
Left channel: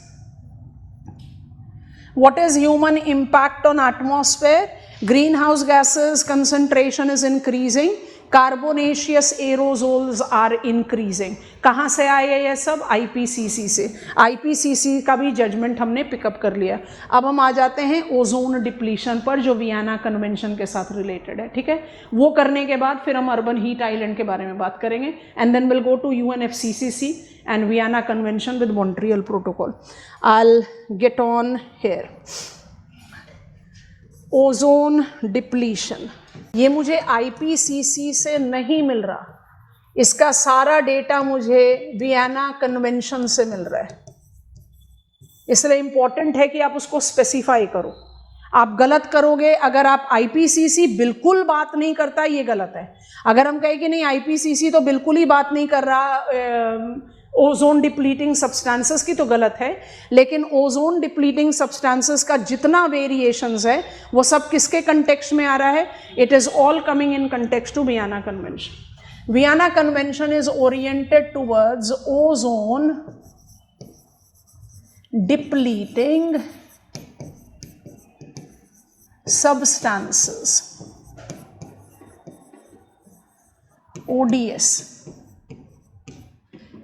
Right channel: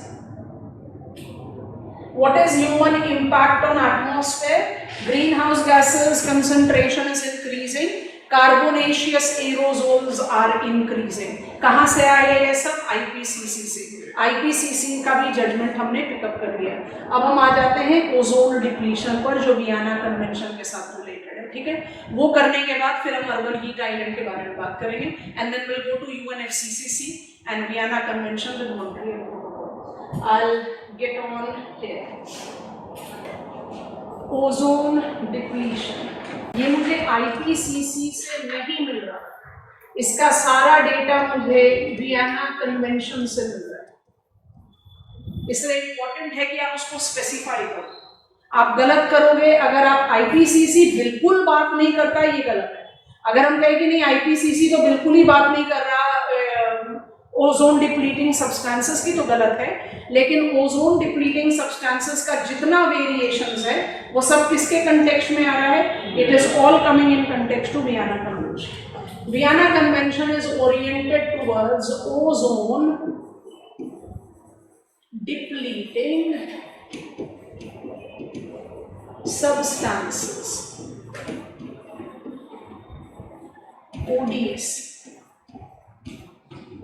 what is human impact on atmosphere? Greenhouse gases concentration is increasing, carbonaceous aerosols are increasing. कहाँ से आए ये सब? IPCC से। IPCC का भी जजमेंट हमने पिकअप कर लिया। अब हम आ जाते हैं ओजोन डिप्लीशन पर, जो वियना कन्वेंशन के साथ रिलेटेड है, ठीक है। वो करने के बाद फिर हम अर्बन हीट आइलैंड के बारे में बात करेंगे, and then will go to UNFCCC and Vienna Convention with Montreal Protocol. I'll get on here. Ozone depletion. ये मुझे IPCC से नहीं मिल रहा, इसका सारा डेटा मुझे वियना कन्वेंशन से मिल रहा है, इसलिए इंपॉर्टेंट है कि आप उसको स्पेसिफाई करो। आप गलत करोगे अगर आप IPCC बिल्कुल बात नहीं करता, ये गलत है। अगर हम कहें कि नहीं IPCC तो बिल्कुल ही बात नहीं कर रहा ओजोन डिप्लीटिंग सब्सटेंसेस की, तो गलत है। लेकिन ओजोन डिप्लीटिंग सब्सटेंसेस का जितना वेरिएशंस है वो सब किसके कंटेक्स्ट में आ रहा है? It is all coming in context to Vienna convention. Vienna convention is oriented towards ozone depleting substances, ODS।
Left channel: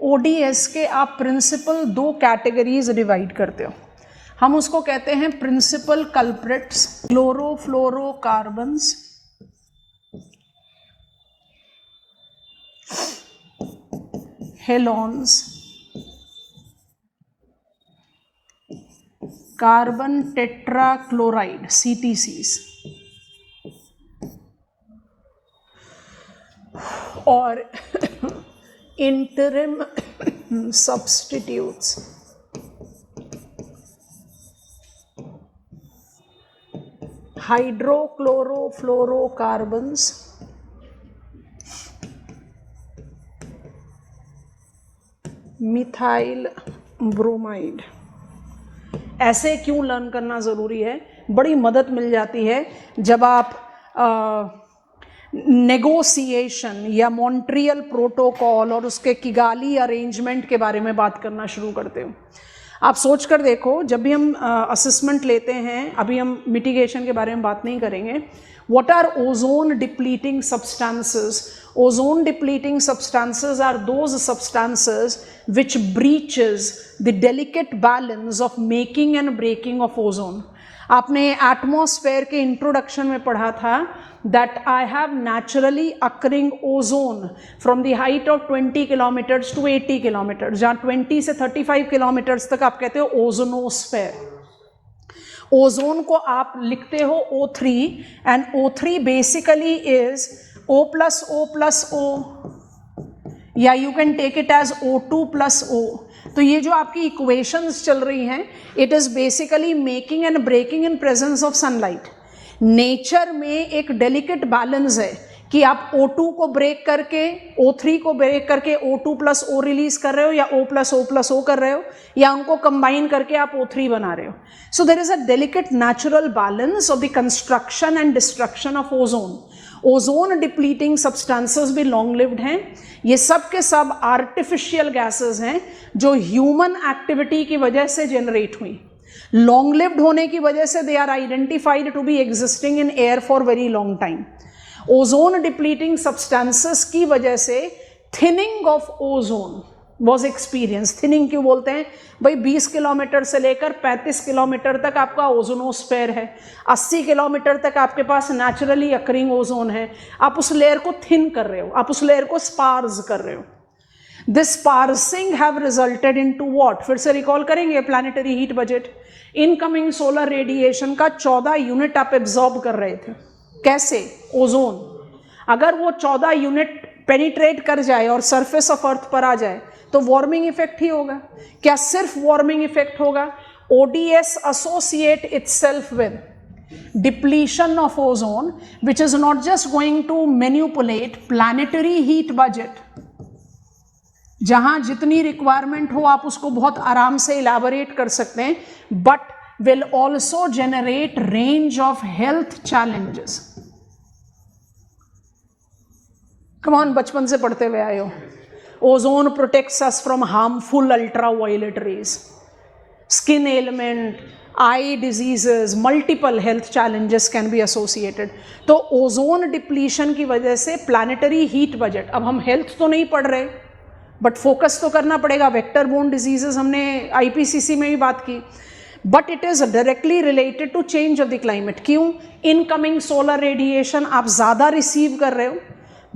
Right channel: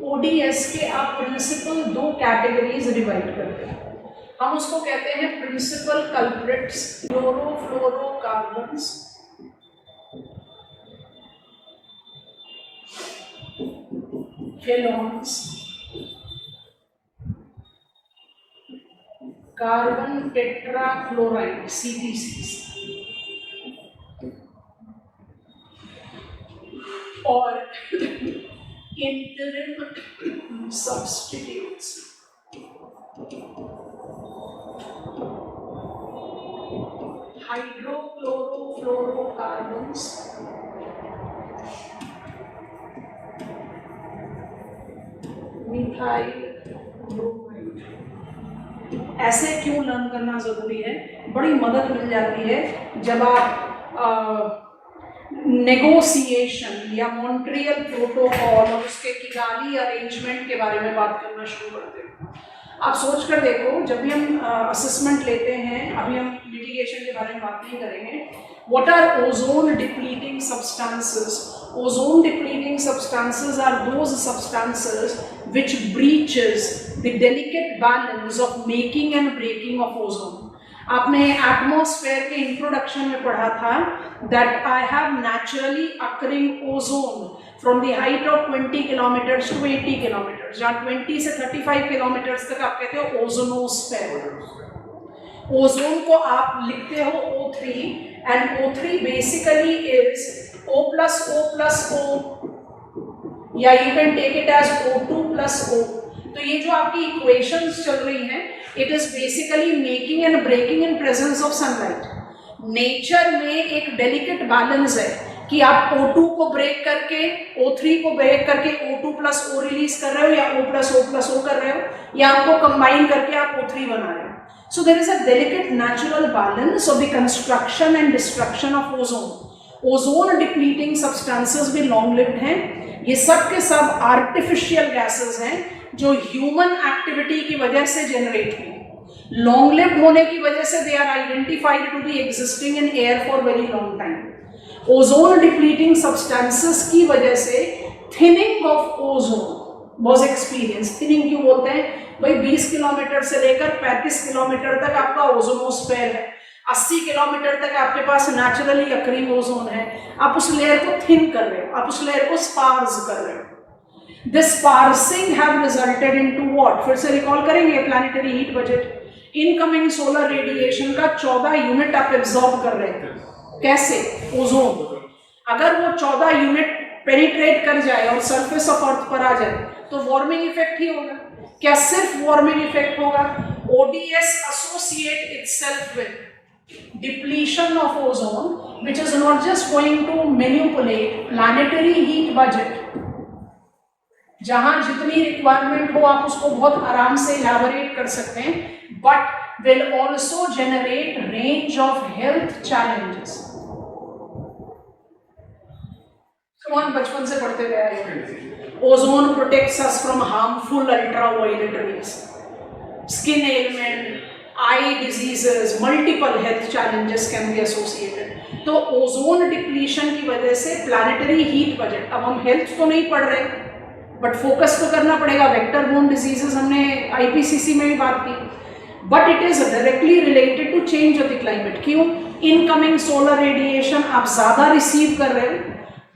ODS के आप प्रिंसिपल 2 कैटेगरीज डिवाइड करते हो, हम उसको कहते हैं principal culprits, chlorofluorocarbons, halons, carbon tetrachloride CTCs, और interim substitutes. Hydrochlorofluorocarbons, methyl bromide. ऐसे क्यों लर्न करना ज़रूरी है? बड़ी मदद मिल जाती है जब आप नेगोशिएशन या मॉन्ट्रियल प्रोटोकॉल और उसके किगाली अरेंजमेंट के बारे में बात करना शुरू करते हो। आप सोच कर देखो, जब भी हम असेसमेंट लेते हैं, अभी हम मिटिगेशन के बारे में बात नहीं करेंगे, what are ozone depleting substances? Ozone depleting substances are those substances which breaches the delicate balance of making and breaking of ozone. आपने एटमॉस्फेयर के इंट्रोडक्शन में पढ़ा था that I have naturally occurring ozone from the height of 20 kilometers to 80 kilometers, जहाँ 20 से 35 kilometers तक आप कहते हो ओजोनोस्फेयर। ओजोन को आप लिखते हो O3, and O3 basically is O+O+O, या you can take it as O2+O। तो ये जो आपकी इक्वेशंस चल रही हैं, it is basically making and breaking in presence of sunlight. Nature में एक डेलिकेट बैलेंस है कि आप O2 को ब्रेक करके O3 को ब्रेक करके O2+O रिलीज कर रहे हो, या O+O+O कर रहे हो, या उनको कंबाइन करके आप O3 बना रहे हो। So there is a delicate natural balance of the construction and destruction of ozone. Ozone depleting substances भी long lived हैं। ये सब के सब artificial gases हैं जो human activity की वजह से generate हुई। Long lived होने की वजह से they are identified to be existing in air for very long time. Ozone depleting substances की वजह से thinning of ozone was experienced। thinning क्यों बोलते हैं भाई? 20 किलोमीटर से लेकर 35 किलोमीटर तक आपका ओजोनोस्फेयर है, 80 किलोमीटर तक आपके पास नेचुरली अकरिंग ओजोन है। आप उस लेयर को थिन कर रहे हो, आप उस लेयर को स्पार्स कर रहे हो। This sparsing have resulted into what? फिर से रिकॉल करेंगे planetary heat budget. Incoming solar radiation का 14 यूनिट आप एब्जॉर्ब कर रहे थे। कैसे? ओजोन। अगर वो 14 यूनिट पेनिट्रेट कर जाए और सरफेस ऑफ अर्थ पर आ जाए तो वार्मिंग इफेक्ट ही होगा। क्या सिर्फ वार्मिंग इफेक्ट होगा? ODS associate itself with depletion of ozone, which is not just going to manipulate planetary heat budget, जहां जितनी रिक्वायरमेंट हो आप उसको बहुत आराम से इलैबोरेट कर सकते हैं, but will also generate range of health challenges. Come on, बचपन से पढ़ते हुए आए हो. Ozone protects us from harmful ultraviolet rays. Skin ailment, eye diseases, multiple health challenges can be associated. तो ओजोन डिप्लीशन की वजह से प्लानिटरी हीट बजट, अब हम हेल्थ तो नहीं पढ़ रहे बट फोकस तो करना पड़ेगा. वेक्टर बोर्न डिजीजेस हमने आईपीसीसी में भी बात की, but it is directly related to change of the climate. क्यों? इनकमिंग सोलर रेडिएशन आप ज्यादा रिसीव कर रहे हो,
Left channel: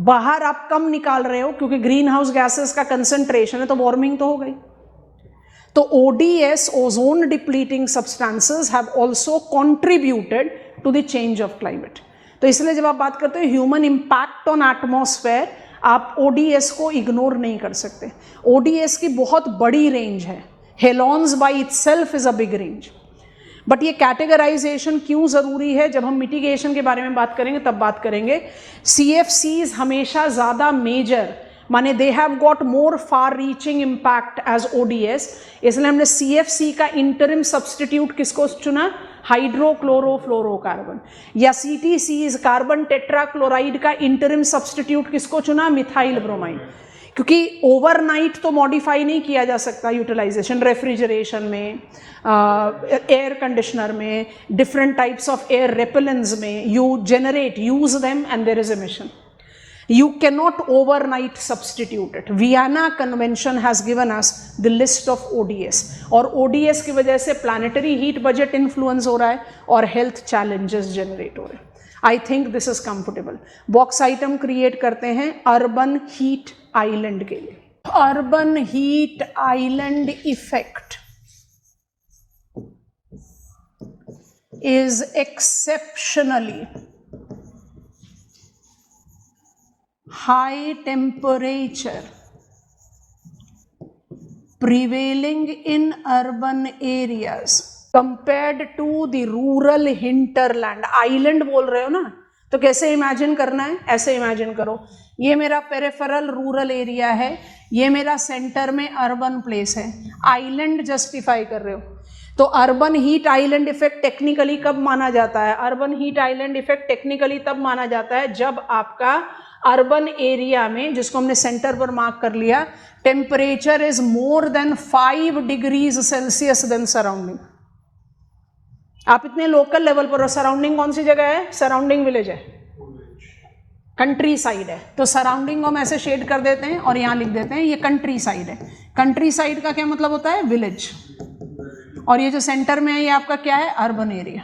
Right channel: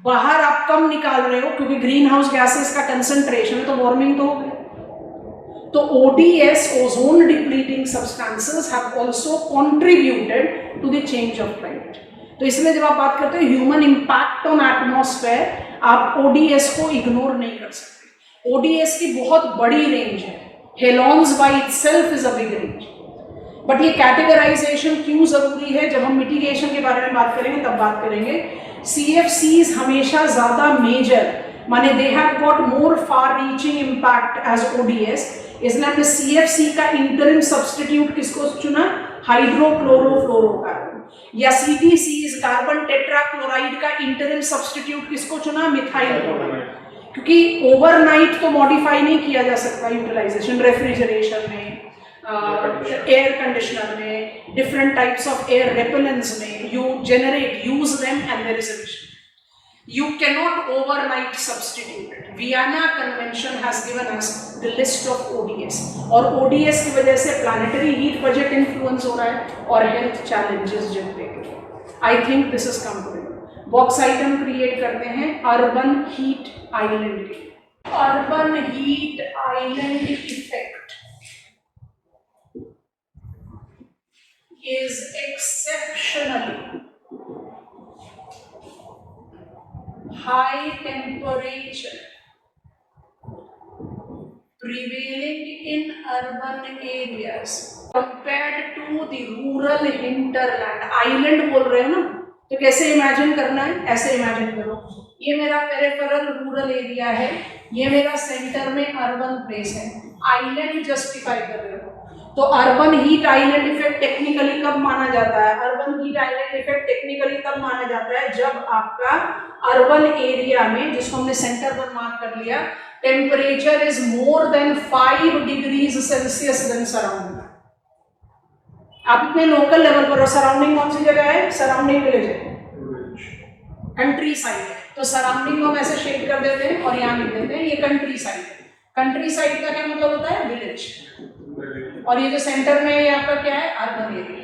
बाहर आप कम निकाल रहे हो क्योंकि ग्रीन हाउस गैसेस का कंसंट्रेशन है, तो वार्मिंग तो हो गई. तो ODS, ozone depleting substances, have also contributed to the change of climate. तो इसलिए जब आप बात करते हो ह्यूमन इम्पैक्ट ऑन एटमॉस्फेयर, आप ODS को इग्नोर नहीं कर सकते. ODS की बहुत बड़ी रेंज है. Halons by itself is a big range. But ये कैटेगराइजेशन क्यों जरूरी है, जब हम मिटिगेशन के बारे में बात करेंगे तब बात करेंगे. CFCs हमेशा ज्यादा मेजर, माने they have got more far reaching impact as ODS. इसलिए हमने CFC का इंटरिम सब्स्टिट्यूट किसको चुना? हाइड्रोक्लोरोफ्लोरोकार्बन. या CTCs, कार्बन टेट्राक्लोराइड का इंटरिम सब्स्टिट्यूट किसको चुना? Methyl chloride. क्योंकि ओवरनाइट तो मॉडिफाई नहीं किया जा सकता यूटिलाइजेशन. रेफ्रिजरेशन में, एयर कंडीशनर में, different types of air repellents में you generate, use them and there is emission. You cannot overnight substitute it. Vienna Convention has given us the list of ODS. और ODS की वजह से planetary heat budget influence हो रहा है और health challenges generate हो रहे हैं. I think this is comfortable. Box item create करते हैं urban heat island के लिए. Urban heat island effect is exceptionally high temperature prevailing in urban areas compared to the rural hinterland. Island बोल रहे हो ना, तो कैसे इमेजिन करना है? ऐसे इमेजिन करो, ये मेरा पेरिफेरल रूरल एरिया है, ये मेरा सेंटर में अर्बन प्लेस है. आइलैंड जस्टिफाई कर रहे हो, तो urban heat island effect technically कब माना जाता है? Urban heat island effect technically तब माना जाता है जब आपका अर्बन एरिया में, जिसको हमने सेंटर पर मार्क कर लिया, temperature is more than 5 degrees Celsius than surrounding. आप अपने लोकल लेवल पर, सराउंडिंग कौन सी जगह है? सराउंडिंग विलेज है, कंट्री साइड है, तो सराउंडिंग हम ऐसे शेड कर देते हैं और यहाँ लिख देते हैं ये कंट्री साइड है. कंट्री साइड का क्या मतलब होता है? विलेज. और ये जो सेंटर में है ये आपका क्या है? Urban area.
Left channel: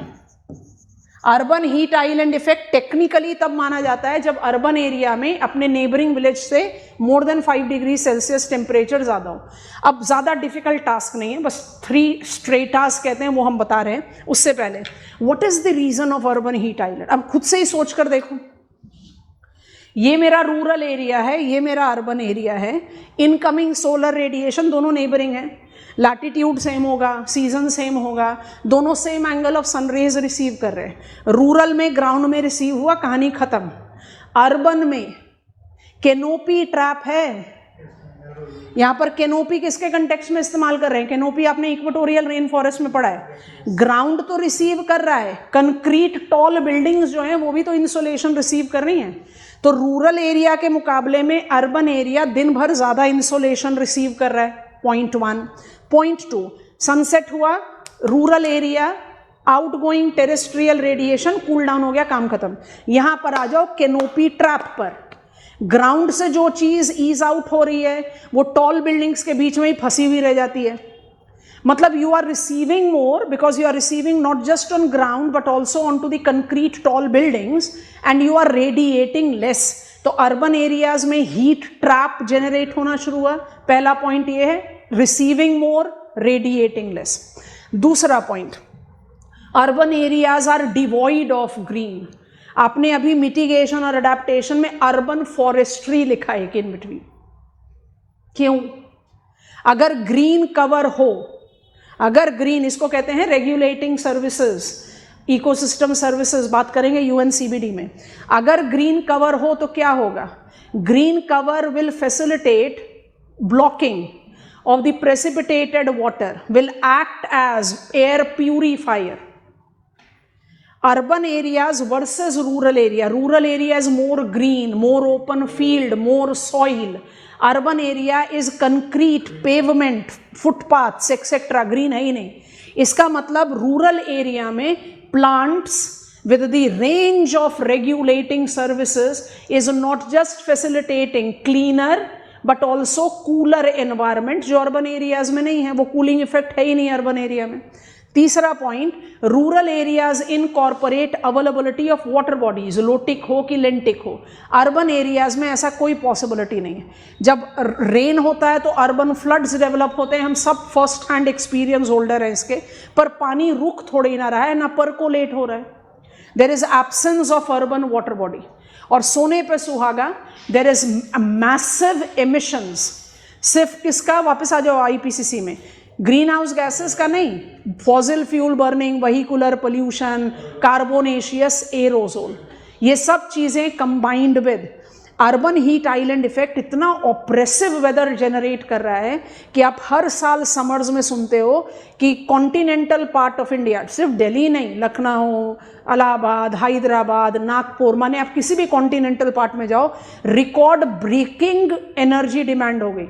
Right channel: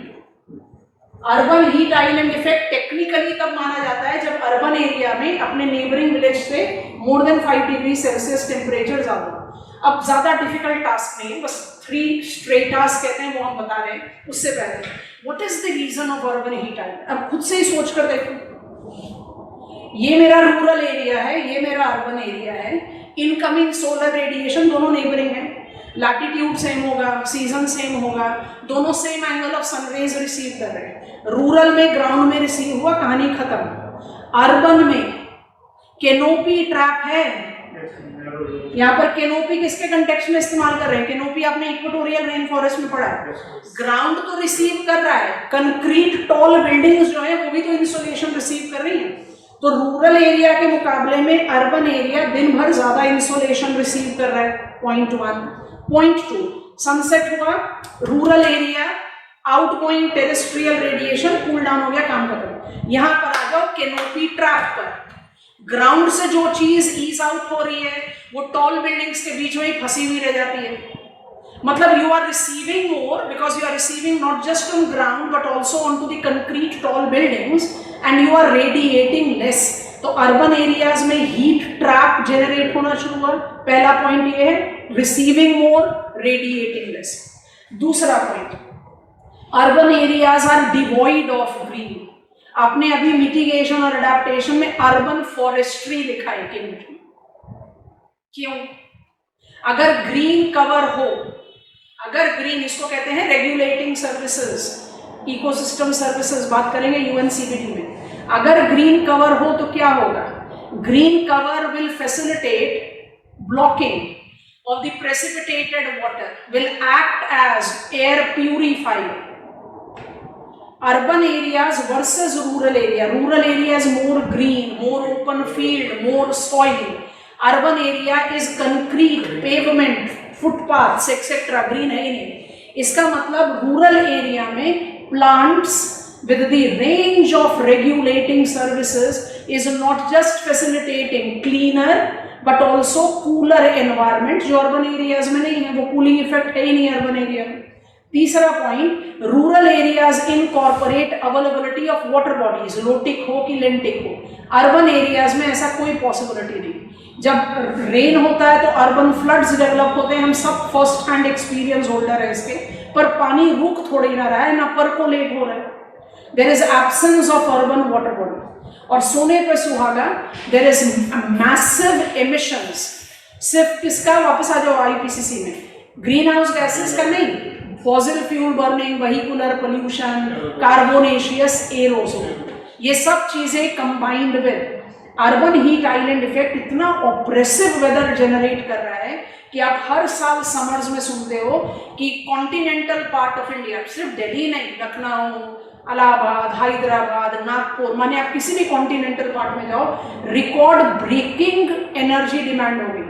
Urban heat island effect technically तब माना जाता है जब अर्बन एरिया में अपने नेबरिंग विलेज से मोर देन 5 डिग्री सेल्सियस टेम्परेचर ज्यादा हो. अब ज्यादा डिफिकल्ट टास्क नहीं है, बस 3 स्ट्रेटास कहते हैं वो हम बता रहे हैं. उससे पहले what is the reason of urban heat island? अब खुद से ही सोच कर देखो, ये मेरा रूरल एरिया है, ये मेरा अर्बन एरिया है. इनकमिंग सोलर रेडिएशन दोनों नेबरिंग है, लैटिट्यूड सेम होगा, सीजन सेम होगा, दोनों same angle of sun rays receive कर रहे हैं. रूरल में ग्राउंड में रिसीव हुआ, कहानी खत्म. अर्बन में कैनोपी ट्रैप है. यहाँ पर कैनोपी किसके कंटेक्स्ट में इस्तेमाल कर रहे हैं? कैनोपी आपने इक्वेटोरियल रेन फॉरेस्ट में पढ़ा है. ग्राउंड तो रिसीव कर रहा है, कंक्रीट टॉल बिल्डिंग्स जो है वो भी तो इंसोलेशन रिसीव कर रही हैं. तो रूरल एरिया के मुकाबले में अर्बन एरिया दिन भर ज्यादा इंसोलेशन रिसीव कर रहा है. पॉइंट 1. पॉइंट 2, सनसेट हुआ, rural area, outgoing terrestrial radiation cool down हो गया, काम खत्म. यहां पर आ जाओ कैनोपी ट्रैप पर. ग्राउंड से जो चीज ईज आउट हो रही है वो टॉल बिल्डिंग्स के बीच में ही फंसी हुई रह जाती है. मतलब you are receiving more because you are receiving not just on ground but also on to the concrete tall buildings and you are radiating less. तो अर्बन एरियाज में हीट ट्रैप जनरेट होना शुरू हुआ. पहला पॉइंट ये है, receiving more, radiating less. दूसरा point, urban areas are devoid of green. आपने अभी मिटिगेशन और अडेप्टेशन में अर्बन फॉरेस्ट्री लिखा है इन बिटवीन. क्यों? अगर ग्रीन कवर हो, अगर ग्रीन, इसको कहते हैं रेगुलेटिंग सर्विसेज, इकोसिस्टम सर्विसेज बात करेंगे यूएनसीबीडी में। अगर ग्रीन कवर हो तो क्या होगा? Green cover will facilitate blocking of the precipitated water, will act as air purifier. Urban areas versus rural area. Rural area is more green, more open field, more soil. Urban area is concrete, pavement, footpaths, etc. Green है ही नहीं। इसका मतलब rural area में plants with the range of regulating services is not just facilitating cleaner but also cooler environment, जो urban areas में नहीं है, वो कूलिंग इफेक्ट है ही नहीं अर्बन एरिया में। तीसरा point, rural areas incorporate availability of water bodies, lotic हो कि लेंटिक हो। अर्बन एरियाज में ऐसा कोई पॉसिबिलिटी नहीं। जब रेन होता है तो अर्बन फ्लड्स डेवलप होते हैं, हम सब फर्स्ट हैंड एक्सपीरियंस होल्डर है इसके, पर पानी रुक थोड़ी ना रहा है, ना परकोलेट हो रहा है। There is absence of urban water body. और सोने पे सुहागा, देयर इज मैसिव एमिशंस। सिर्फ किसका? वापस आ जाओ आईपीसीसी में, ग्रीन हाउस गैसेस का नहीं, fossil fuel burning, vehicular pollution, carbonaceous aerosol, ये सब चीजें combined with urban heat island effect इतना ऑप्रेसिव वेदर जनरेट कर रहा है कि आप हर साल समर्स में सुनते हो कि कॉन्टिनेंटल पार्ट ऑफ इंडिया, सिर्फ दिल्ली नहीं, लखनऊ, इलाहाबाद, हैदराबाद, नागपुर, माने आप किसी भी कॉन्टिनेंटल पार्ट में जाओ, रिकॉर्ड ब्रेकिंग एनर्जी डिमांड होगी,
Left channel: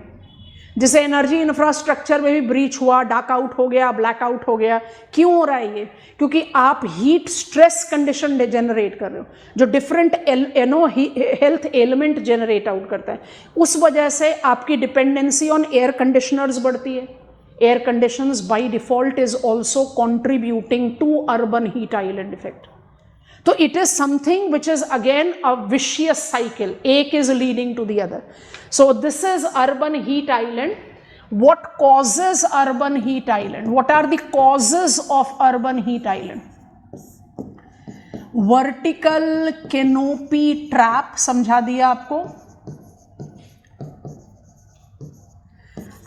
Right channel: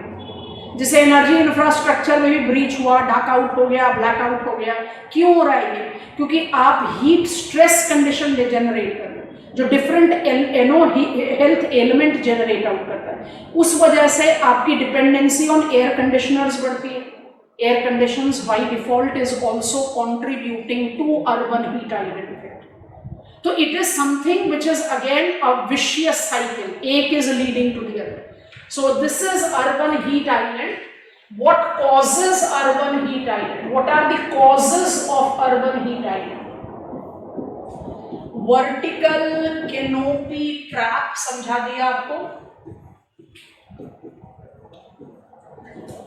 जिसे एनर्जी इंफ्रास्ट्रक्चर में भी ब्रीच हुआ, डाक आउट हो गया, ब्लैक आउट हो गया। क्यों हो रहा है ये? क्योंकि आप हीट स्ट्रेस कंडीशन जनरेट कर रहे हो, जो different health element generate out करता है। उस वजह से आपकी डिपेंडेंसी ऑन एयर कंडीशनर्स बढ़ती है। Air conditions by default is also contributing to urban heat island effect. So it is something which is again a vicious cycle. एक is leading to the other. So this is urban heat island. What causes urban heat island? What are the causes of urban heat island? Vertical canopy trap समझा दिया आपको।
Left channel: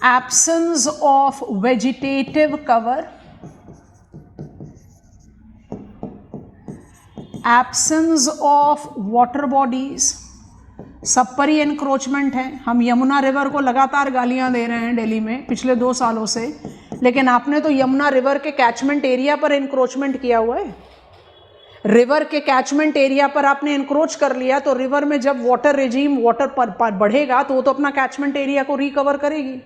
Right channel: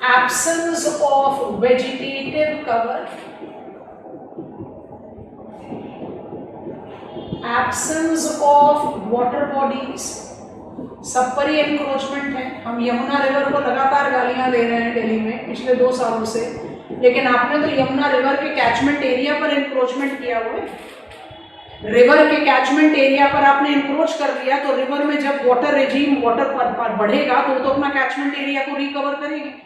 Absence of vegetative cover, absence of water bodies, सब पर ही encroachment है। हम Yamuna river को लगातार गालियां दे रहे हैं दिल्ली में पिछले 2 सालों से, लेकिन आपने तो यमुना रिवर के कैचमेंट एरिया पर एनक्रोचमेंट किया हुआ है। रिवर के कैचमेंट एरिया पर आपने एनक्रोच कर लिया तो रिवर में जब वाटर रेजिम, वाटर पर बढ़ेगा तो वो तो अपना कैचमेंट एरिया को रिकवर करेगी।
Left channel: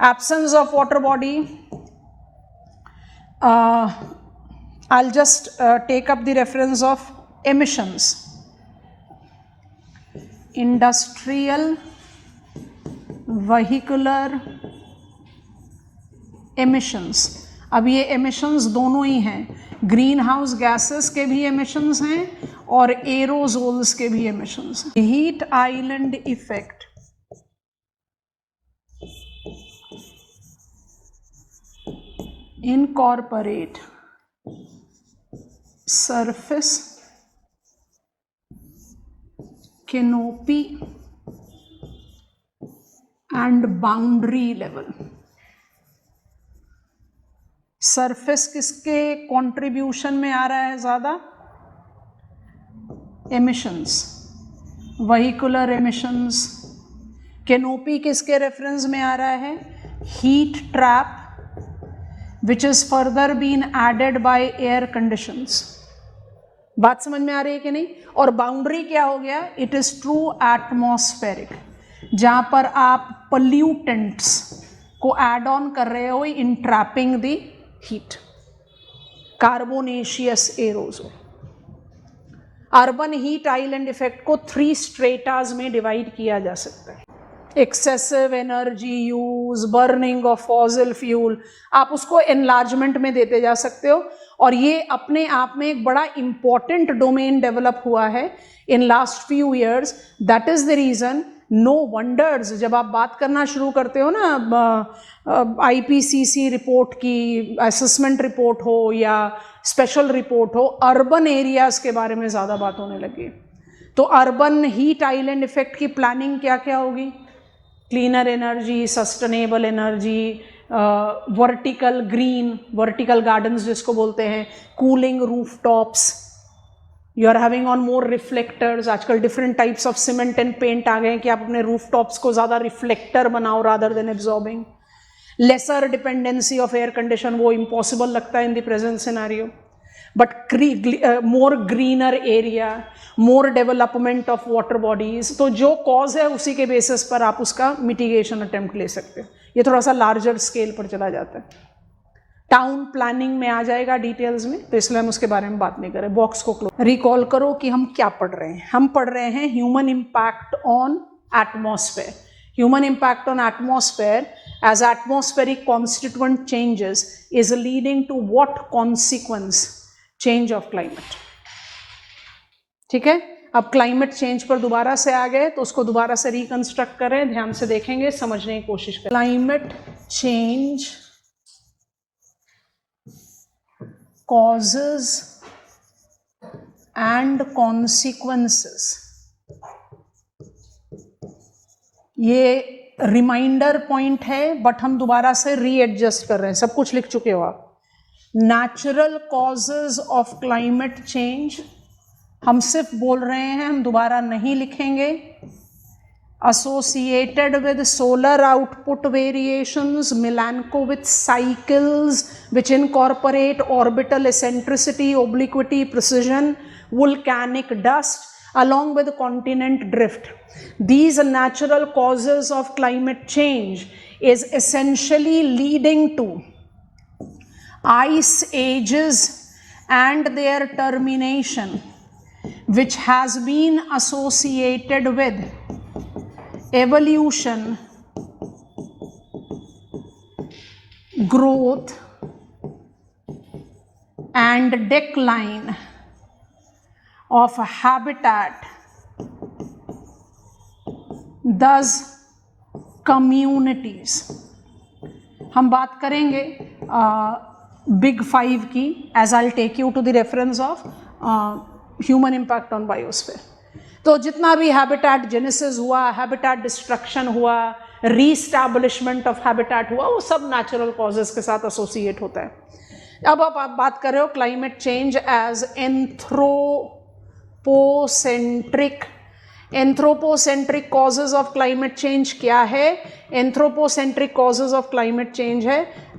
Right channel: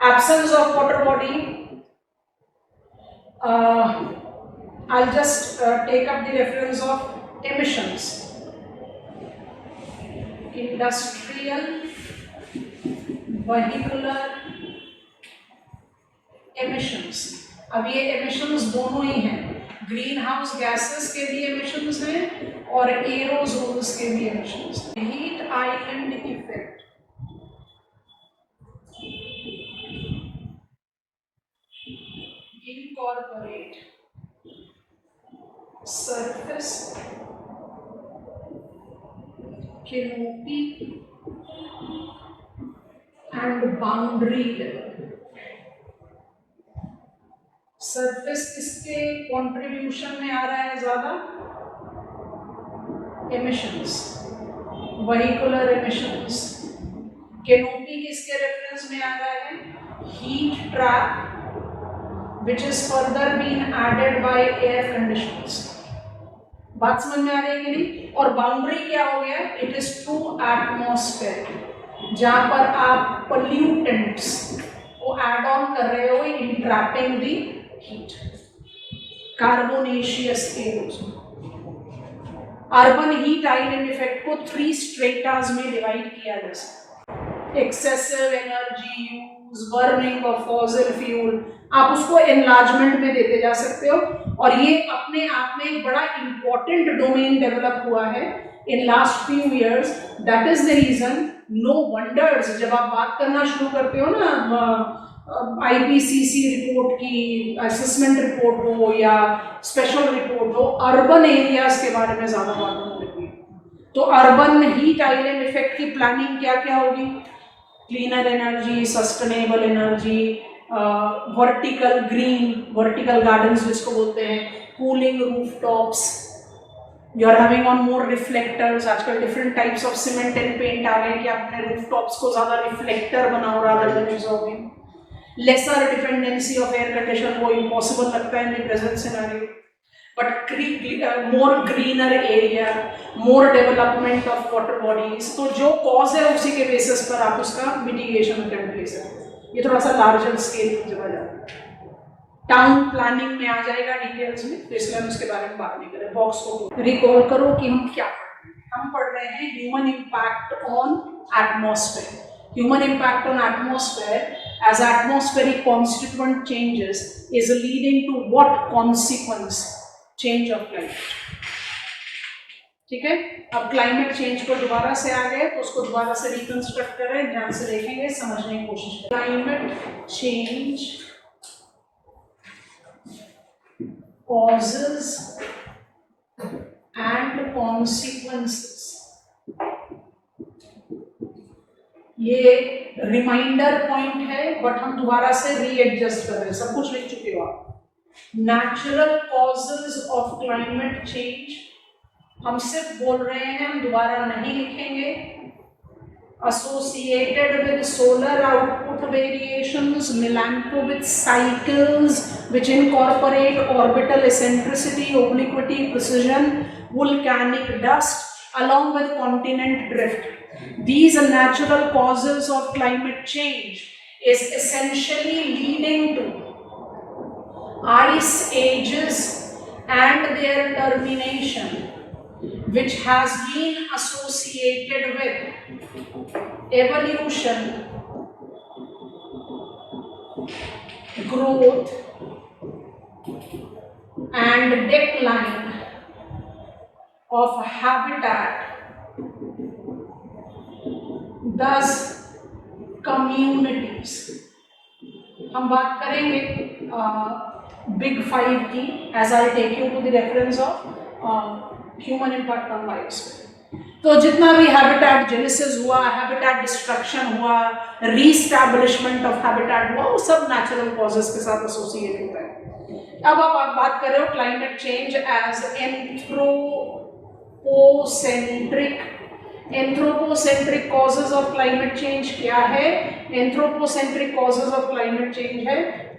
Absence of water body. I'll just take up the reference of emissions. Industrial, vehicular emissions. अब ये emissions दोनों ही हैं, ग्रीन हाउस गैसेस के भी emissions हैं और एरोसोल्स के भी emissions हैं। Heat island effect incorporate surface canopy and boundary level. Surface किसके कंट्रीब्यूशन में आ रहा है ज्यादा? Emissions, vehicular emissions. कैनोपी किसके रेफरेंस में आ रहा है? Heat trap which is further been added by air conditions. बात समझ में आ रही है कि नहीं? और बाउंड्री क्या हो गया? इट इज ट्रू एटमॉस्फेरिक, जहां पर आप पोल्यूटेंट्स को एड ऑन कर रहे हो in trapping the heat, carbonaceous aerosol. Urban heat island effect को 3 स्ट्रेटास में डिवाइड किया जा सकता है। Excessive energy use, burning of fossil fuel, आप उसको एनलार्जमेंट में देते जा सकते हो। और ये अपने आप में एक बड़ा इंपॉर्टेंट डोमेन डेवलप हुआ है in last few years. That is the reason, no wonders, जब आप बात करना शुरू करते हो ना आईपीसीसी रिपोर्ट की, असेसमेंट रिपोर्ट हो या स्पेशल रिपोर्ट हो, अर्बन एरियाज के बारे में ज्यादा बात होने लगी। तो अर्बन हीट आइलैंड इफेक्ट की प्लानिंग क्या क्या होगी? Cleaner energy, sustainable energy, vertical green, vertical gardens जिसको बोलते हैं, cooling roof tops, you are having on more reflectors. आजकल different types of cement and paint आ गए कि आप अपने रूफ टॉप्स को ज्यादा रिफ्लेक्टर बनाओ rather than absorbing. Lesser dependency of air condition, वो इम्पॉसिबल लगता है in the present scenario, but more greener area, more development of water bodies, तो जो कॉज है उसी के बेसिस पर आप उसका मिटिगेशन अटेम्प्ट ले सकते हैं। ये थोड़ा सा लार्जर स्केल पर चला जाता है, टाउन प्लानिंग में आ जाएगा डिटेल्स में, तो इसलिए हम उसके बारे में बात नहीं करें। बॉक्स को क्लोज। रिकॉल करो कि हम क्या पढ़ रहे हैं। हम पढ़ रहे हैं human impact on atmosphere. Human impact on atmosphere as atmospheric constituent changes is leading to what consequence? Change of climate. ठीक है, अब क्लाइमेट चेंज पर दोबारा से आ गए तो उसको दोबारा से रिकंस्ट्रक्ट करें, ध्यान से देखेंगे, समझने की कोशिश करें। Climate change causes and consequences, ये रिमाइंडर पॉइंट है बट हम दोबारा से रीएडजस्ट कर रहे हैं, सब कुछ लिख चुके हो आप। Natural causes of climate change हम सिर्फ बोल रहे हैं, हम दोबारा नहीं लिखेंगे। associated with solar output variations, Milankovitch cycles which incorporate orbital eccentricity, obliquity, precision, volcanic dust along with continent drift. These natural causes of climate change is essentially leading to ice ages and their termination, which has been associated with evolution, growth and decline of habitat, thus communities. हम बात करेंगे big 5 की, as I take you to the reference of human impact on biosphere. तो जितना भी habitat genesis हुआ, habitat destruction हुआ, reestablishment of habitat हुआ, वो सब नेचुरल कॉजेस के साथ एसोसिएट होता है। अब आप बात कर रहे हो climate change as anthropocentric causes of climate change क्या है? Anthropocentric causes of climate change है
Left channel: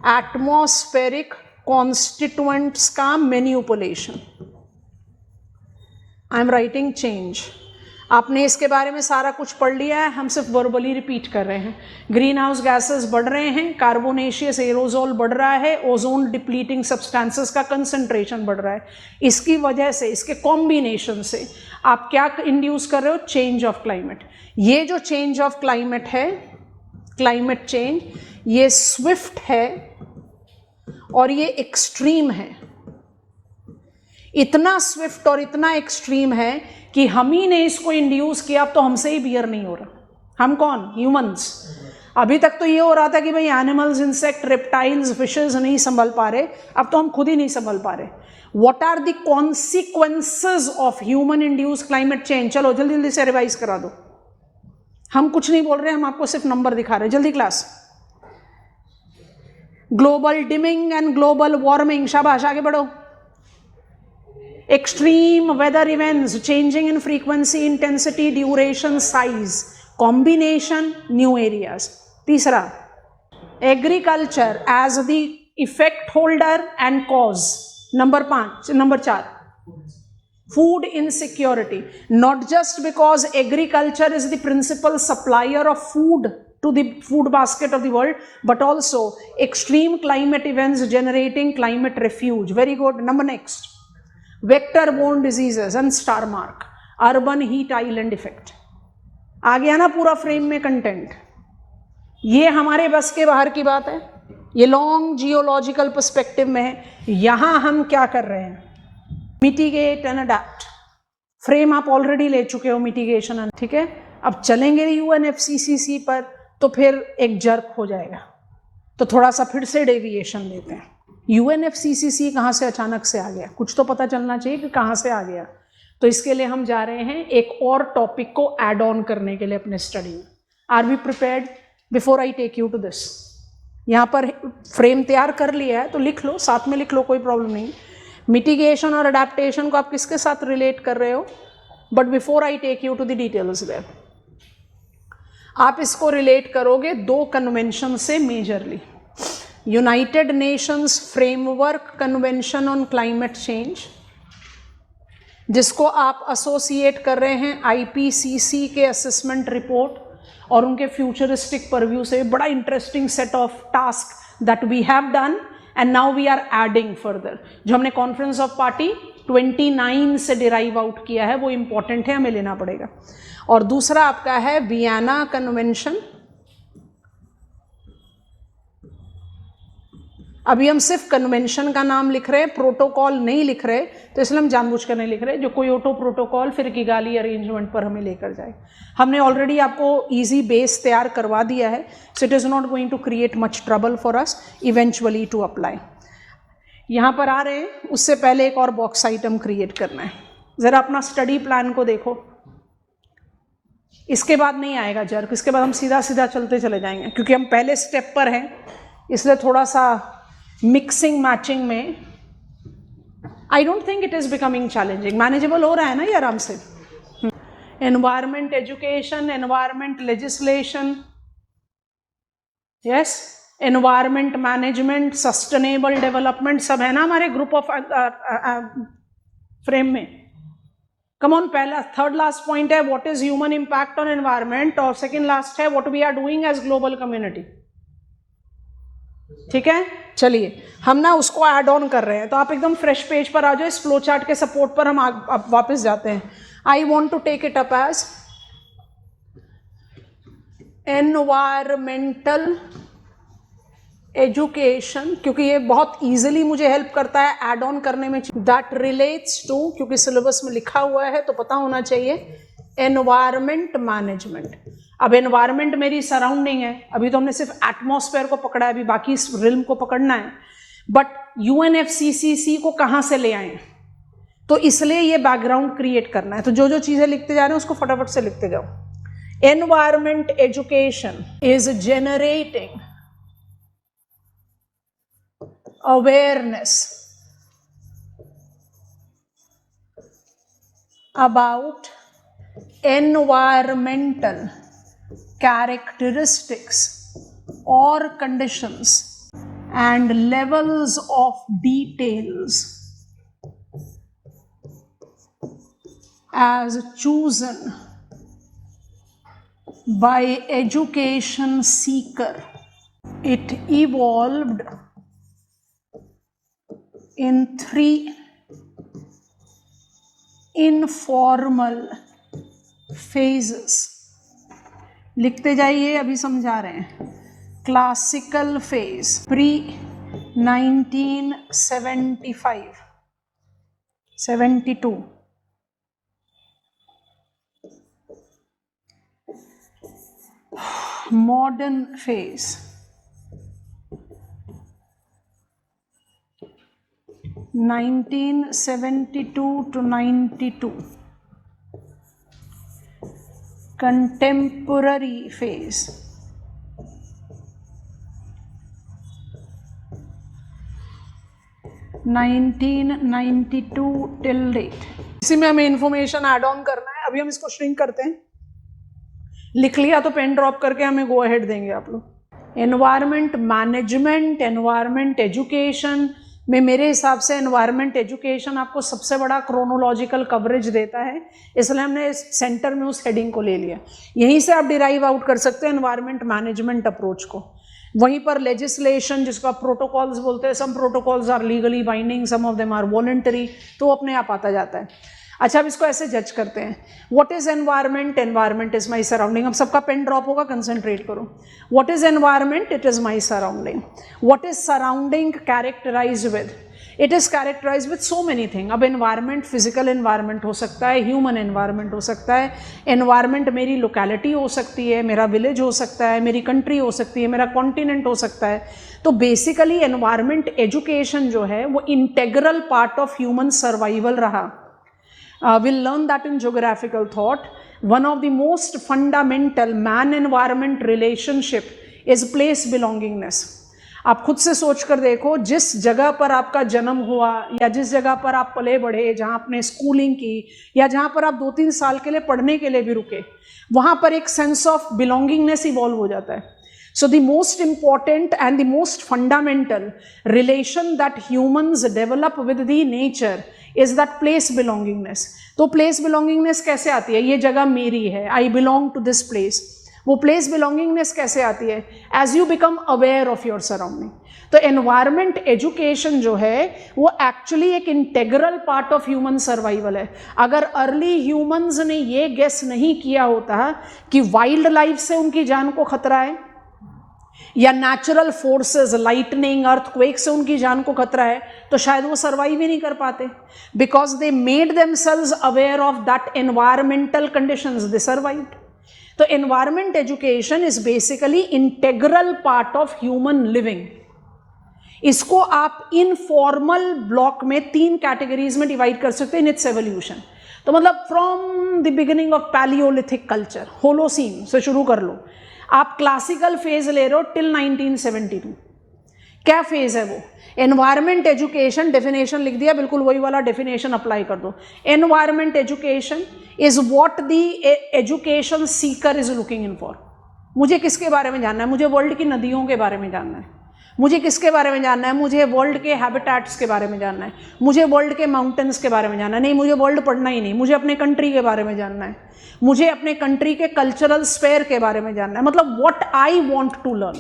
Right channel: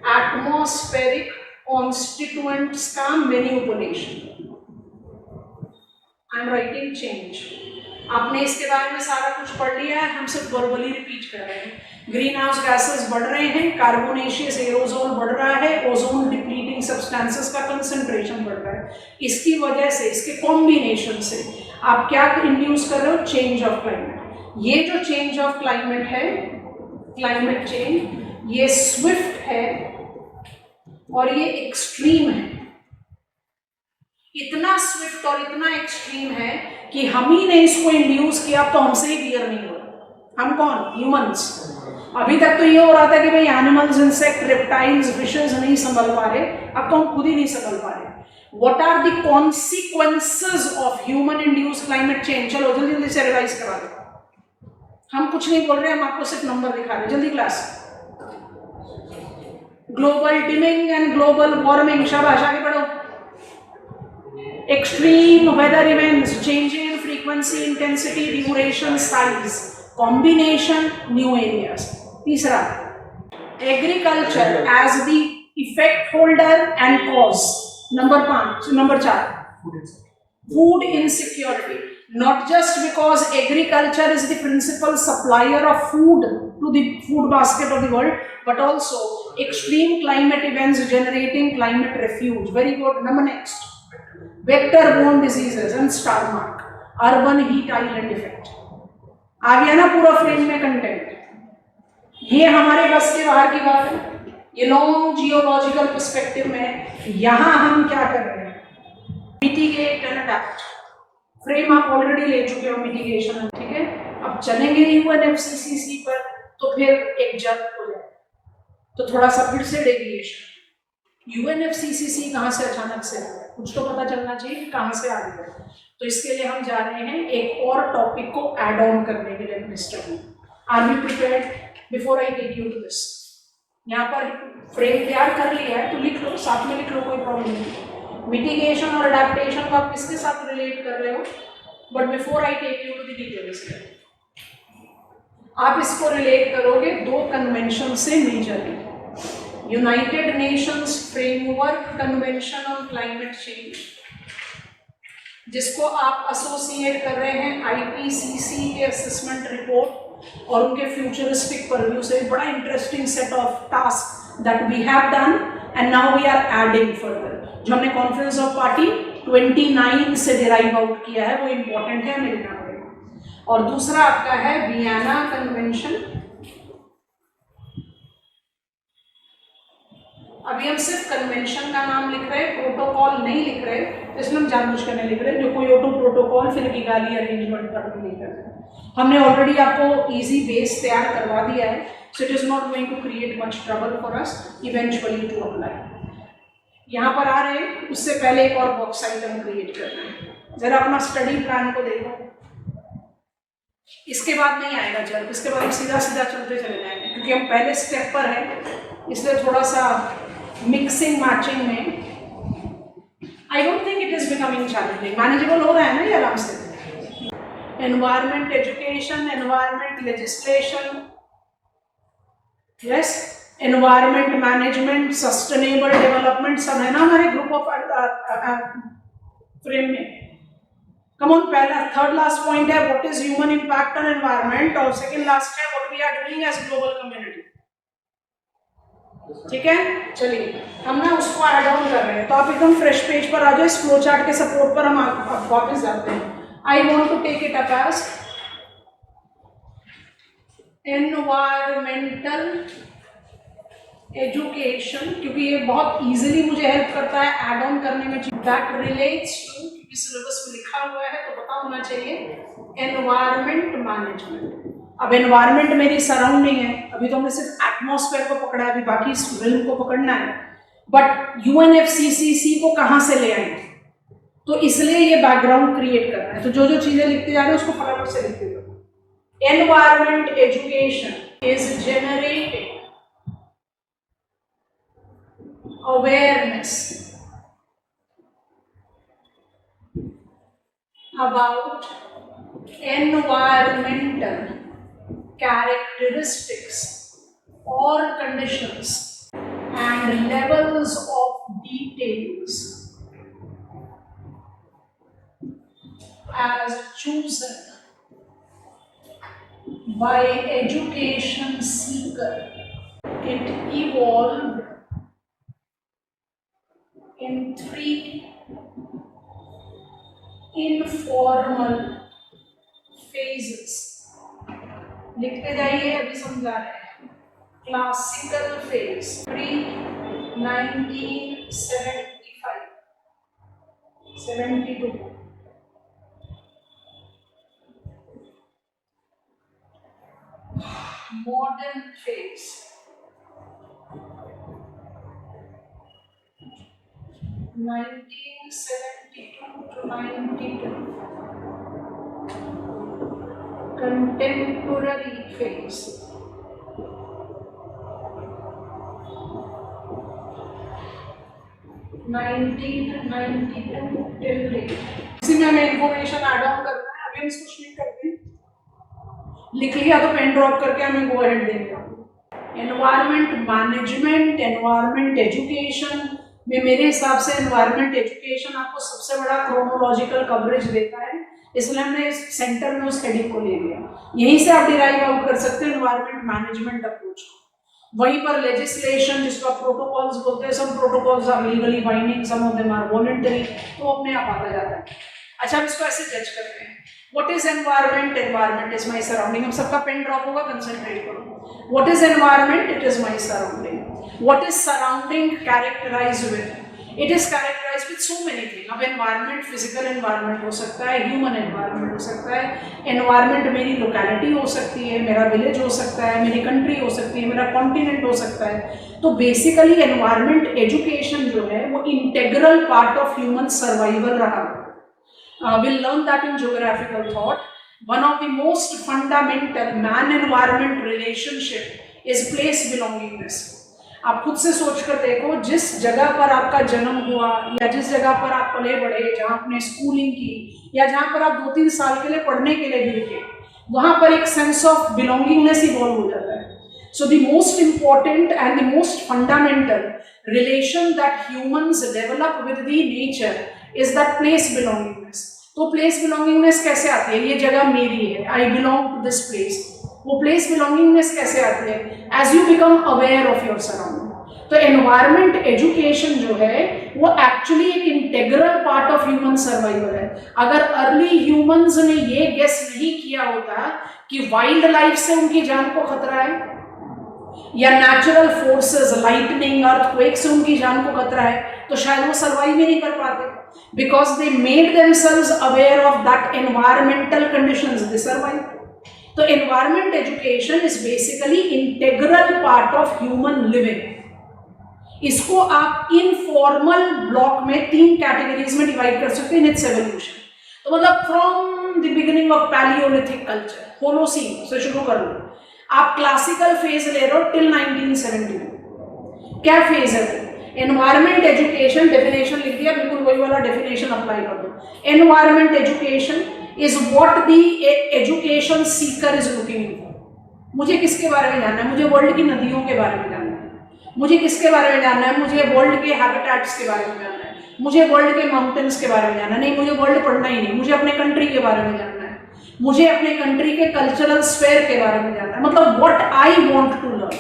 एटमॉस्फेरिक कॉन्स्टिट्यूएंट्स का manipulation. I am writing change. आपने इसके बारे में सारा कुछ पढ़ लिया है, हम सिर्फ वर्बली रिपीट कर रहे हैं। ग्रीन हाउस गैसेस बढ़ रहे हैं, कार्बोनेशियस एरोजोल बढ़ रहा है, ओजोन डिप्लीटिंग सब्सटेंसेस का कंसंट्रेशन बढ़ रहा है। इसकी वजह से, इसके कॉम्बिनेशन से आप क्या इंड्यूस कर रहे हो? Change of climate. ये जो चेंज ऑफ क्लाइमेट है, क्लाइमेट चेंज, ये स्विफ्ट है और ये एक्सट्रीम है। इतना स्विफ्ट और इतना एक्सट्रीम है कि हम ही ने इसको इंड्यूस किया, तो हमसे ही बियर नहीं हो रहा। हम कौन? ह्यूमंस। अभी तक तो ये हो रहा था कि भाई एनिमल्स, इंसेक्ट, रेप्टाइल्स, फिशेस नहीं संभल पा रहे, अब तो हम खुद ही नहीं संभल पा रहे। What are the consequences of human induce climate change? चलो जल्दी जल्दी से रिवाइज करा दो। हम कुछ नहीं बोल रहे, हम आपको सिर्फ नंबर दिखा रहे हैं। जल्दी class. Global dimming and global warming, शाबाश, आगे बढ़ो। Extreme weather events, changing in frequency, intensity, duration, size, combination, new areas. तीसरा, agriculture as the effect holder and cause. Number 4, food insecurity. Not just because agriculture is the principal supplier of food to the food basket of the world, but also extreme climate events generating climate refuge. Very good. Number next. Vector-borne diseases and star mark, urban heat island effect. आ गया ना पूरा frame में content? ये हमारे बस के बाहर की बात है, ये लॉन्ग जियोलॉजिकल पर्सपेक्टिव में। यहां हम क्या कर रहे हैं? Mitigate and adapt. फ्रेम आप ऑलरेडी ले चुके हो, मिटिगेशन, ठीक है। अब चलेंगे UNFCCC पर, तो फिर एक जर्क हो जाएगा, तो थोड़ा सा फिर से डेविएशन लेते हैं। UNFCCC कहाँ से अचानक से आ गया? कुछ तो पता चलना चाहिए कि कहाँ से आ गया। तो इसके लिए हम जा रहे हैं एक और टॉपिक को ऐड ऑन करने के लिए अपने study. Are we prepared before I take you to this? यहाँ पर फ्रेम तैयार कर लिया है तो लिख लो, साथ में लिख लो, कोई प्रॉब्लम नहीं। मिटिगेशन और अडेप्टेशन को आप किसके साथ रिलेट कर रहे हो? But before I take you to the details that, आप इसको रिलेट करोगे दो कन्वेंशन से majorly. United Nations framework convention on climate change, जिसको आप एसोसिएट कर रहे हैं आईपीसीसी के असेसमेंट रिपोर्ट और उनके फ्यूचरिस्टिक परव्यू से। बड़ा interesting set of task that we have done and now we are adding further. जो हमने कॉन्फ्रेंस ऑफ पार्टी 29 से डिराइव आउट किया है वो इंपॉर्टेंट है, हमें लेना पड़ेगा। और दूसरा आपका है वियना कन्वेंशन। अभी हम सिर्फ कन्वेंशन का नाम लिख रहे हैं, प्रोटोकॉल नहीं लिख रहे, तो इसलिए हम जानबूझकर नहीं लिख रहे। जो कोयोटो प्रोटोकॉल फिर किगाली अरेंजमेंट पर हमें लेकर जाए। हमने ऑलरेडी आपको इजी बेस तैयार करवा दिया है, so it is not going to create much trouble for us eventually to apply. यहाँ पर आ रहे हैं, उससे पहले एक और बॉक्स आइटम क्रिएट करना है। जरा अपना स्टडी प्लान को देखो, इसके बाद नहीं आएगा जर्क, इसके बाद हम सीधा सीधा चलते चले जाएंगे, क्योंकि हम पहले स्टेप पर हैं, इसलिए थोड़ा सा मिक्सिंग मैचिंग में I don't think it is becoming challenging, manageable हो रहा है ना ये आराम से। Environment education, environment legislation, yes, environment management, sustainable development, सब है ना हमारे ग्रुप ऑफ फ्रेम में। कम ऑन, पहला थर्ड लास्ट पॉइंट है what is human impact on environment, और सेकंड लास्ट है what we are doing as global community. ठीक है, चलिए हम ना उसको ऐड ऑन कर रहे हैं, तो आप एकदम फ्रेश पेज पर आ जाओ। इस फ्लो चार्ट के सपोर्ट पर हम आप वापस जाते हैं। I want to take it up as environmental education, क्योंकि ये बहुत इजीली मुझे हेल्प करता है ऐड ऑन करने में। दैट रिलेट्स टू, क्योंकि सिलेबस में लिखा हुआ है तो पता होना चाहिए, एनवायरमेंट मैनेजमेंट। अब एनवायरमेंट मेरी सराउंडिंग है, अभी तो हमने सिर्फ एटमॉस्फेयर को पकड़ा है, अभी बाकी इस रिल्म को पकड़ना है। बट यूएनएफसीसीसी को कहाँ से ले आए, तो इसलिए ये बैकग्राउंड क्रिएट करना है। तो जो जो चीजें लिखते जा रहे हैं उसको फटाफट से लिखते जाओ। Environment education is generating awareness about environmental characteristics or conditions and levels of details as chosen by education seeker. It evolved in 3 informal phases. लिखते जाइए, अभी समझा रहे हैं। Classical phase pre 1975 72, modern phase 1972 to 92, contemporary phase 1992 till date। इसी में हमें information add on करना है। अभी हम इसको श्रिंक करते हैं, लिख लिया तो पेन ड्रॉप करके हमें गो अहेड देंगे आप लोग। एनवायरमेंट मैनेजमेंट, एनवायरमेंट एजुकेशन में मेरे हिसाब से एनवायरमेंट एजुकेशन आपको सबसे बड़ा क्रोनोलॉजिकल कवरेज देता है, इसलिए हमने सेंटर में उस हेडिंग को ले लिया। यहीं से आप डिराइव आउट कर सकते हैं एनवायरमेंट मैनेजमेंट अप्रोच को। वहीं पर लेजिस्लेशन, जिसको आप प्रोटोकॉल्स बोलते हैं, some protocols are legally binding, some of them are voluntary, तो वो अपने आप आता जाता है। अच्छा, अब इसको ऐसे जज करते हैं। What is environment? Environment is my surrounding. अब सबका पेन ड्रॉप होगा, कंसंट्रेट करो। What is environment? It is my surrounding. What is surrounding characterize with? It is characterize with so many thing. अब एनवायरमेंट फिजिकल एनवायरमेंट हो सकता है, human environment हो सकता है, एनवायरमेंट मेरी लोकेलिटी हो सकती है, मेरा विलेज हो सकता है, मेरी कंट्री हो सकती है, मेरा कॉन्टिनेंट हो सकता है। तो बेसिकली एनवायरमेंट एजुकेशन जो है वो integral part of human survival रहा। We'll learn that in geographical thought. One of the most fundamental man-environment relationship is place belongingness. आप खुद से सोच कर देखो, जिस जगह पर आपका जन्म हुआ या जिस जगह पर आप पले बढ़े, जहाँ आपने स्कूलिंग की या जहाँ पर आप 2-3 साल के लिए पढ़ने के लिए भी रुके, वहाँ पर एक सेंस ऑफ बिलोंगिंगनेस इवॉल्व हो जाता है. So the most important and the most fundamental relation that humans develop with the nature is that place belongingness. तो place belongingness कैसे आती है? ये जगह मेरी है, I belong to this place. वो place belongingness कैसे आती है? As you become aware of your surrounding. तो environment education जो है वो actually एक integral part of human survival है. अगर early humans ने ये guess नहीं किया होता कि वाइल्ड लाइफ से उनकी जान को खतरा है या नेचुरल फोर्सेस लाइटनिंग अर्थक्वेक से उनकी जान को खतरा है, तो शायद वो सर्वाइव ही नहीं कर पाते. Because they made themselves aware of that environmental conditions, they survive. तो environment education is basically integral part of human living. इसको आप इनफॉर्मल ब्लॉक में 3 कैटेगरीज में डिवाइड कर सकते हैं इन इट्स एवोल्यूशन. तो मतलब from the beginning of Palaeolithic culture, Holocene से शुरू कर लो. आप क्लासिकल फेज ले रहे हो टिल 1972. क्या फेज है वो? एनवायरमेंट एजुकेशन, डेफिनेशन लिख दिया, बिल्कुल वही वाला डेफिनेशन अप्लाई कर दो. Environment education is what the education Sikar is looking in for. मुझे किसके बारे में जानना है? मुझे वर्ल्ड की नदियों के बारे में जानना है. मुझे किसके बारे में जानना है? मुझे वर्ल्ड के हैबिटेट्स के बारे में जानना है. मुझे वर्ल्ड के माउंटेन्स के बारे में जानना है. नहीं, मुझे वर्ल्ड पढ़ना ही नहीं, मुझे अपने कंट्री के बारे में जानना है. मुझे अपने कंट्री के कल्चरल स्फेयर के बारे में जानना है. मतलब what I want to learn.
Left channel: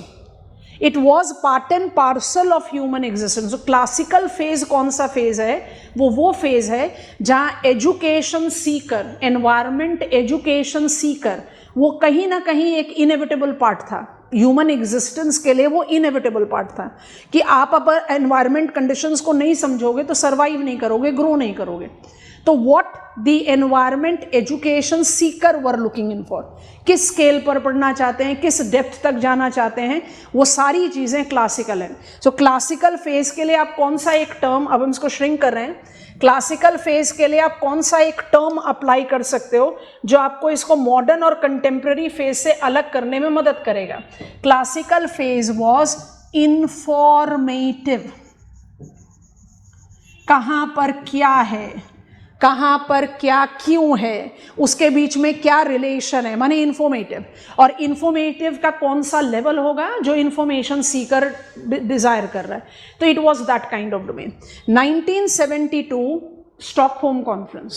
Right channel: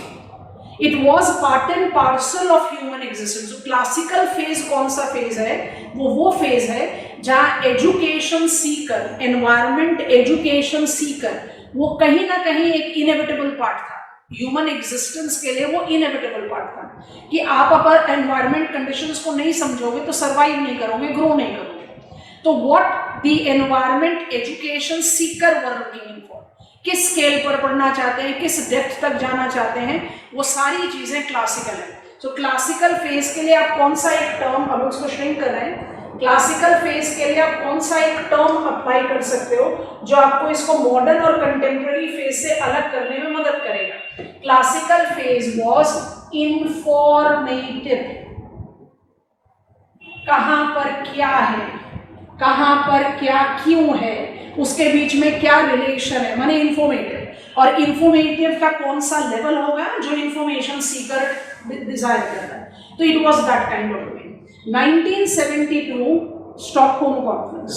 It was part and parcel of human existence. Classical phase कौन सा फेज है? वो फेज है जहां education seeker, environment education seeker, वो कहीं ना कहीं एक इनएविटेबल पार्ट था ह्यूमन एग्जिस्टेंस के लिए. वो इनएविटेबल पार्ट था कि आप अगर एनवायरमेंट कंडीशंस को नहीं समझोगे तो सर्वाइव नहीं करोगे, ग्रो नहीं करोगे. तो what the environment education Sikar were looking in for, किस स्केल पर पढ़ना चाहते हैं, किस डेप्थ तक जाना चाहते हैं, वो सारी चीजें क्लासिकल हैं. सो क्लासिकल फेज के लिए आप कौन सा एक टर्म, अब हम इसको श्रिंक कर रहे हैं, क्लासिकल फेज के लिए आप कौन सा एक टर्म अप्लाई कर सकते हो जो आपको इसको मॉडर्न और कंटेम्प्रेरी फेज से अलग करने में मदद करेगा. Classical phase was informative. कहां पर क्या है, कहां पर क्या क्यों है, उसके बीच में क्या रिलेशन है, माने इंफॉर्मेटिव. और इंफॉर्मेटिव का कौन सा लेवल होगा जो इंफॉर्मेशन सीकर डिजायर कर रहा है. तो it was that kind of domain. 1972 Stockholm conference.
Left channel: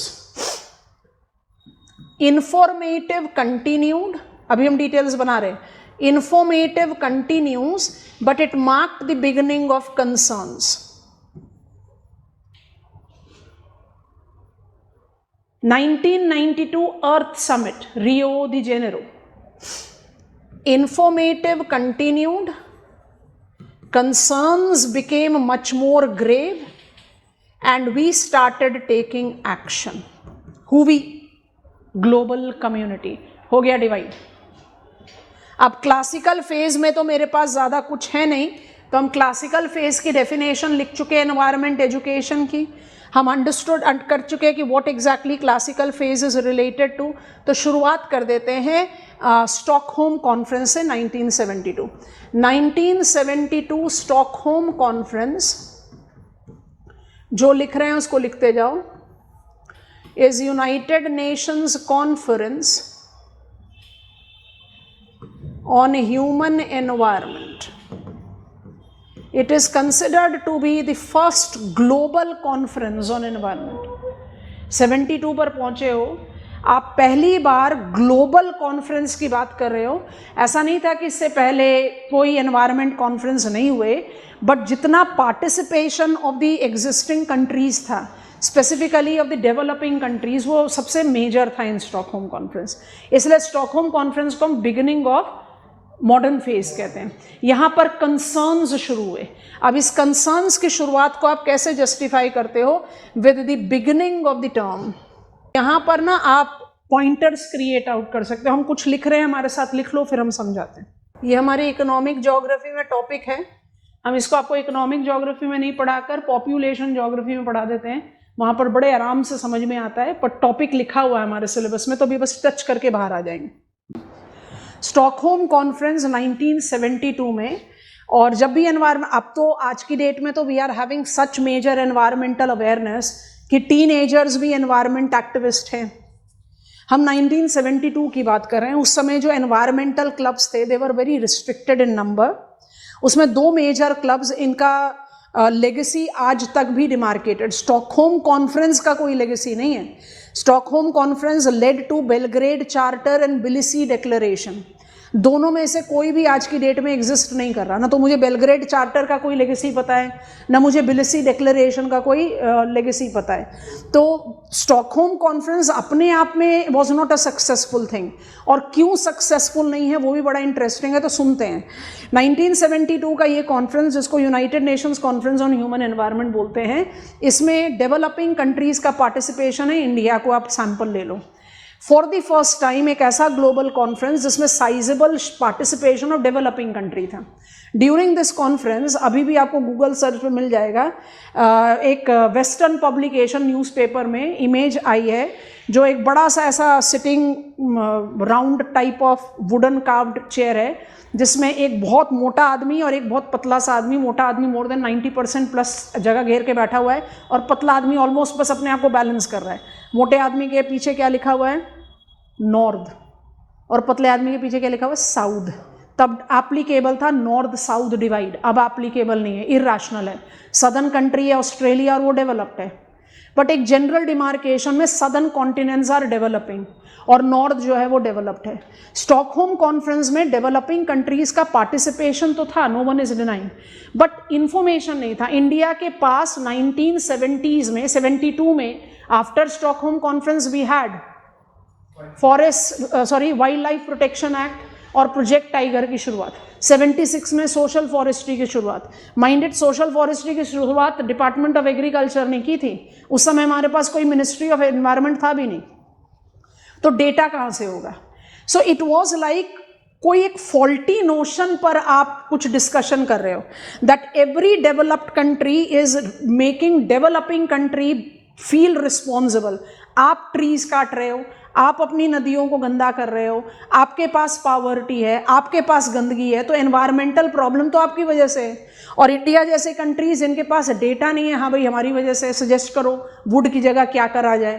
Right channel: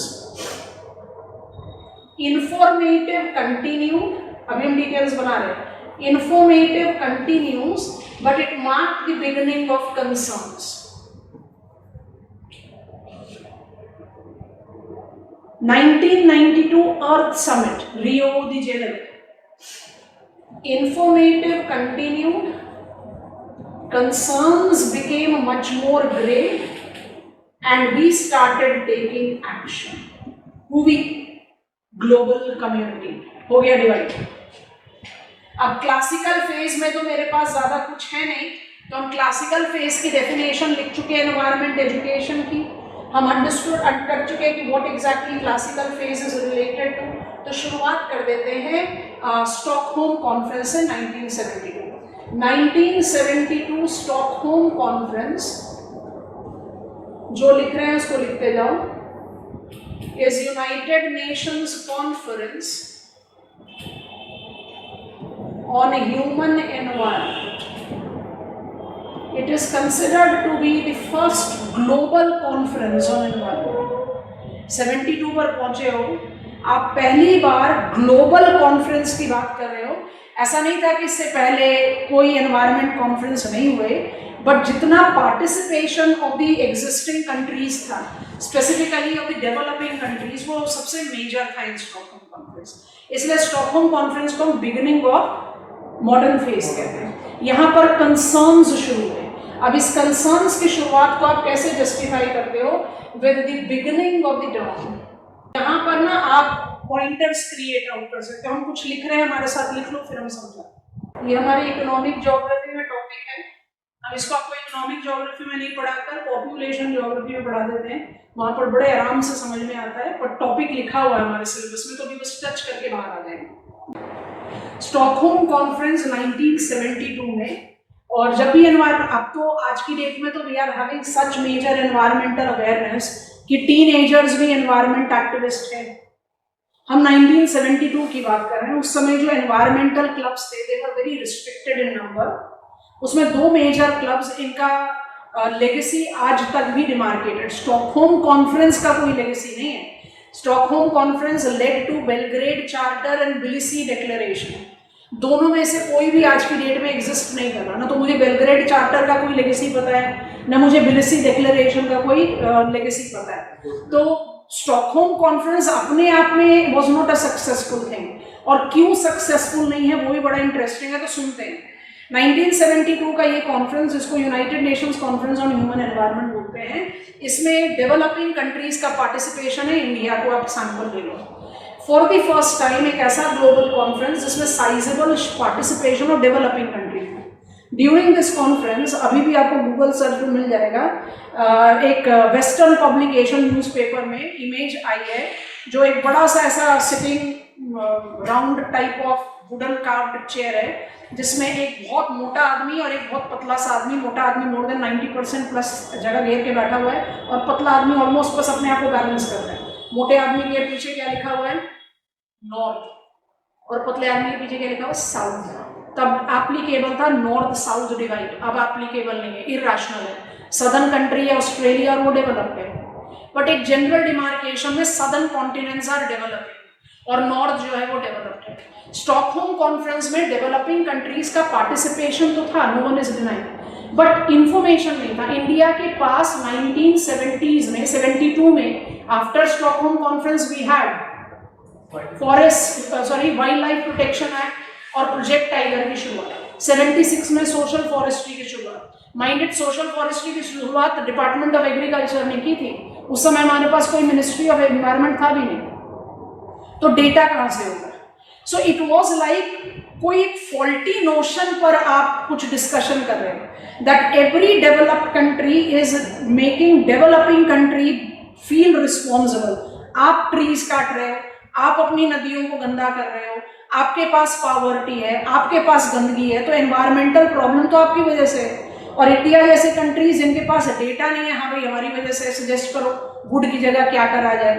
Informative continued, अभी हम डिटेल्स बना रहे हैं. Informative continues but it marked the beginning of concerns. 1992 Earth Summit, Rio de Janeiro. Informative continued, concerns became much more grave, and we started taking action. Who we? Global community. हो गया divide. अब classical phase में तो मेरे पास ज्यादा कुछ है नहीं, तो हम क्लासिकल फेज की डेफिनेशन लिख चुके हैं एनवायरमेंट एजुकेशन की. हम अंडरस्टूड कर चुके हैं कि what exactly classical phase is related to. तो शुरुआत कर देते हैं स्टॉकहोम कॉन्फ्रेंस से 1972. 1972 स्टॉकहोम कॉन्फ्रेंस, जो लिख रहे हैं उसको लिखते जाओ, is United Nations conference on human environment. It is considered to be the first global conference on environment. 72 पर पहुंचे हो आप, पहली बार ग्लोबल कॉन्फ्रेंस की बात कर रहे हो. ऐसा नहीं था कि इससे पहले कोई एनवायरमेंट कॉन्फ्रेंस नहीं हुए, बट जितना participation of the existing countries था, specifically of the developing countries, वो सबसे मेजर था इन स्टॉकहोम कॉन्फ्रेंस. इसलिए स्टॉकहोम कॉन्फ्रेंस को हम बिगिनिंग ऑफ मॉडर्न फेज कहते हैं. यहाँ पर कंसर्न्स शुरू हुए. अब इस कंसर्न्स की शुरुआत को आप कैसे जस्टिफाई करते हो? With the beginning of the term. यहाँ पर ना आप पॉइंटर्स क्रिएट आउट कर सकते हो. हम कुछ लिख रहे हैं, हमारे साथ लिख लो, फिर हम समझाते हैं. ये हमारे इकोनॉमिक ज्योग्राफी में टॉपिक है. हम इसको आपको इकोनॉमिक ज्योग्राफी में नहीं पढ़ाकर पॉपुलेशन ज्योग्राफी में पढ़ा देते हैं. वहां पर बड़े आराम से समझ में आता है, पर टॉपिक लिखा हुआ है हमारे सिलेबस में, तो अभी बस टच करके बाहर आ जाएंगे. स्टॉकहोम कॉन्फ्रेंस 1972 में और जब भी एनवायरमेंट, अब तो आज की डेट में तो we are having such major environmental awareness कि टीनएजर्स भी एनवायरमेंट एक्टिविस्ट हैं। हम 1972 की बात कर रहे हैं, उस समय जो एनवायरमेंटल क्लब्स थे they were very restricted in number. उसमें 2 मेजर क्लब्स, इनका लेगेसी आज तक भी डिमार्केटेड। स्टॉकहोम कॉन्फ्रेंस का कोई लेगेसी नहीं है। Stockholm conference led to Belgrade charter and Tbilisi declaration. दोनों में से कोई भी आज की डेट में एग्जिस्ट नहीं कर रहा। ना तो मुझे बेलग्रेड चार्टर का कोई लेगेसी पता है, ना मुझे बिलिसी डिक्लेरेशन का कोई लेगेसी पता है। तो स्टॉकहोम कॉन्फ्रेंस अपने आप में was not a successful thing. और क्यों सक्सेसफुल नहीं है वो भी बड़ा इंटरेस्टिंग है, तो सुनते हैं। 1972 का ये कॉन्फ्रेंस, जिसको United Nations conference on human environment बोलते हैं, इसमें डेवलपिंग कंट्रीज का पार्टिसिपेशन है। इंडिया को आप सैंपल ले लो। फॉर द फर्स्ट टाइम एक ऐसा ग्लोबल कॉन्फ्रेंस जिसमें sizeable participation of developing country था। ड्यूरिंग दिस कॉन्फ्रेंस, अभी भी आपको गूगल सर्च में मिल जाएगा, एक वेस्टर्न पब्लिकेशन न्यूज़पेपर में इमेज आई है, जो एक बड़ा सा ऐसा sitting round type of wooden carved chair है, जिसमें एक बहुत मोटा आदमी और एक बहुत पतला सा आदमी। मोटा आदमी मोर देन 90% प्लस जगह घेर के बैठा हुआ है, और पतला आदमी ऑलमोस्ट बस अपने आप को बैलेंस कर रहा है। मोटे आदमी के पीछे क्या लिखा हुआ है? नॉर्थ। और पतले आदमी के पीछे क्या लिखा हुआ है? साउथ। तब एप्लीकेबल था नॉर्थ साउथ डिवाइड, अब एप्लीकेबल नहीं है, इरैशनल है। सदर्न कंट्री है ऑस्ट्रेलिया और वो डेवलप्ड है, बट एक जनरल डिमार्केशन में सदर्न कॉन्टिनेंट्स आर डेवलपिंग और नॉर्थ जो है वो डेवलप्ड है। स्टॉकहोम कॉन्फ्रेंस में डेवलपिंग कंट्रीज का पार्टिसिपेशन तो था, no one is denying, but information नहीं था। इंडिया के पास 1970s में, 72 में, after Stockholm conference we had wild life protection act और प्रोजेक्ट टाइगर की शुरुआत। 76 में सोशल फॉरेस्ट्री की शुरुआत, माइंडेड सोशल फॉरेस्ट्री की शुरुआत डिपार्टमेंट ऑफ एग्रीकल्चर ने की थी। उस समय हमारे पास कोई मिनिस्ट्री ऑफ एनवायरमेंट था भी नहीं, तो डेटा कहां से होगा? सो इट वॉज लाइक कोई एक फॉल्टी नोशन पर आप कुछ डिस्कशन कर रहे हो, that every developed country is making developing country feel responsible. आप ट्रीज काट रहे हो, आप अपनी नदियों को गंदा कर रहे हो, आपके पास पॉवर्टी है, आपके पास गंदगी है, तो एनवायरमेंटल प्रॉब्लम तो आपकी वजह से है। और इंडिया जैसे कंट्रीज जिनके पास डेटा नहीं है, हाँ भाई हमारी वजह से, सजेस्ट करो वुड की जगह क्या करा जाए,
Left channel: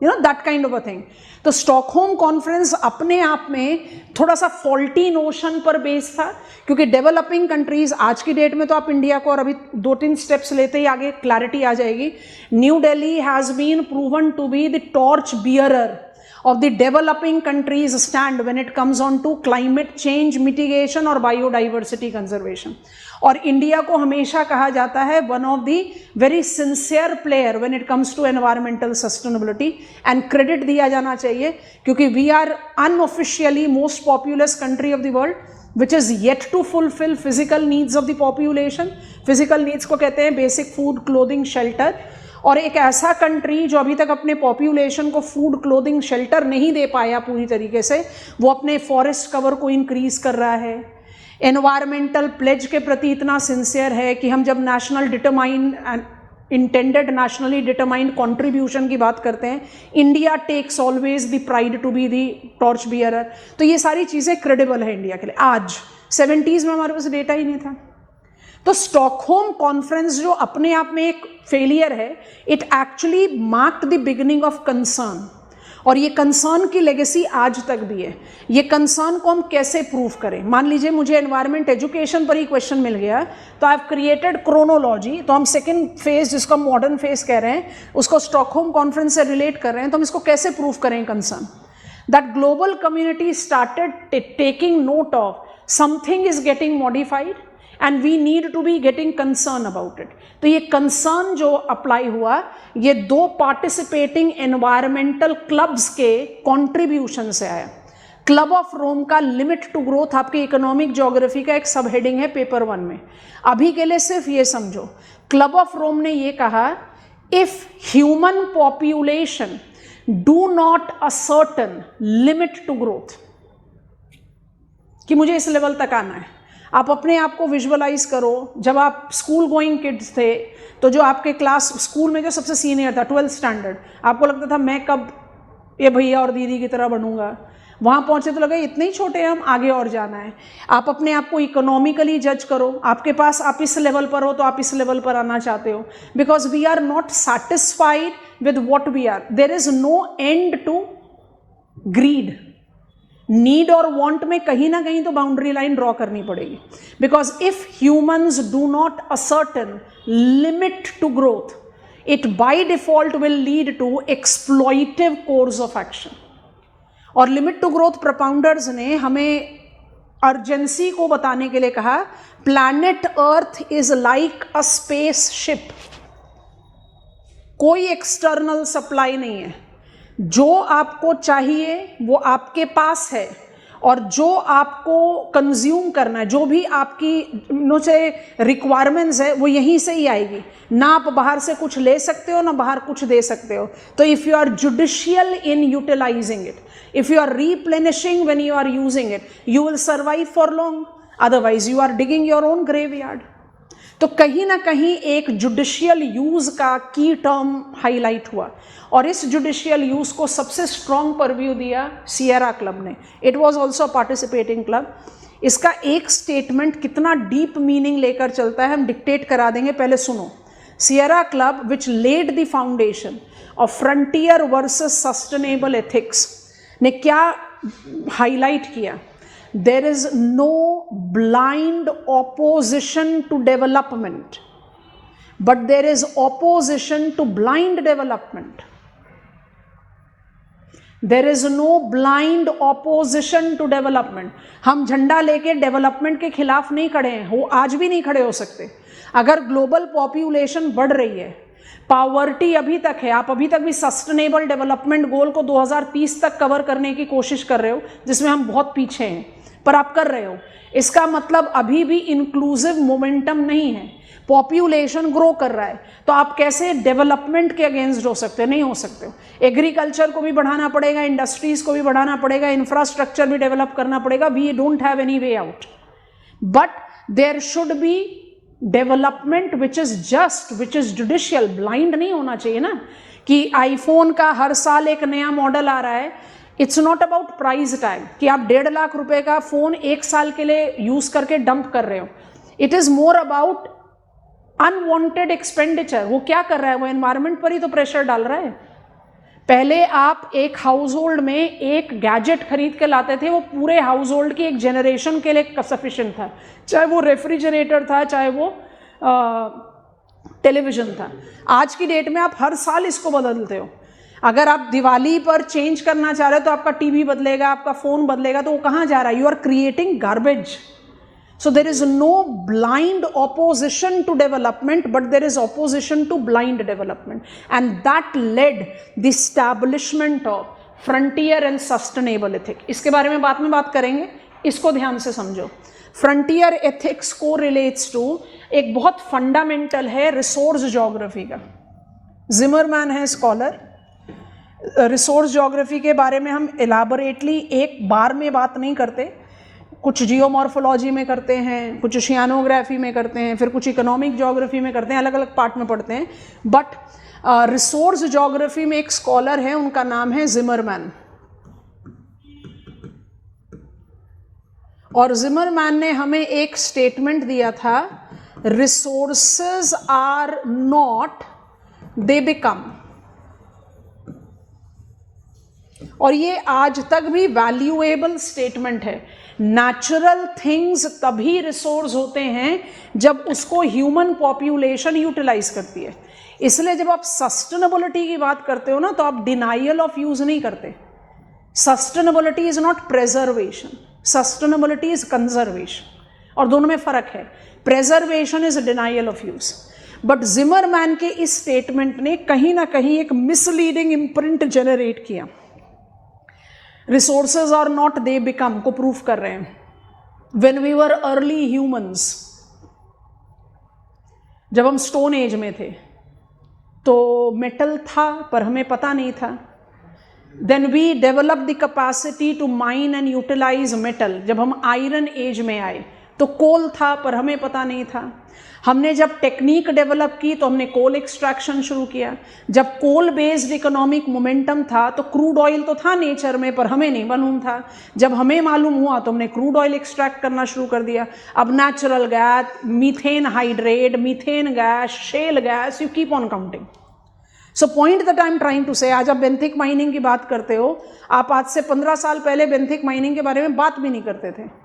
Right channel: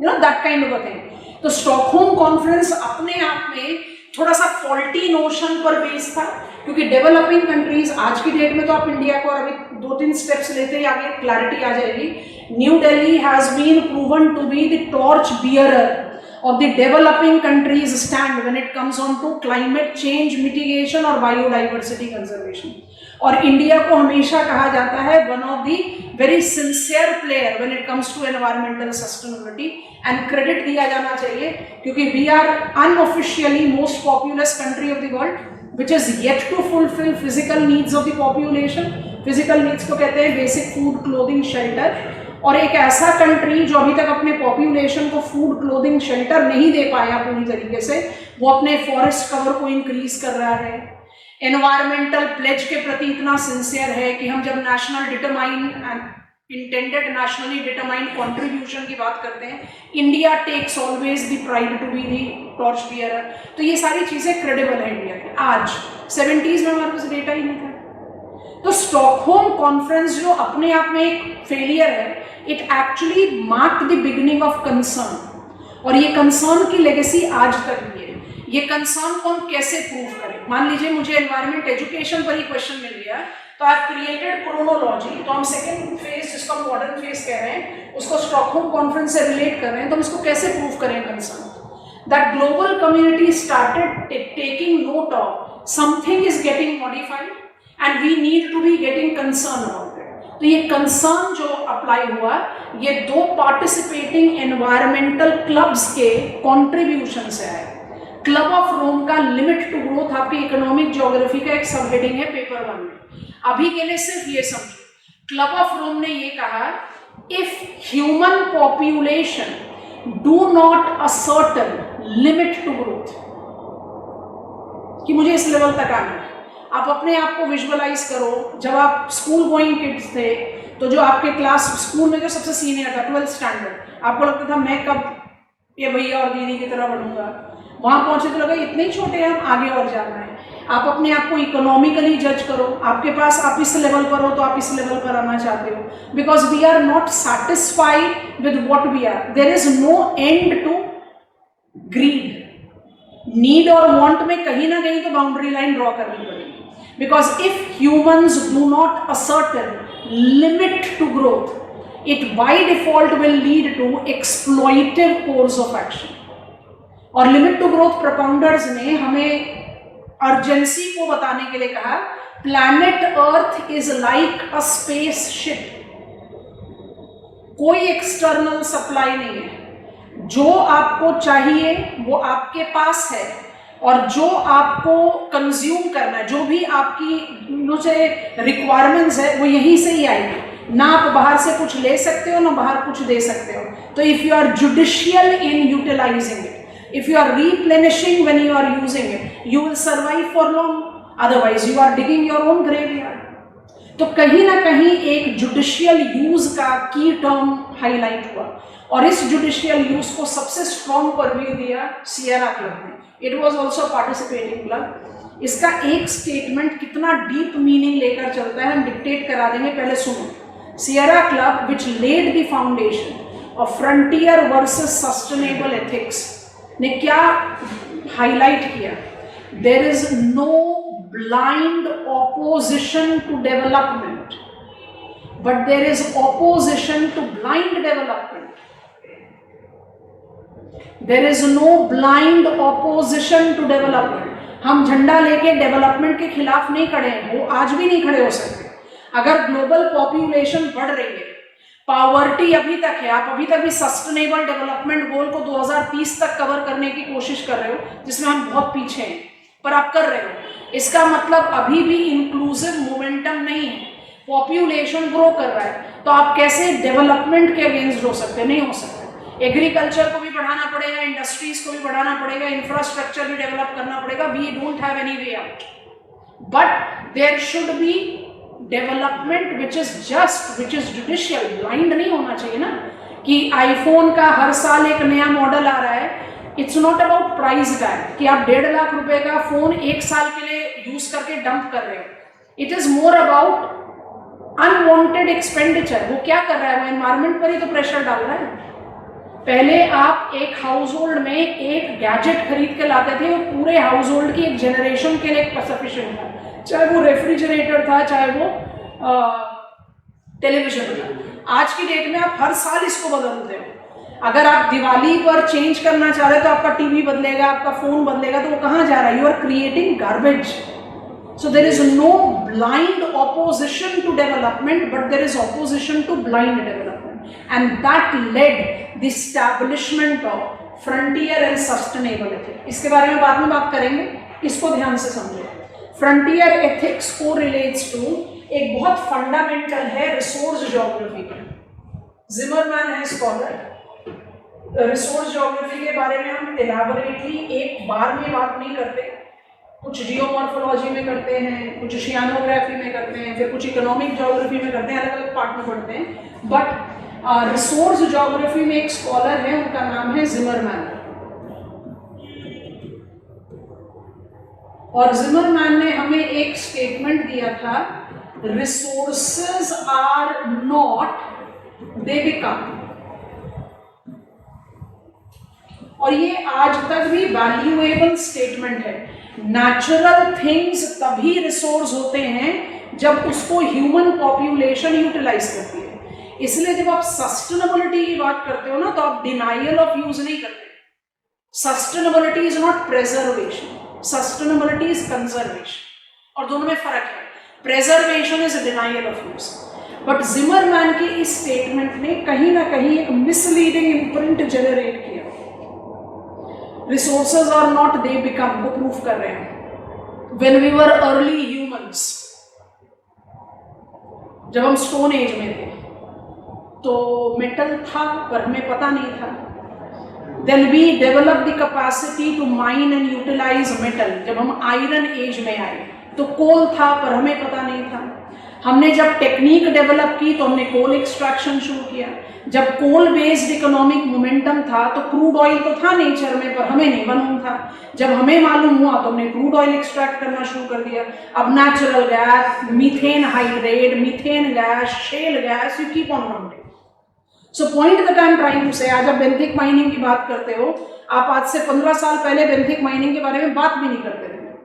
you know that kind of a thing. तो स्टॉकहोम कॉन्फ्रेंस अपने आप में थोड़ा सा फॉल्टी नोशन पर बेस्ड था, क्योंकि डेवलपिंग कंट्रीज आज की डेट में तो आप इंडिया को, और अभी 2-3 स्टेप्स लेते ही आगे क्लैरिटी आ जाएगी। New Delhi has been proven to be the torch bearer of the developing countries stand when it comes on to climate change mitigation और biodiversity conservation। और इंडिया को हमेशा कहा जाता है one of the very sincere player when it comes to environmental sustainability, and credit दिया जाना चाहिए, क्योंकि we are unofficially most populous country of the world which is yet to fulfill physical needs of the population। physical needs को कहते हैं basic food, clothing, shelter। और एक ऐसा कंट्री जो अभी तक अपने पॉपुलेशन को फूड, क्लोथिंग, शेल्टर नहीं दे पाया पूरी तरीके से, वो अपने फॉरेस्ट कवर को इंक्रीज कर रहा है। एनवायरमेंटल प्लेज के प्रति इतना सिंसियर है कि हम जब इंटेंडेड नेशनली डिटरमाइंड कंट्रीब्यूशन की बात करते हैं, India takes always the pride to be the torch bearer. तो ये सारी चीजें क्रेडिबल है इंडिया के लिए। आज 70s में हमारे पास डेटा ही नहीं था। तो स्टॉकहोम कॉन्फ्रेंस जो अपने आप में एक फेलियर है, it actually mark the beginning of concern, और ये कंसर्न की लेगेसी आज तक भी है। ये कंसर्न को हम कैसे प्रूव करें? मान लीजिए मुझे एनवायरमेंट एजुकेशन पर ही क्वेश्चन मिल गया, तो आई हैव क्रिएटेड क्रोनोलॉजी। तो हम सेकेंड फेज, जिसको हम मॉडर्न फेज कह रहे हैं, उसको स्टॉकहोम कॉन्फ्रेंस से रिलेट कर रहे हैं। तो हम इसको कैसे प्रूव करें concern? That global community started taking note of something is getting modified and we need to be getting concerned about it। तो ये कंसर्न जो अप्लाई हुआ, ये 2 पार्टिसिपेटिंग एनवायरमेंटल क्लब्स के कंट्रीब्यूशन से आया। क्लब ऑफ रोम का लिमिट टू ग्रोथ आपकी इकोनॉमिक ज्योग्राफी का एक सब हेडिंग है पेपर 1 में। अभी के लिए सिर्फ ये समझो, क्लब ऑफ रोम ने ये कहा, if human population do not ascertain limit to growth, कि मुझे इस लेवल तक आना है। आप अपने आप को विजुअलाइज करो, जब आप स्कूल गोइंग किड्स थे, तो जो आपके क्लास स्कूल में जो सबसे सीनियर था 12th स्टैंडर्ड, आपको लगता था मैं कब ये भैया और दीदी की तरह बनूंगा। वहां पहुंचे तो लगा इतने ही छोटे हैं हम, आगे और जाना है। आप अपने आप को इकोनॉमिकली जज करो, आपके पास आप इस लेवल पर हो तो आप इस लेवल पर आना चाहते हो, because we are not satisfied with what we are. There is no end to greed. Need और वांट में कहीं ना कहीं तो बाउंड्री लाइन ड्रॉ करनी पड़ेगी, because if humans do not ascertain limit to growth, it by default will lead to exploitive course of action. और limit to growth propounders ने हमें अर्जेंसी को बताने के लिए कहा, planet earth is like a space ship. कोई external supply नहीं है, जो आपको चाहिए वो आपके पास है, और जो आपको कंज्यूम करना है, जो भी आपकी रिक्वायरमेंट्स है वो यहीं से ही आएगी। ना आप बाहर से कुछ ले सकते हो ना बाहर कुछ दे सकते हो। तो if you are judicial in utilizing it, if you are replenishing when you are using it, you will survive for long, otherwise you are digging your own graveyard. तो कहीं ना कहीं एक जुडिशियल यूज का की टर्म हाईलाइट हुआ, और इस जुडिशियल यूज को सबसे स्ट्रॉन्ग परव्यू दिया सियरा क्लब ने। It was also participating club. इसका एक स्टेटमेंट कितना डीप मीनिंग लेकर चलता है हम डिक्टेट करा देंगे, पहले सुनो। Sierra Club which led the foundation of frontier versus sustainable ethics ने क्या हाईलाइट किया? There is no blind opposition to development, but there is opposition to blind development. There is no blind opposition to development. हम झंडा लेके development के खिलाफ नहीं खड़े हैं, वो आज भी नहीं खड़े हो सकते। अगर ग्लोबल पॉपुलेशन बढ़ रही है, पॉवर्टी अभी तक है, आप अभी तक भी सस्टेनेबल डेवलपमेंट गोल को 2030 तक कवर करने की कोशिश कर रहे हो, जिसमें हम बहुत पीछे हैं, पर आप कर रहे हो। इसका मतलब अभी भी इंक्लूसिव मोमेंटम नहीं है, पॉपुलेशन ग्रो कर रहा है, तो आप कैसे डेवलपमेंट के अगेंस्ट हो सकते हैं? नहीं हो सकते। एग्रीकल्चर को भी बढ़ाना पड़ेगा, इंडस्ट्रीज को भी बढ़ाना पड़ेगा, इंफ्रास्ट्रक्चर भी डेवलप करना पड़ेगा। We don't have any way out, but there should be development which is just, which is judicial. Blind नहीं होना चाहिए ना कि आईफोन का हर साल एक नया मॉडल आ रहा है। It's not about price tag कि आप 1.5 लाख रुपए का फोन एक साल के लिए यूज करके डंप कर रहे हो। It is more about unwanted expenditure. वो क्या कर रहा है? वो एनवायरमेंट पर ही तो प्रेशर डाल रहा है। पहले आप एक हाउस होल्ड में एक गैजेट खरीद के लाते थे, वो पूरे हाउस होल्ड की एक जनरेशन के लिए सफिशिएंट था, चाहे वो रेफ्रिजरेटर था, चाहे वो टेलीविजन था। आज की डेट में आप हर साल इसको बदलते हो। अगर आप दिवाली पर चेंज करना चाह रहे हैं तो आपका टीवी बदलेगा, आपका फोन बदलेगा, तो वो कहाँ जा रहा है? You are creating garbage. So there is no blind opposition to development, but there is opposition to blind development, and that led the establishment of frontier and sustainable ethics. इसके बारे में बाद में बात करेंगे, इसको ध्यान से समझो। Frontier ethics correlates to एक बहुत फंडामेंटल है रिसोर्स ज्योग्राफी का। जिमरमैन है स्कॉलर। रिसोर्स ज्योग्राफी के बारे में हम एलाबोरेटली एक बार में बात नहीं करते, कुछ जियोमॉर्फोलॉजी में करते हैं, कुछ ओशियानोग्राफी में करते हैं, फिर कुछ इकोनॉमिक ज्योग्राफी में करते हैं, अलग अलग पार्ट में पढ़ते हैं। बट रिसोर्स ज्योग्राफी में एक स्कॉलर है, उनका नाम है जिमरमैन। और जिमरमैन ने हमें एक स्टेटमेंट दिया था, resources are not, they become. और ये आज तक भी वैल्यूएबल स्टेटमेंट है। नेचुरल थिंग्स तभी रिसोर्स होते हैं जब उसको ह्यूमन पॉपुलेशन यूटिलाइज करती है। इसलिए जब आप सस्टेनेबिलिटी की बात करते हो ना, तो आप डिनाइयल ऑफ यूज नहीं करते। Sustainability is not preservation, sustainability is conservation, और दोनों में फर्क है। Preservation is denial of use. But Zimmerman की इस स्टेटमेंट ने कहीं ना कहीं एक मिसलीडिंग इम्प्रिंट जनरेट किया। Resources are not, they become को प्रूफ कर रहे हैं। When we were early humans, जब हम स्टोन एज में थे तो मेटल था पर हमें पता नहीं था। Then we develop the capacity to mine and utilize metal जब हम आयरन एज में आए। तो कोल था पर हमें पता नहीं था। हमने जब टेक्निक डेवलप की तो हमने कोल एक्सट्रैक्शन शुरू किया। जब कोल बेस्ड इकोनॉमिक मोमेंटम था तो क्रूड ऑयल तो था नेचर में, पर हमें नहीं मालूम था। जब हमें मालूम हुआ तो हमने क्रूड ऑयल एक्सट्रैक्ट करना शुरू कर दिया। अब natural gas, methane hydrate, methane gas, shale gas, you keep on counting. So point that I am trying to say, आज आप बेंथिक माइनिंग की बात करते हो, आप आज से 15 साल पहले बेंथिक माइनिंग के बारे में बात भी नहीं करते थे।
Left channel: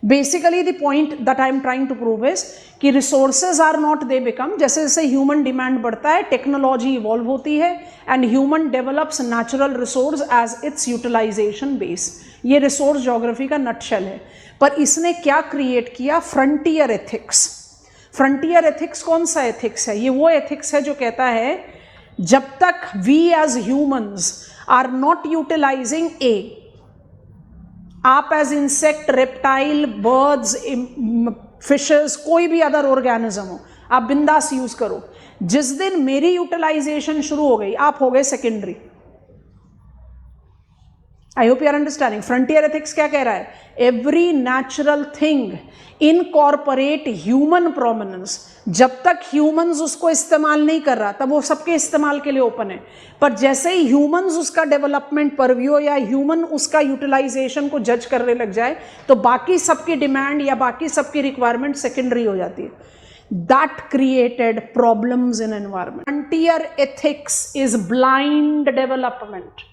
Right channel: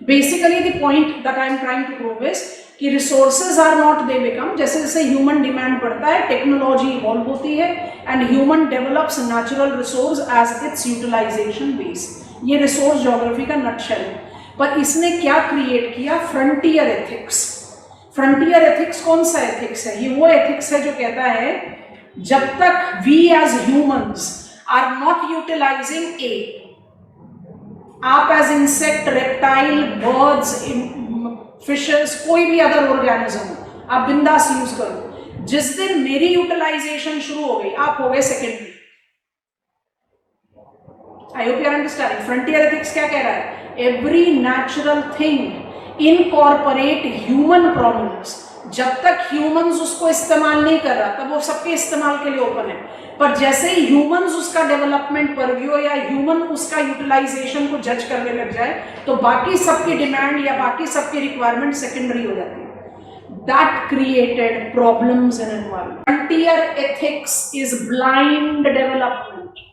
Basically the point that I am trying to prove is कि resources are not they become, जैसे जैसे ह्यूमन डिमांड बढ़ता है टेक्नोलॉजी इवॉल्व होती है and human develops natural resource as its utilization base. ये रिसोर्स ज्योग्राफी का नटशेल है। पर इसने क्या क्रिएट किया? Frontier ethics. फ्रंटियर एथिक्स कौन सा एथिक्स है? ये वो एथिक्स है जो कहता है जब तक we as humans are not utilizing a, आप as insect, reptile, birds, fishes, कोई भी अदर ऑर्गेनिज्म हो, आप बिंदास यूज करो। जिस दिन मेरी यूटिलाइजेशन शुरू हो गई, आप हो गए secondary. I hope you are understanding. Frontier ethics क्या कह रहा है? Every natural thing incorporate human prominence. जब तक ह्यूमंस उसको इस्तेमाल नहीं कर रहा तब वो सबके इस्तेमाल के लिए ओपन है, पर जैसे ही ह्यूमंस उसका डेवलपमेंट परव्यू या ह्यूमन उसका यूटिलाइजेशन को जज करने लग जाए तो बाकी सबकी डिमांड या बाकी सबकी रिक्वायरमेंट सेकेंडरी हो जाती है। That created problems in environment. Frontier ethics is blind development.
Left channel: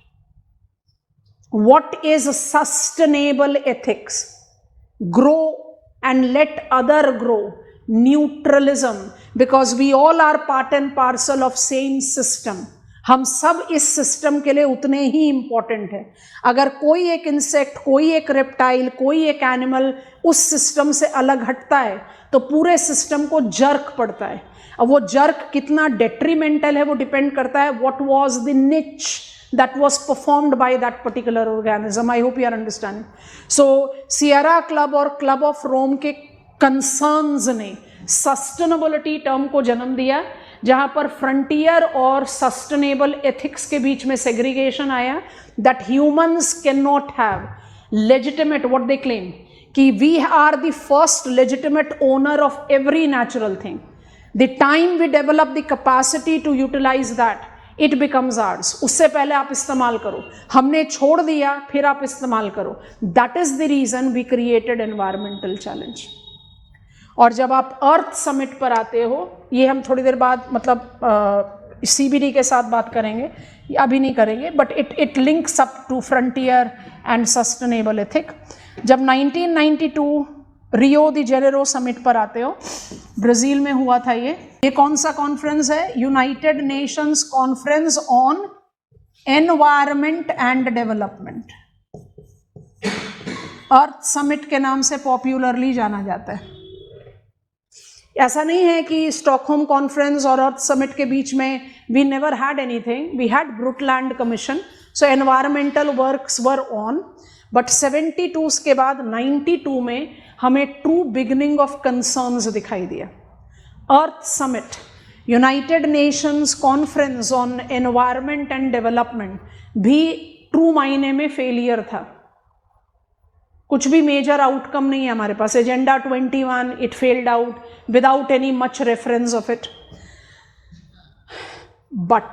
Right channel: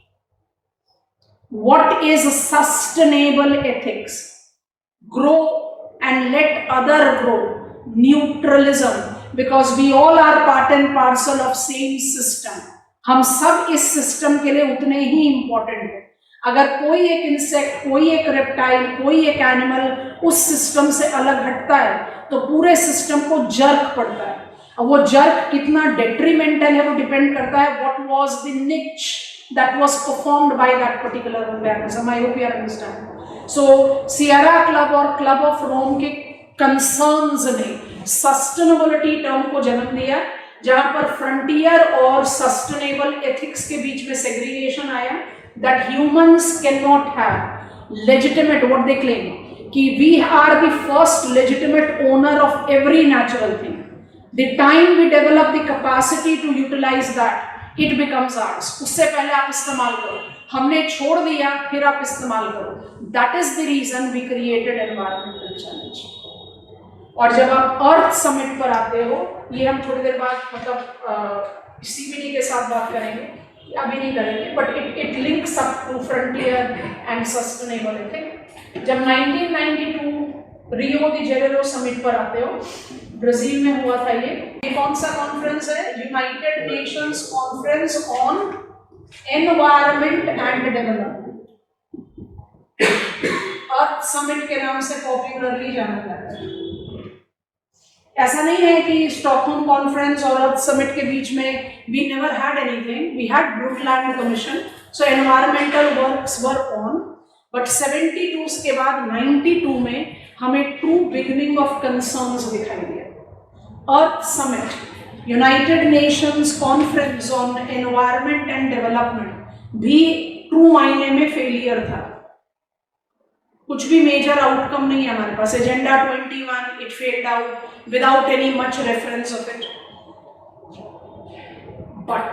What is sustainable ethics? Grow and let other grow. Neutralism, because we all are part and parcel of same system. हम सब इस system के लिए उतने ही important हैं। अगर कोई एक इंसेक्ट, कोई एक रेप्टाइल, कोई एक एनिमल उस सिस्टम से अलग हटता है तो पूरे सिस्टम को जर्क पड़ता है। अब वो जर्क कितना डेट्रीमेंटल है वो डिपेंड करता है व्हाट वाज द निच that was performed by that particular organism. I hope you are understanding. So Sierra Club और Club of Rome के concerns ने sustainability term को जन्म दिया, जहां पर frontier और sustainable ethics के बीच में segregation आया, that humans cannot have legitimate, what they claim, कि we are the first legitimate owner of every natural thing. The time we develop the capacity to utilize that, it becomes ours. उससे पहले आप इस्तेमाल करो, हमने छोड़ दिया फिर आप इस्तेमाल करो। That is the reason we created environmental challenge. और जब आप अर्थ समिट पर आते हो, ये हम थोड़ी देर बाद मतलब सीबीडी के साथ बात करेंगे, अभी नहीं करेंगे, but it links up to frontier and sustainable ethic. जब 1992 रियो दी जेनेरो समिट पर आते हो, ब्राजील में हुआ था ये कौन सा कॉन्फ्रेंस है? United Nations conference on environment and development. Earth summit के नाम से पॉपुलरली जाना जाता है। ऐसा नहीं है कि स्टॉकहोम कॉन्फ्रेंस और अर्थ समिट के बीच में we never had anything, we had Brundtland commission, so environmental works were on, but 72 के बाद 92 में हमें ट्रू बिगिनिंग ऑफ कंसर्न्स दिखाई दिया। Earth summit, United Nations conference on environment and development भी ट्रू मायने में फेलियर था। कुछ भी मेजर आउटकम नहीं है हमारे पास। Agenda 21 it failed out without any much reference of it. But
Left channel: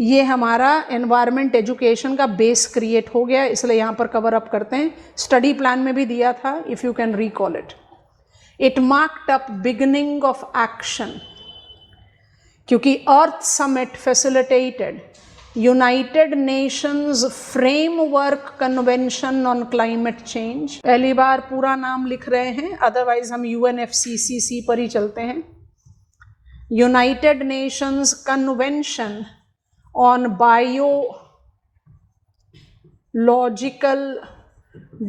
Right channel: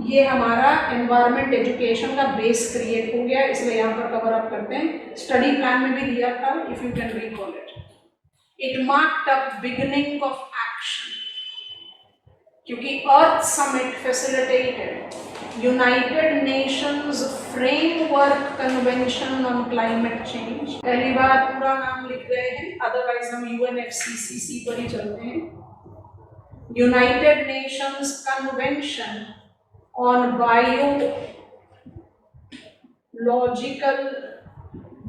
ये हमारा एनवायरनमेंट एजुकेशन का बेस क्रिएट हो गया, इसलिए यहाँ पर कवर अप करते हैं। स्टडी प्लान में भी दिया था, if you can recall it. It marked up beginning of action, क्योंकि Earth summit facilitated United Nations framework convention on climate change. पहली बार पूरा नाम लिख रहे हैं, अदरवाइज हम UNFCCC पर ही चलते हैं। United Nations convention on biological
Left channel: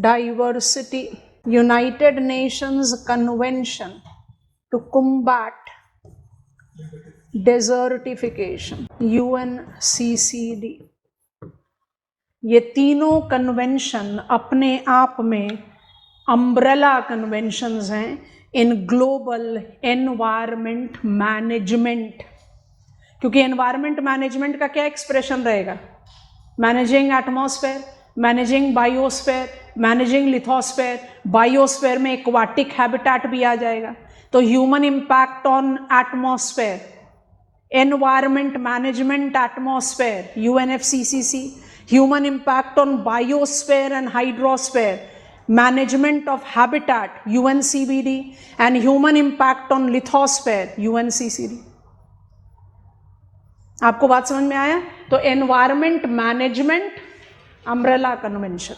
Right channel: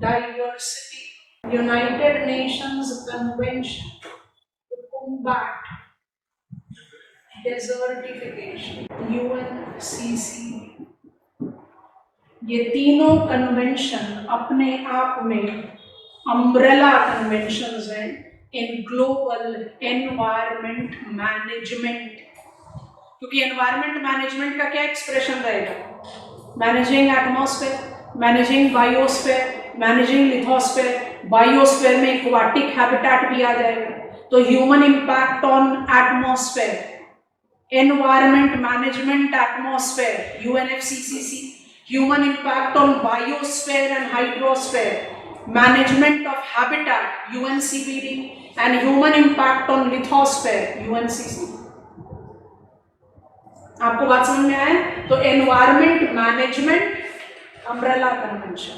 diversity, United Nations Convention to combat desertification, UNCCD। ये तीनों कन्वेंशन अपने आप में अम्ब्रेला कन्वेंशंस हैं इन ग्लोबल एनवायरमेंट मैनेजमेंट। क्योंकि एनवायरमेंट मैनेजमेंट का क्या एक्सप्रेशन रहेगा? Managing atmosphere, managing biosphere, managing lithosphere, biosphere में एक्वाटिक हैबिटेट भी आ जाएगा। तो human impact on atmosphere, environment management atmosphere UNFCCC, human impact on biosphere and hydrosphere, management of habitat UNCBD, and human impact on lithosphere UNCCD। आपको बात समझ में आया? तो environment management umbrella convention,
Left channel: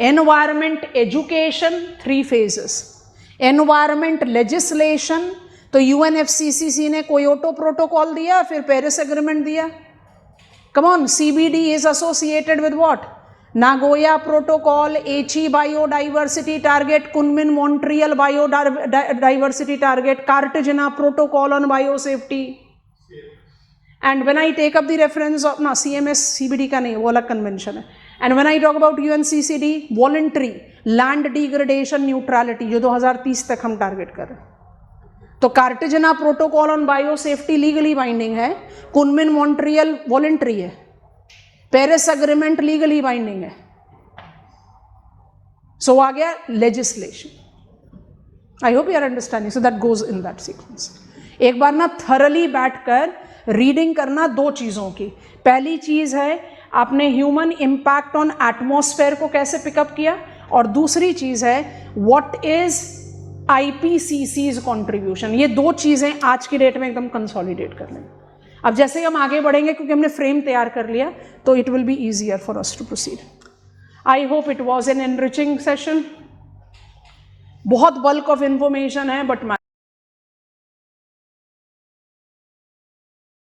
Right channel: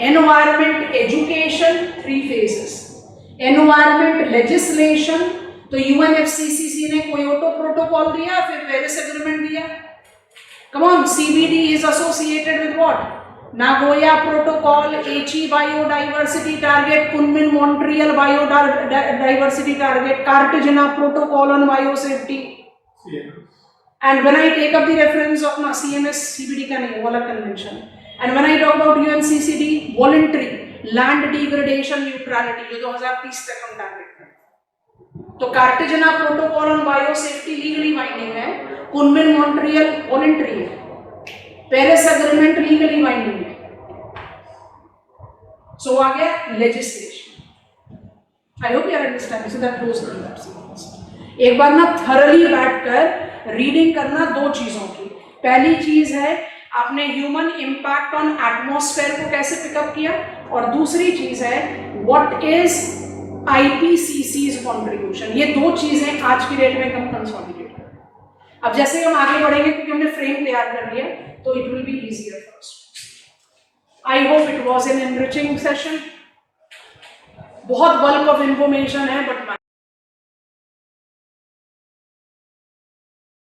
environment education 3 phases, environment legislation तो UNFCCC ने Kyoto protocol दिया, फिर पेरिस एग्रीमेंट दिया। Come on, CBD is associated with what? Nagoya protocol, Aichi biodiversity target, Kunming Montreal biodiversity target, Cartagena protocol on biosafety. And when I take up the reference of CMS, CBD का नहीं है, वो अलग convention है। And when I talk about UNCCD, voluntary land degradation neutrality, जो 2030 तक हम target कर रहे हैं। तो Cartagena protocol on biosafety legally binding है, कुनमिन मॉन्ट्रियल वॉलंटरी है, पेरिस एग्रीमेंट लीगली बाइंडिंग है। सो आ गया legislation. I hope you are understanding, so that goes in that sequence. एक बार ना थरली बैठकर रीडिंग करना 2 चीजों की। पहली चीज है आपने ह्यूमन इम्पैक्ट ऑन एटमॉस्फेयर को कैसे पिकअप किया, और दूसरी चीज है व्हाट इज IPCC's कंट्रीब्यूशन। ये 2 चीजें आज की डेट में एकदम कंसोलिडेट कर लें। अब जैसे हम आगे बढ़ेंगे, क्योंकि हमने फ्रेम तैयार कर लिया, तो it will be easier for us to proceed. I hope it was an enriching session. बहुत बल्क ऑफ इंफॉर्मेशन है, बट